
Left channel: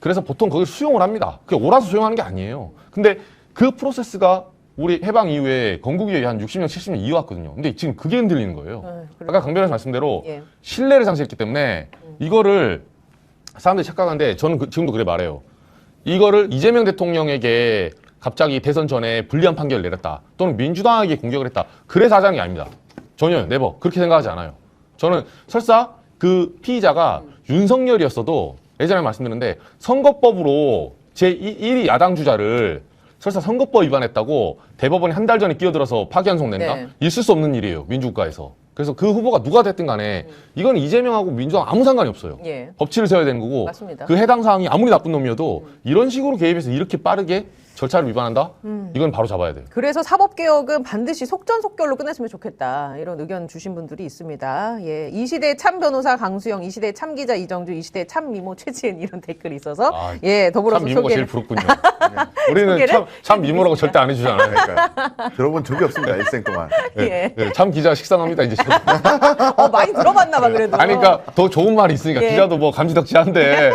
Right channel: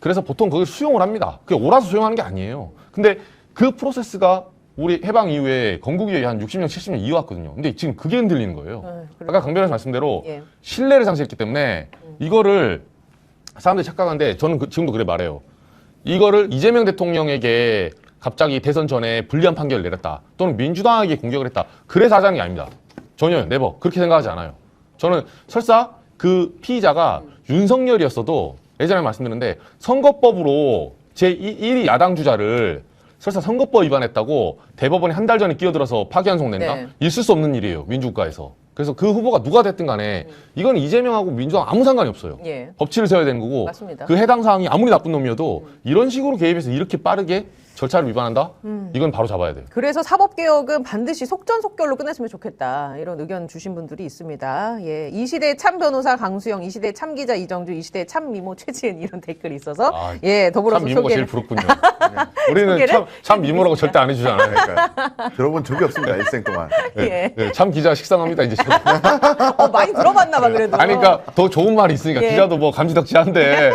그래서 보통 거기 수용을 합니다. 그게 옳아서 수용하는 게 아니에요. 근데 그 프로세스가 우리 해방 이후에 건국이후에 한 60년, 70년 이어왔거든요. 근데 지금 그게 흔들리는 거예요. 아까 강 변호사 말씀대로 신뢰를 상실했기 때문에 이거를 사람들이 착각하는데 저는 지금도 그래 말해요. 이거를 이재명 대통령에게 갑자기 대선 전에 불리한 판결을 내렸다. 또는 민주당에게 공격을 했다. 그래서 하자는 게 아닙니다. 전혀 네버 그렇게 생각하지 않아요. 저는 설사 그 피의자가 윤석열이었어도 예전에 말씀드렸는데 선거법으로 제1위 야당 주자를 설사 선거법 위반했다고 대법원이 한 달 전에 끼어들어서 파기환송 낸다? 있을 수 없는 일이에요. 민주국가에서. 그래서 그 후보가 누가 됐든 간에 이건 이재명하고 민주당 아무 상관이 없어요. 법치를 세워야 되는 거고 맞습니다. 그 해당 사항이 아무리 나쁜 놈이어도 이런 식으로 개입해서 이렇게 빠르게 절차를 위반한다? 이건 바로 잡아야 돼요. 그래서 사법개혁은 반드시 속전속결로 끝냈으면 좋겠다. 이런 의견 주신 분들이 있습니다. 이 시대 참 변호사 강수영, 이 시대 참 기자 이정주, 이 시대 참 미모 최지은 이런 댓글이 있어서 더불어서 참 미모가 제일 부럽군요. 우리는 참 미모라고 절대 안 해주잖아요. 들어본 적이 없습니다. 일생 동안. 참 기자 식상합니다 이제. 많이 들어봤나 봐 그래도. 아니 그러니까 더 좋은 말이 있으니까 기자도 뭐 감지덕지한데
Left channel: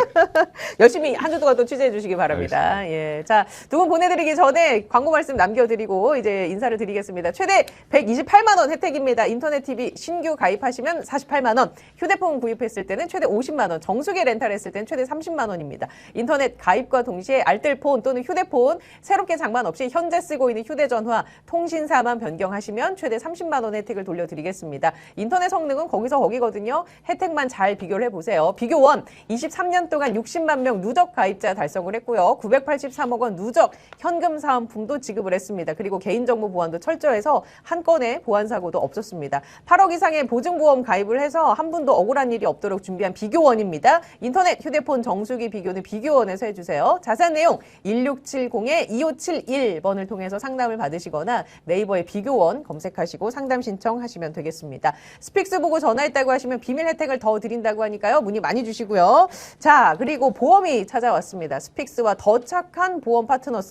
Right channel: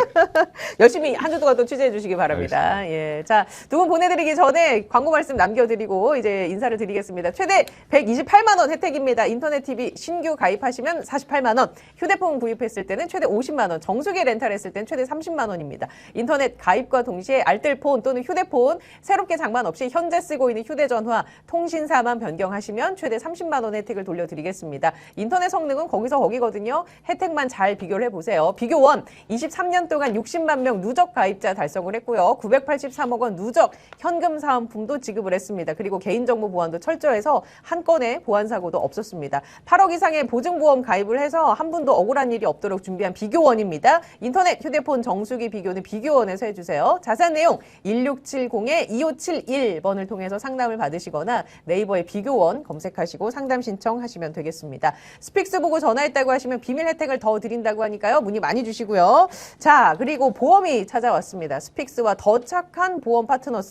열심히 한 주 동안 또 취재해 주시기 바랍니다. 자, 두 분 분 보내드리기 전에 광고 말씀 남겨드리고 이제 인사를 드리겠습니다. 최대 128만 원 혜택입니다. 인터넷 TV 신규 가입하시면 48만 원, 휴대폰 구입했을 때는 최대 50만 원, 정수기 렌탈했을 때는 최대 30만 원입니다. 인터넷 가입과 동시에 알뜰폰 또는 휴대폰 새롭게 장만 없이 현재 쓰고 있는 휴대전화, 통신사만 변경하시면 최대 30만 원 혜택을 돌려드리겠습니다. 인터넷 성능은 거기서 거기거든요. 혜택만 잘 비교를 해보세요. 비교원 23년 동안 60만 명 누적 가입자 달성을 했고요. 983억 원 누적 현금 사은품도 지급을 했습니다. 그리고 개인정보 보안도 철저해서 한 건의 보안 사고도 없었습니다. 8억 이상의 보증보험 가입을 해서 한 분도 억울한 일이 없도록 준비한 비교원입니다. 인터넷, 휴대폰 정수기 비교는 비교원에서 해주세요. 자세한 내용 1670-2571번을 통해서 상담을 받으시거나 네이버에 비교원 검색하시고 상담 신청하시면 되겠습니다. 스픽스 보고 전화했다고 하시면 비밀 혜택을 더 드린다고 하니까요. 문의 많이 주시고요. 자, 그리고 보험이 찾아왔습니다. 스픽스와 더 착한 보험 파트너스가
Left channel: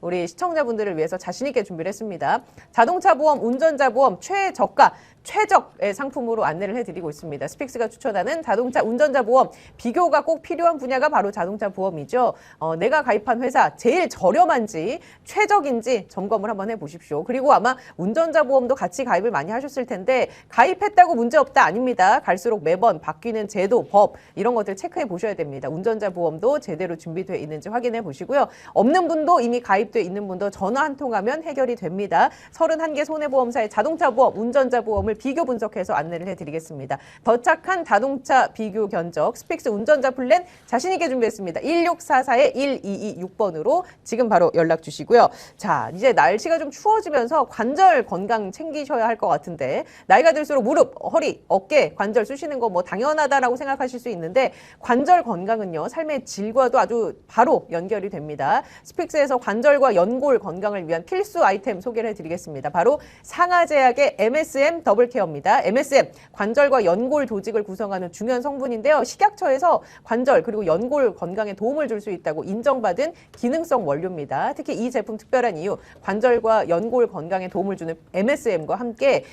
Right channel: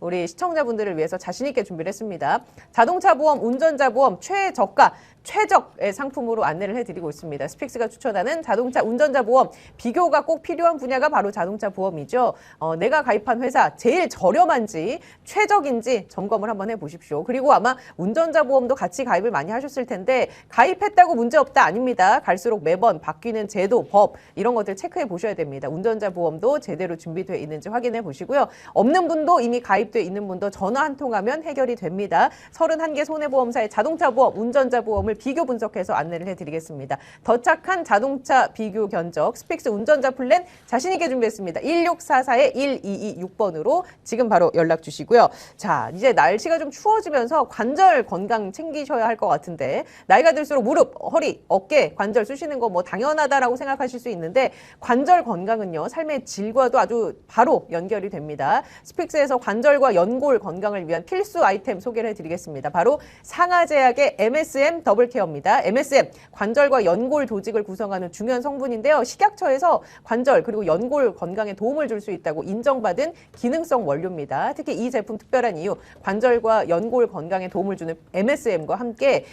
우리 시청자분들을 위해서 자신있게 준비를 했습니다. 자동차 보험, 운전자 보험 최저가, 최적의 상품으로 안내를 해드리고 있습니다. 스픽스가 추천하는 자동차, 운전자 보험, 비교가 꼭 필요한 분야가 바로 자동차 보험이죠. 내가 가입한 회사 제일 저렴한지 최적인지 점검을 한번 해보십시오. 그리고 아마 운전자 보험도 같이 가입을 많이 하셨을 텐데 가입했다고 문제없다 아닙니다. 갈수록 매번 바뀌는 제도, 법 이런 것들 체크해 보셔야 됩니다. 운전자 보험도 제대로 준비되어 있는지 확인해 보시고요. 없는 분도 이미 가입되어 있는 분도 전화 한 통하면 해결이 됩니다. 31개 손해보험사의 자동차 보험, 운전자 보험을 비교 분석해서 안내를 해드리겠습니다. 더 착한 자동차 비교 견적 스픽스 운전자 플랜 자신있게 준비했습니다. 1644-1226번으로 지금 바로 연락 주시고요. 자, 이제 날씨가 좀 추워지면서 관절 건강 챙기셔야 할 것 같은데 나이가 들수록 무릎, 허리, 어깨, 관절 쑤시는 거 뭐 당연하다라고 생각하실 수 있는데 관절 건강은요. 삶의 질과도 아주 바로 연결이 됩니다. 스픽스에서 관절과 연골 건강을 위한 필수 아이템 소개를 해드리겠습니다. 바로 상하제약의 MSM 더블케어입니다. MSM, 관절과 연골 조직을 구성하는 중요한 성분인데요. 식약처에서 관절 그리고 연골 건강에 도움을 줄 수 있다고 인정받은 기능성 원료입니다. 특히 이 제품 특별한 이유, 관절과 연골 건강에 도움을 주는 MSM과 함께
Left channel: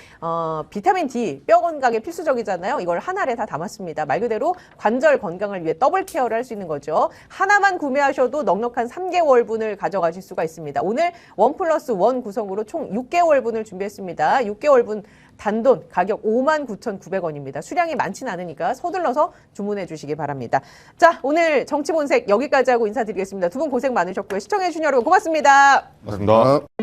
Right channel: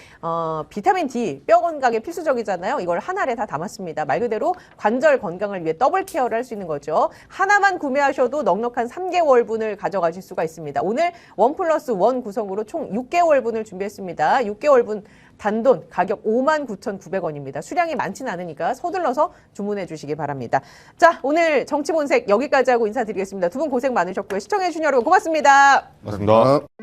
비타민 D, 뼈 건강에 필수적이잖아요. 이걸 하나를 다 담았습니다. 말 그대로 관절 건강을 위해 더블 케어를 할 수 있는 거죠. 하나만 구매하셔도 넉넉한 3개월분을 가져가실 수가 있습니다. 오늘 1+1 구성으로 총 6개월분을 준비했습니다. 6개월분 단돈 가격 59,900원입니다. 수량이 많지는 않으니까 서둘러서 주문해 주시기 바랍니다. 자, 오늘 정치본색 여기까지 하고 인사드리겠습니다. 두 분 고생 많으셨고요. 시청해 주신 여러분 고맙습니다. 고맙습니다.